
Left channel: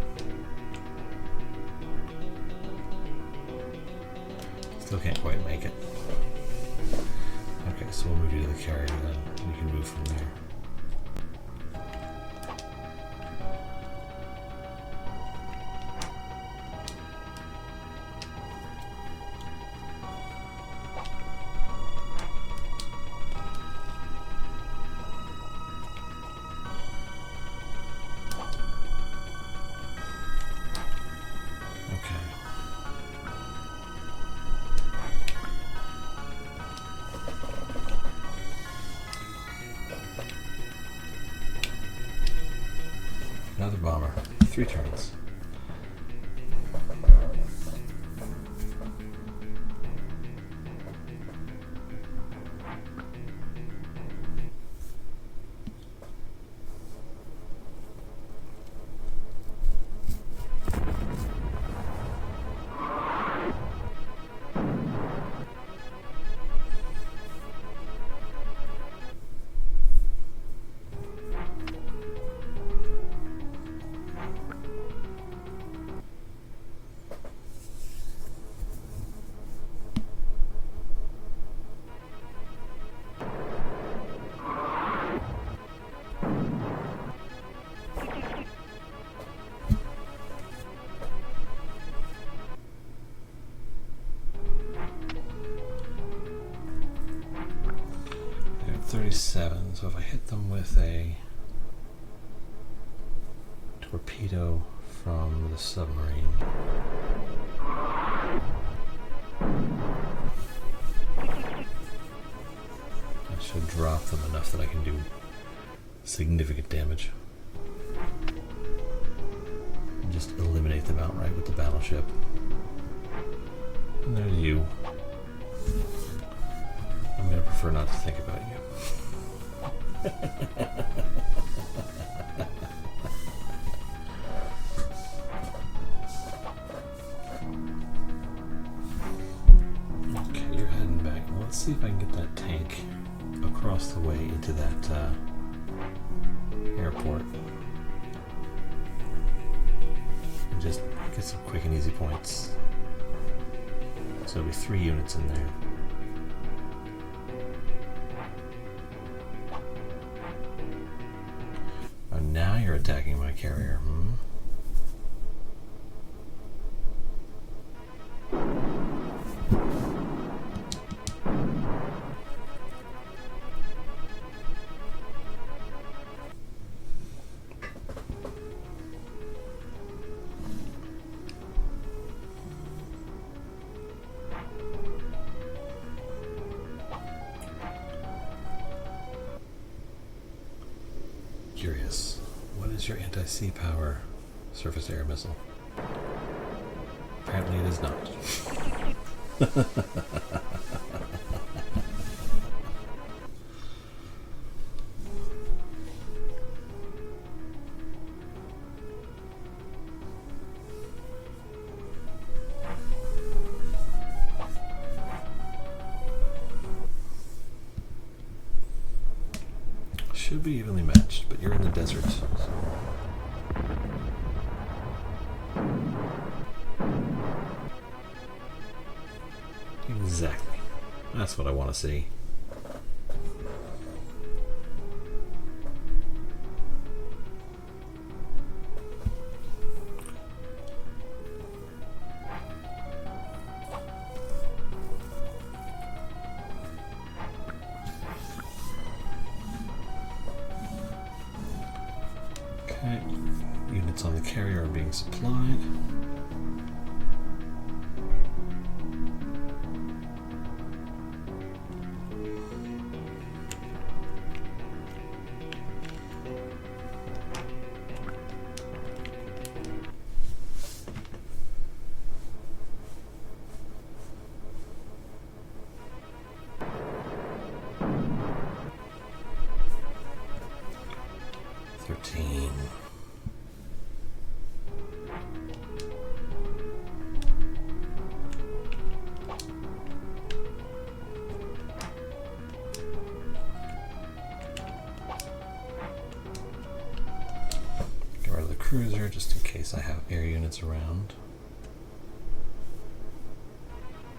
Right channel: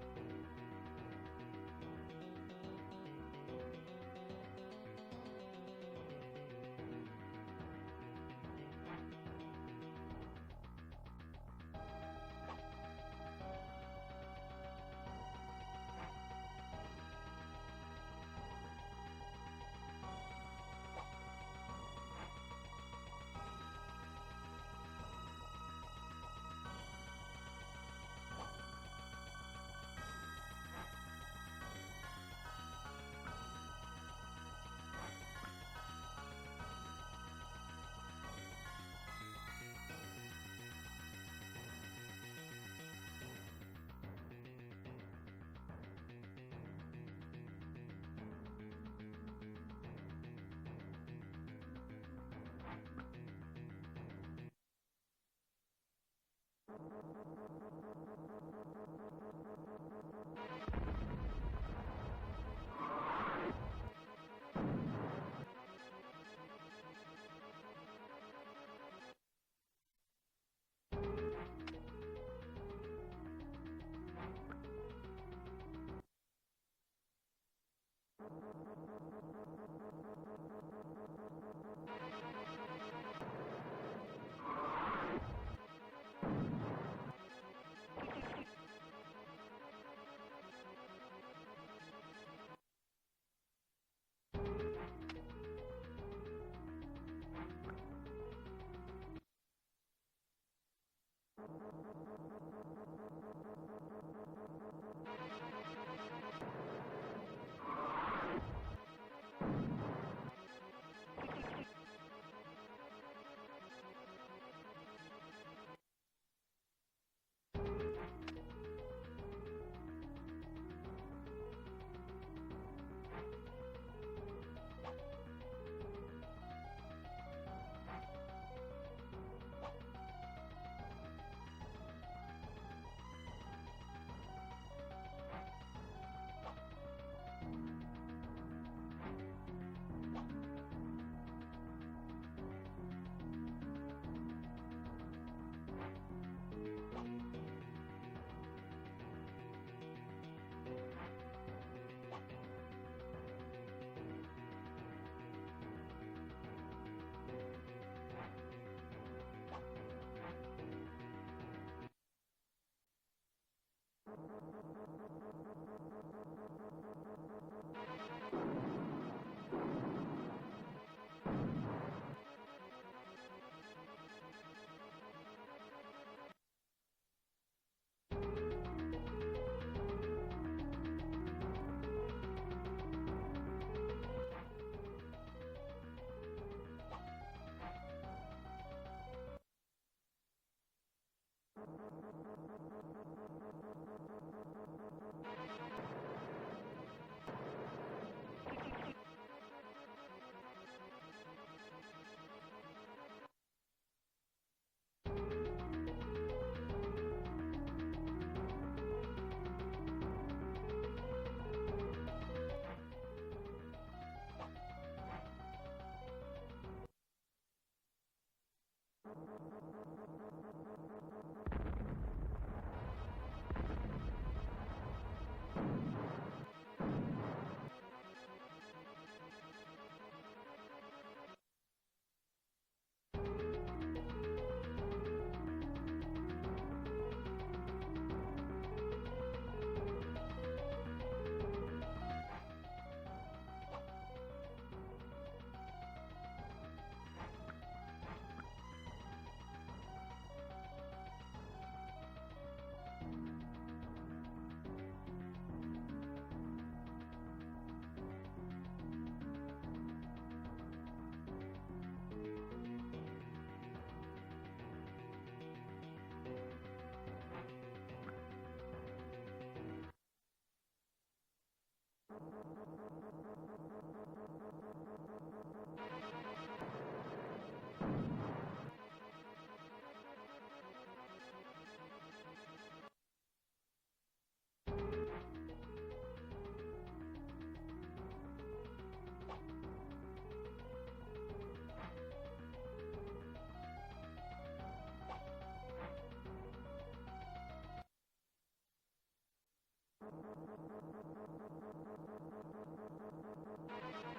Still can't quite make it. Okay, so we'll move you to the carrier, then you can move from there. Another bomber. 3 turns. I got 37, so if I hit them with a torpedo from the submarine, that should drop them enough that I can do significant damage. And just eliminate them outright with the battleship. And there's you. I'm going to prefer not to think about you. Okay, you're heading back. Well, let's see if I can get that tank across the way into that airport. And just get some quick and easy points. So there'll be 3 units in there. Oh, now you're attacking my carrier. Curious. What is your anti-sea power surface air missile? Apparently it is not. should be evenly matched, but you're in the desert. So. Exactly. That's what I want to see. Okay. Units on the carrier are being supplied. Cruiser just in case I have air units around.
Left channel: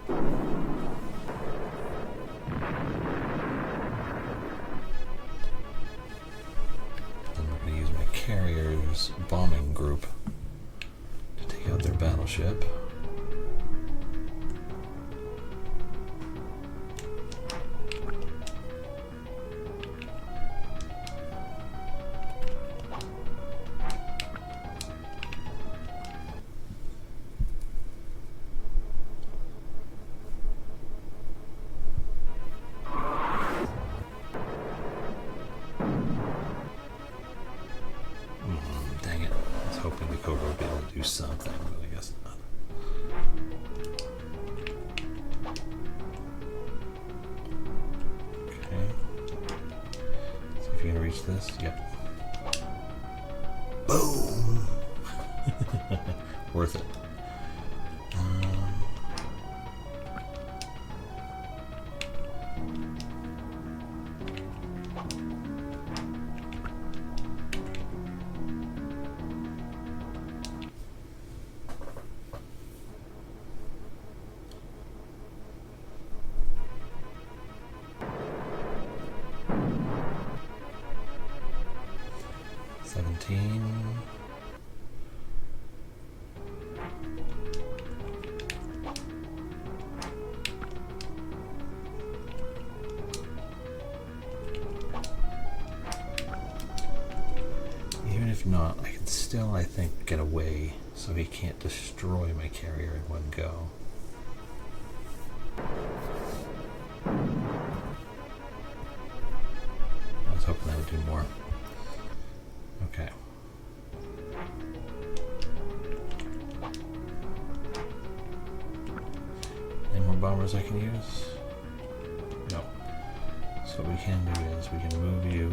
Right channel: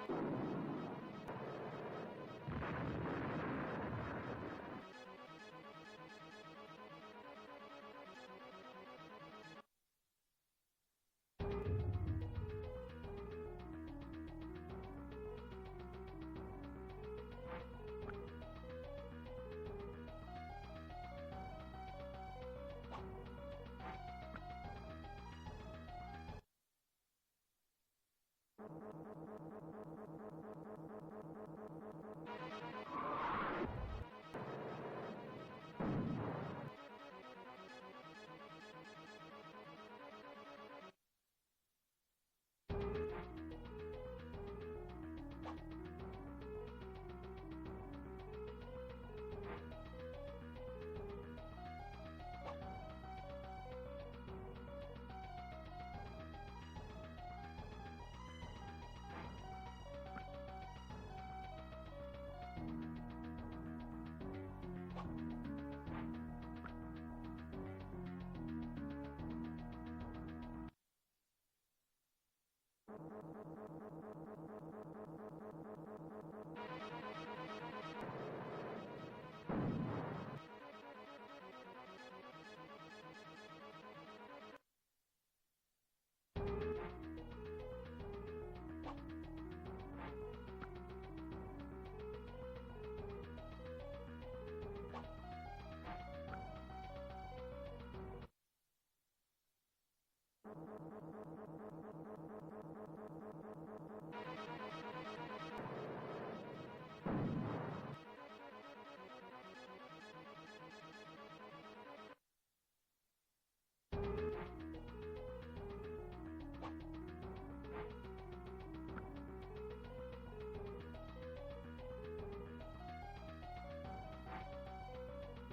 Then we're going to use my carrier's bombing group to take out their battleship. Something, but I guess not. Okay. See if you can reach this. Yep. Boom! Worth it. 17. Even if not, I can still, I think, get away so he can't destroy my carrier in one go. I was hoping that would do more. Okay. Any more bombers I can use? No. So what we can do is we can move you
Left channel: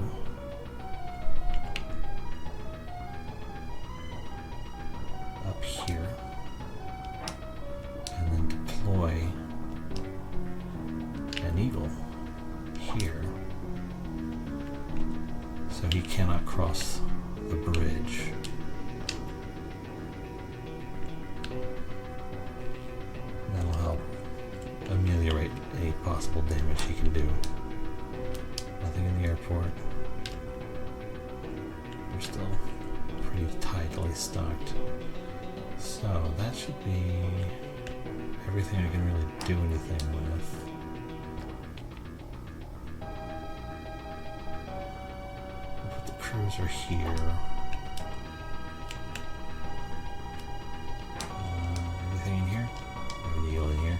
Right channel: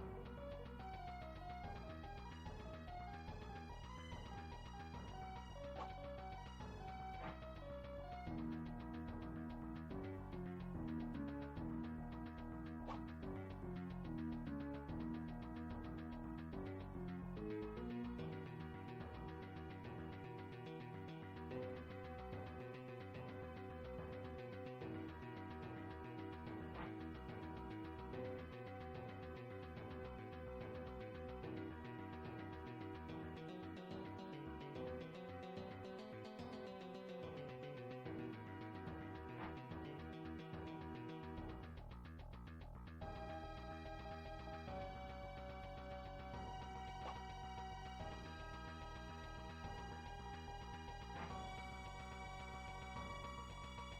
up here and then deploy an eagle here so he cannot cross the bridge. That'll help ameliorate any possible damage he can do. Nothing in the airport. We're still pretty tightly stocked. So that should be everything I can really do anything with. Cruiser here. Anything in here? Maybe the eagle in here.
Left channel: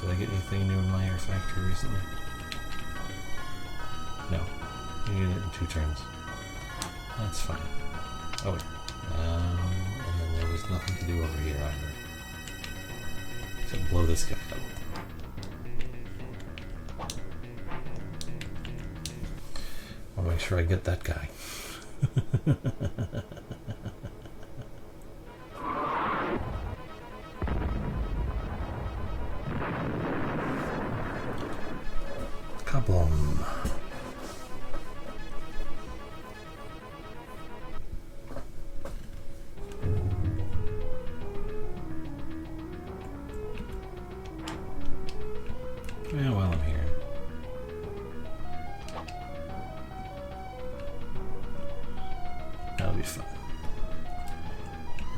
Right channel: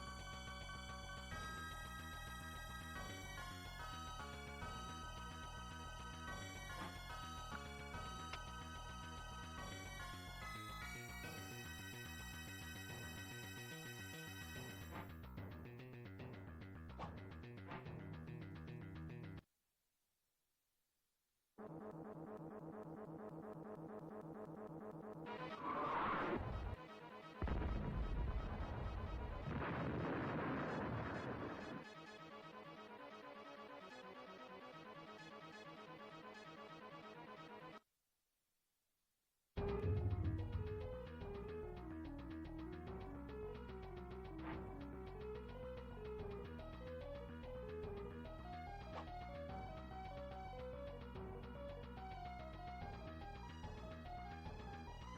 Did I get anything new in my air factory recently? No. You get it in 2 turns. That's fine. Oh wait. And then there was nothing to do over here either. Except blow this guy up. I'll make sure I get that guy. Kaboom. Yeah, while I'm here. That'll be fun.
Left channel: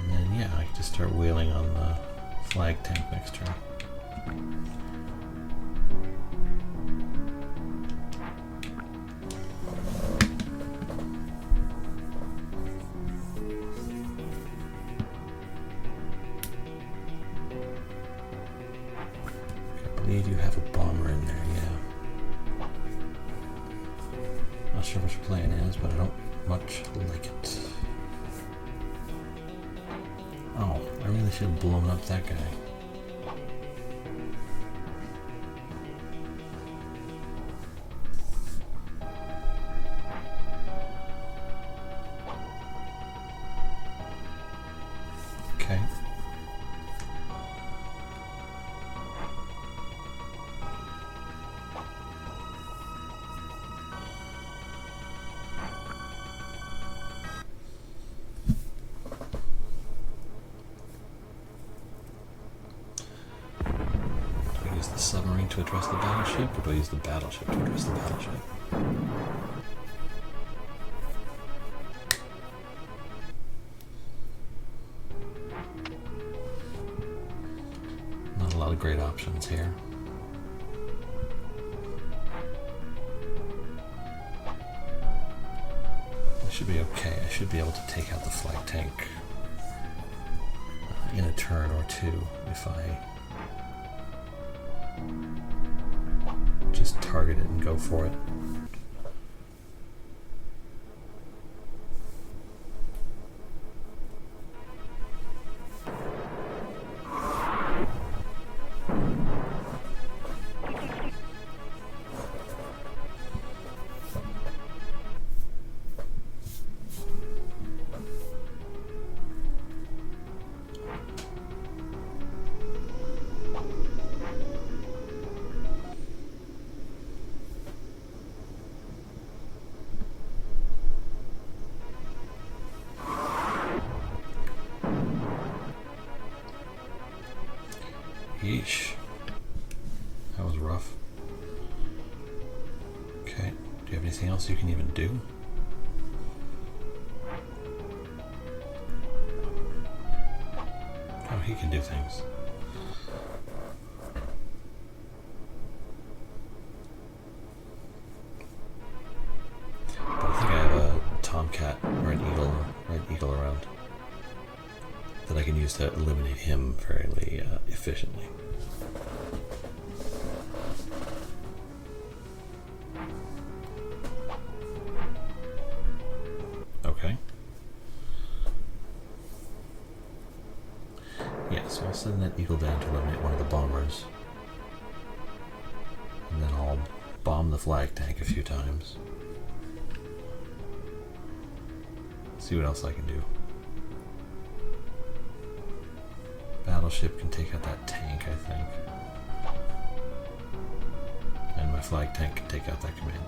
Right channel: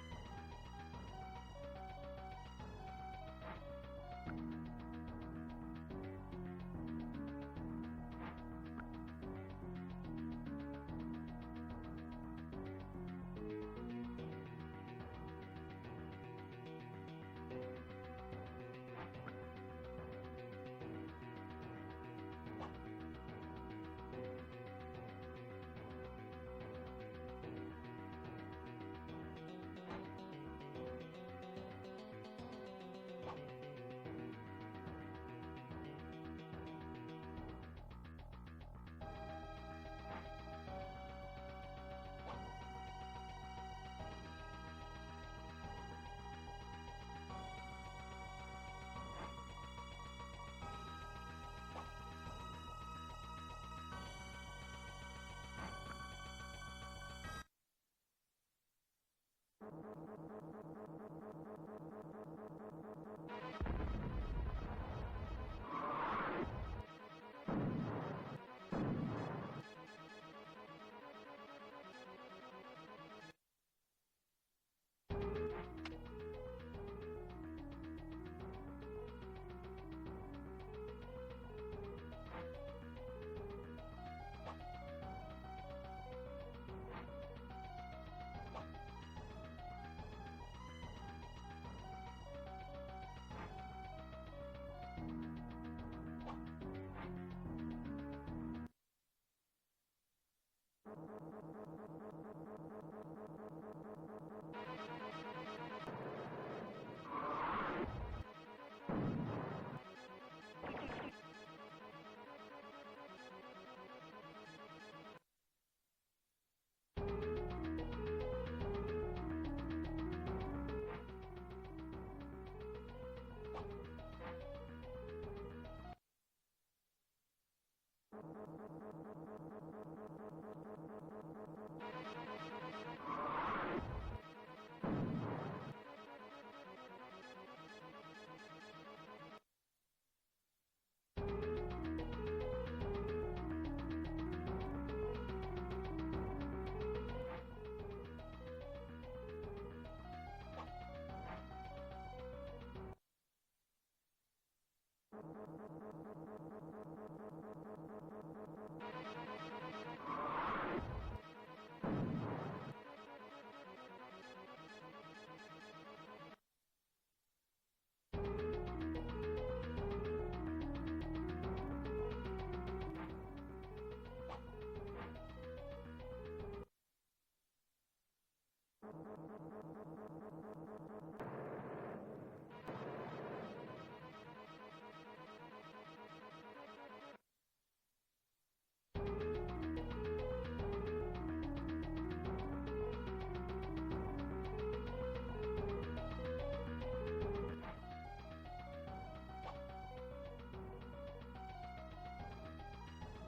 And then, yeah, I can just start wheeling on the flag tank next turn. I believe you have a bomber in there, yeah. Not sure what your plan is, but I don't much like it. Oh, I really should have blown up that guy. Okay. The submarine to address the battleship, or do I use the battleship to address the battleship? Not a lot of great options here. I should be okay. I should be able to take out the flag tank in a turn or two if I just target it and go for it. Yeesh. That was rough. Okay, do you have anything else you can even do? Oh, he can do things. But I think I have a tomcat or an red eagle around that I can use to eliminate him fairly efficiently. Okay. Yeah, so I'll send that eagle down to eliminate one of the bombers. And then I'll bomb the flag tank a few times. See what else I can do. Battleship can take out that tank, I think. And my flag tank can take out that commander.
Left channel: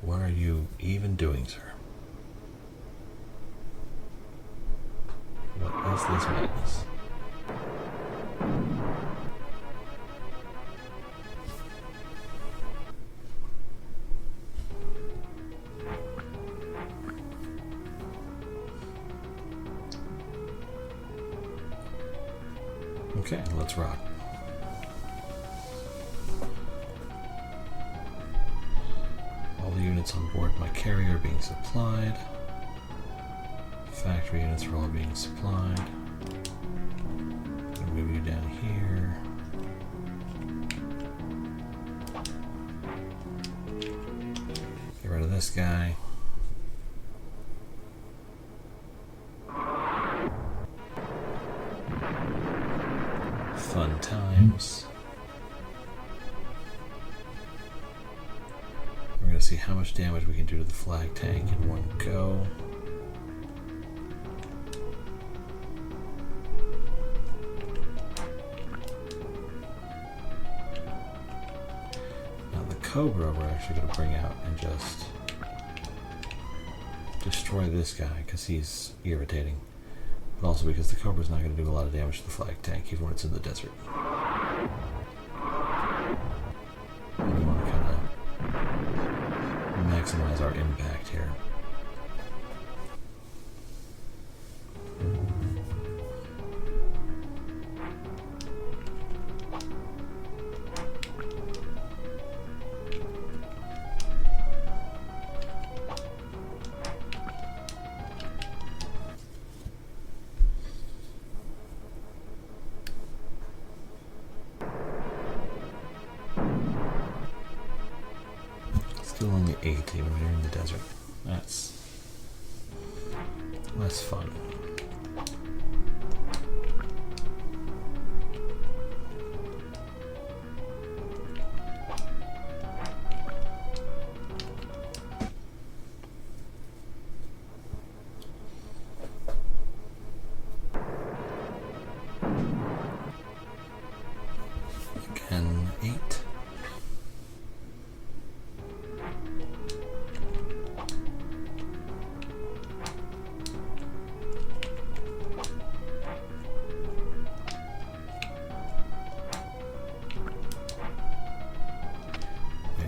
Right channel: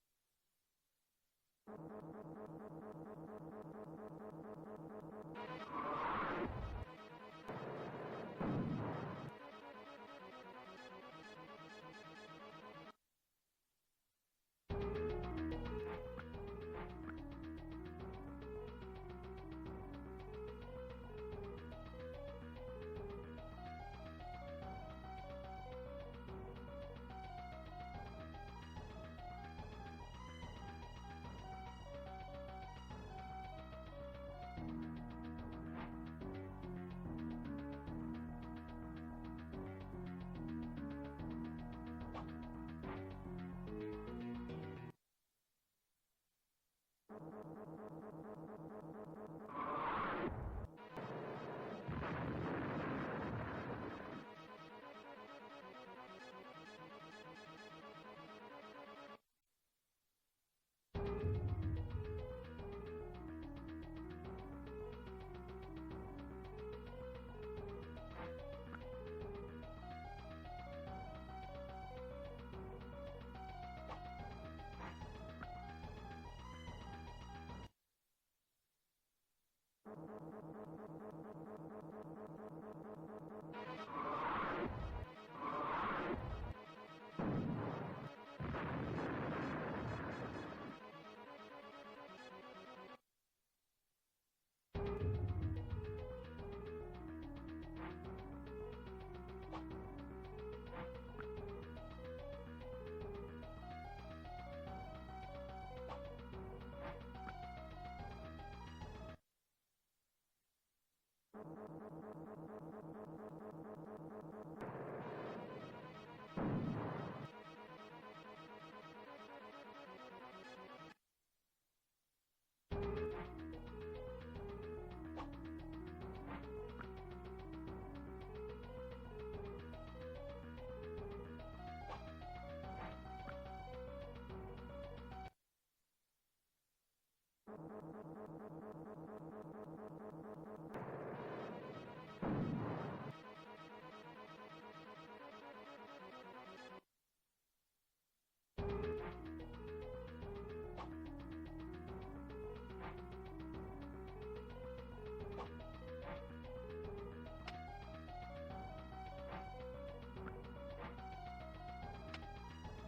What are you even doing, sir? What is this madness? Okay, let's rock. All the units on board my carrier are being supplied. Factory units are all being supplied. I'll move you down here. Get rid of this guy. Fun times. We're going to see how much damage we can do to the flag tank in one go. Cobra we're actually going to bring out and just destroy this guy because he's irritating. But also because the Cobra's not going to do a lot of damage to the flag tank even when it's in the desert. We want to kind of maximize our impact here. Still only 80 when you're in the desert. That's less fun. Again, 8.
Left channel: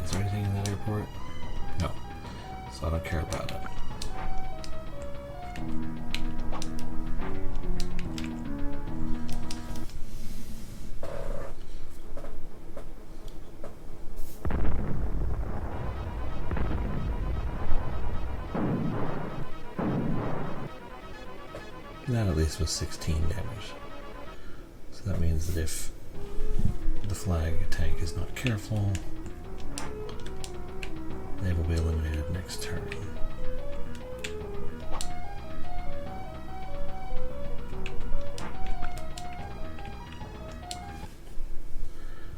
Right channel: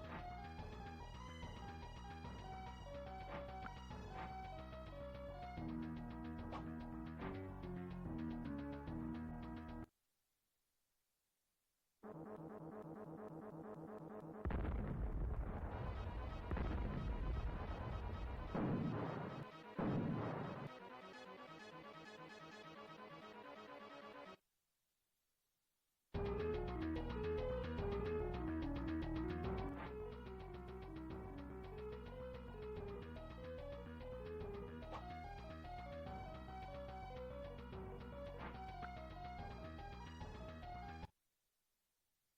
Is there anything in that airport? No. So I don't care about it. That at least was 16 damage. So that means that if the flag tank is not careful, they will be eliminated next turn.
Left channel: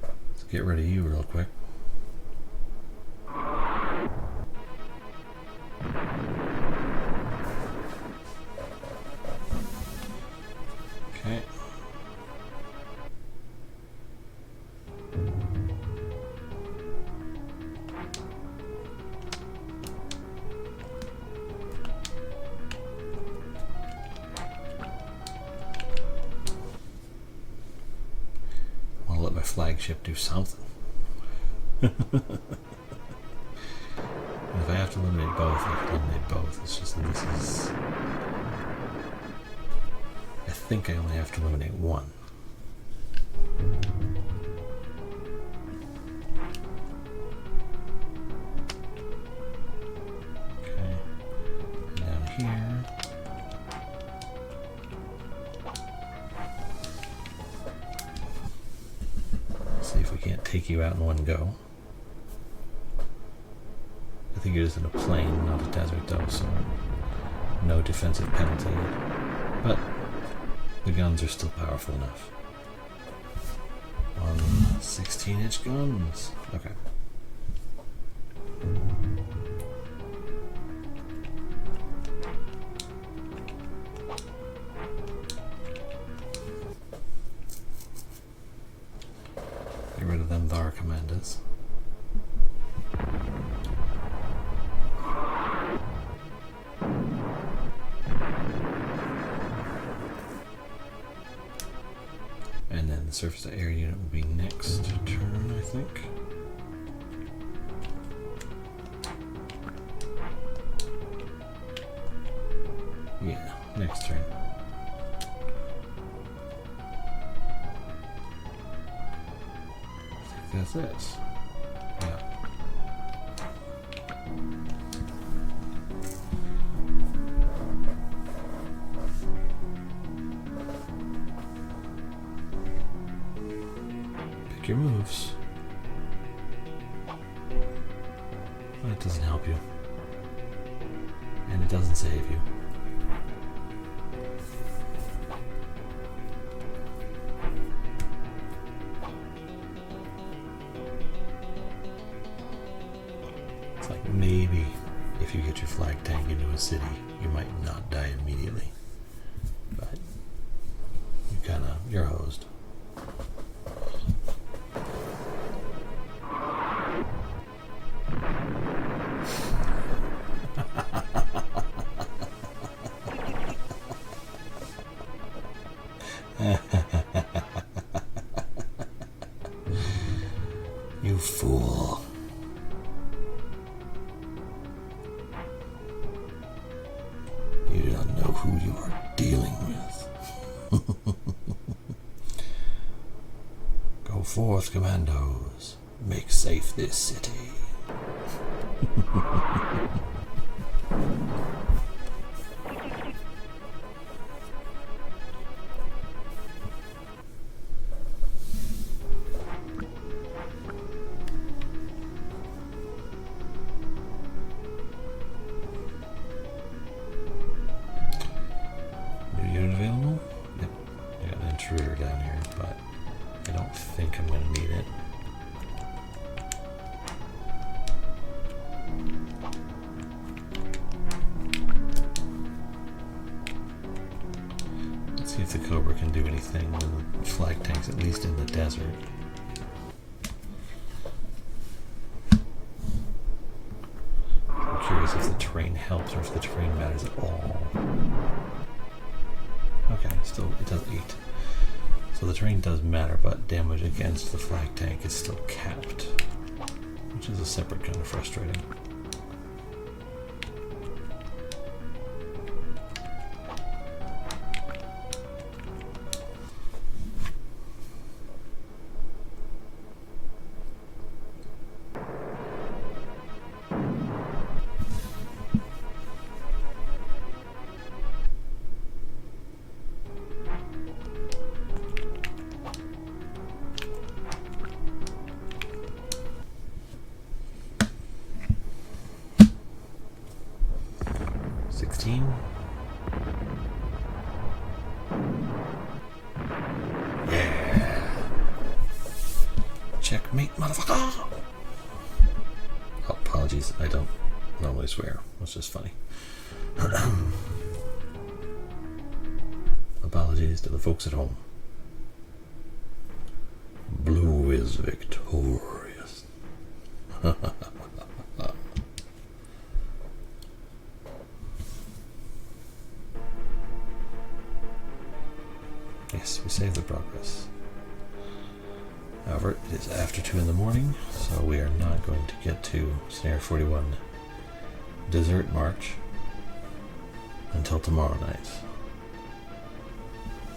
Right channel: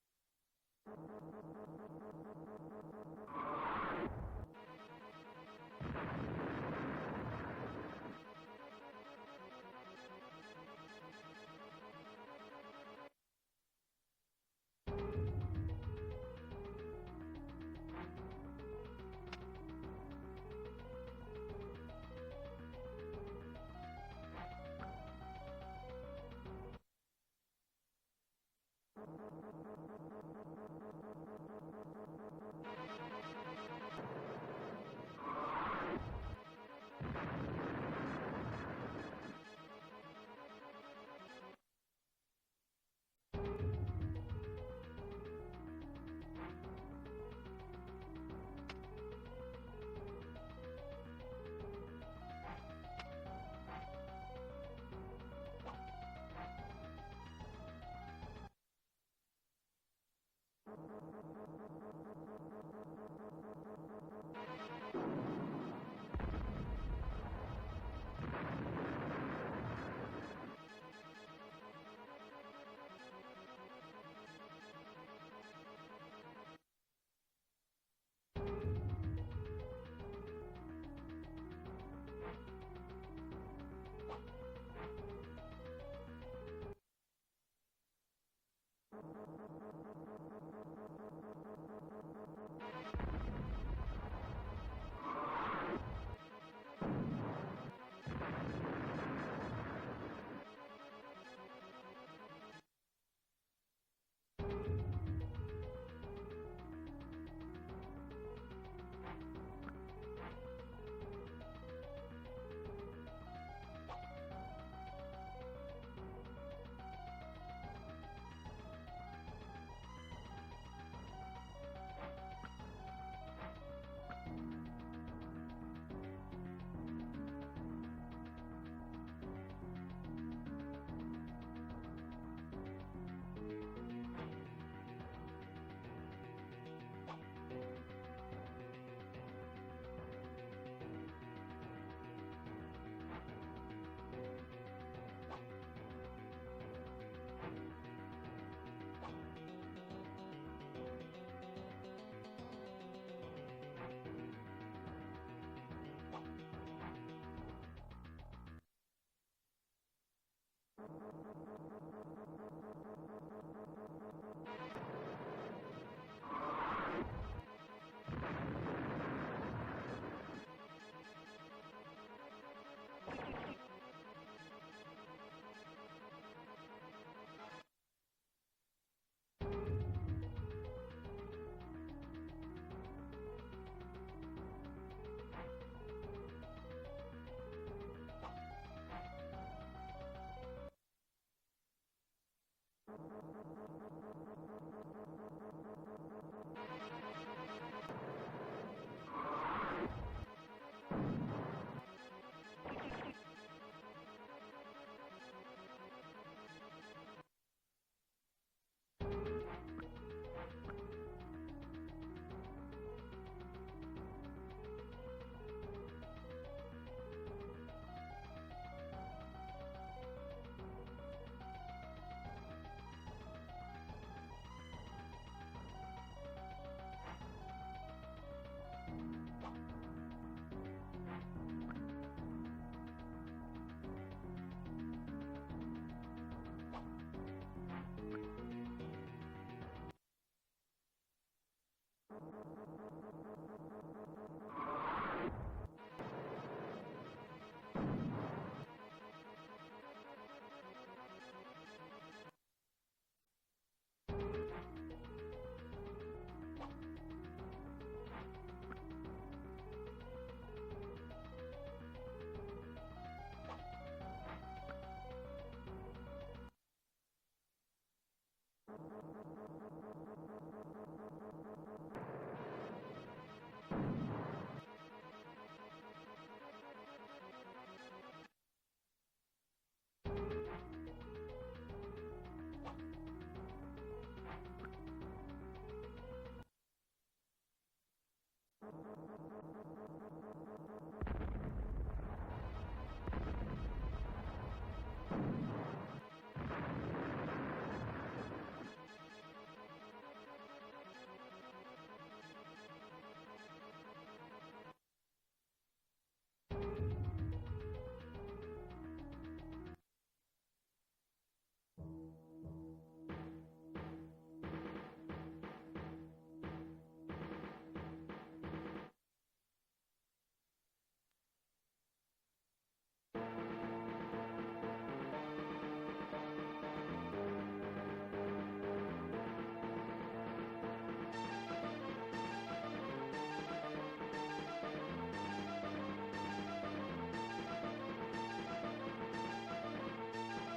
Let's get rid of you real quick. Okay. I'll let my flagship do something. If I have to eliminate both, I have to eliminate both. It's just that this is... I think I only have to eliminate one. Okay. And down here. See if we can't take you out in one go. I think it is in a plain, not a desert though, so no defensive penalty. But the guns are still powerful enough. 16-inch guns. Okay. Get rid of them Thar commanders. And then the surface to air unit will be next turn, I think. Yeah, next turn. I think that's it. Yeah. Your moves. But it doesn't help you. And it doesn't save you. It's like maybe if you get your flag tank into a city, you might not die immediately. But you're hosed. who you are dealing with. Go forth, commandos. Make safe this city. Down here, but I don't think I'm going to need it. Let's see if the Cobra can do anything when the flag tank's at least in the desert. I'm curious if the terrain helps or if the terrain matters at all. Okay, still it does 8. So the terrain does matter, but damage against the flag tank is still capped, which is a separate kind of frustrating. Checkmate, motherfucker! Oh, apologies, I don't normally swear. It's just funny. Apologies to the folks at home. Blue is victorious. Yes, we saved the progress. However, it is after 2 in the morning, so we are not going to get to Snare 41 Desert March until tomorrow night.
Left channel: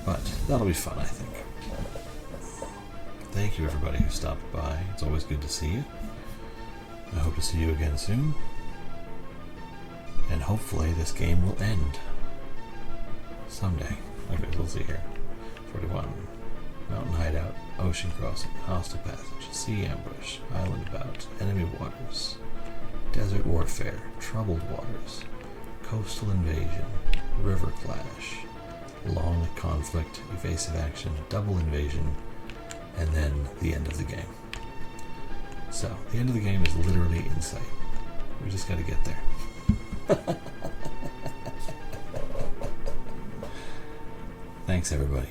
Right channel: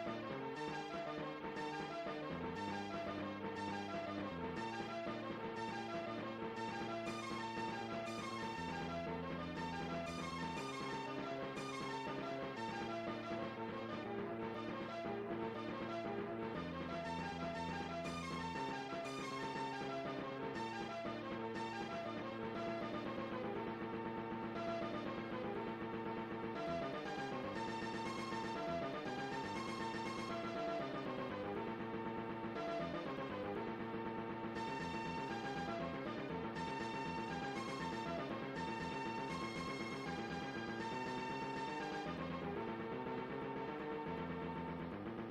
But that'll be fun, I think. Thank you everybody who stopped by. It's always good to see you. I hope to see you again soon. And hopefully this game will end someday. Okay, we'll see here. 41. Mountain hideout, ocean crossing, hostile passage, sea ambush, island bout, enemy waters, desert warfare, troubled waters, coastal invasion, river clash, long conflict, evasive action, double invasion, and then the end of the game. So, the end of the game is literally in sight. We just gotta get there. Thanks everybody.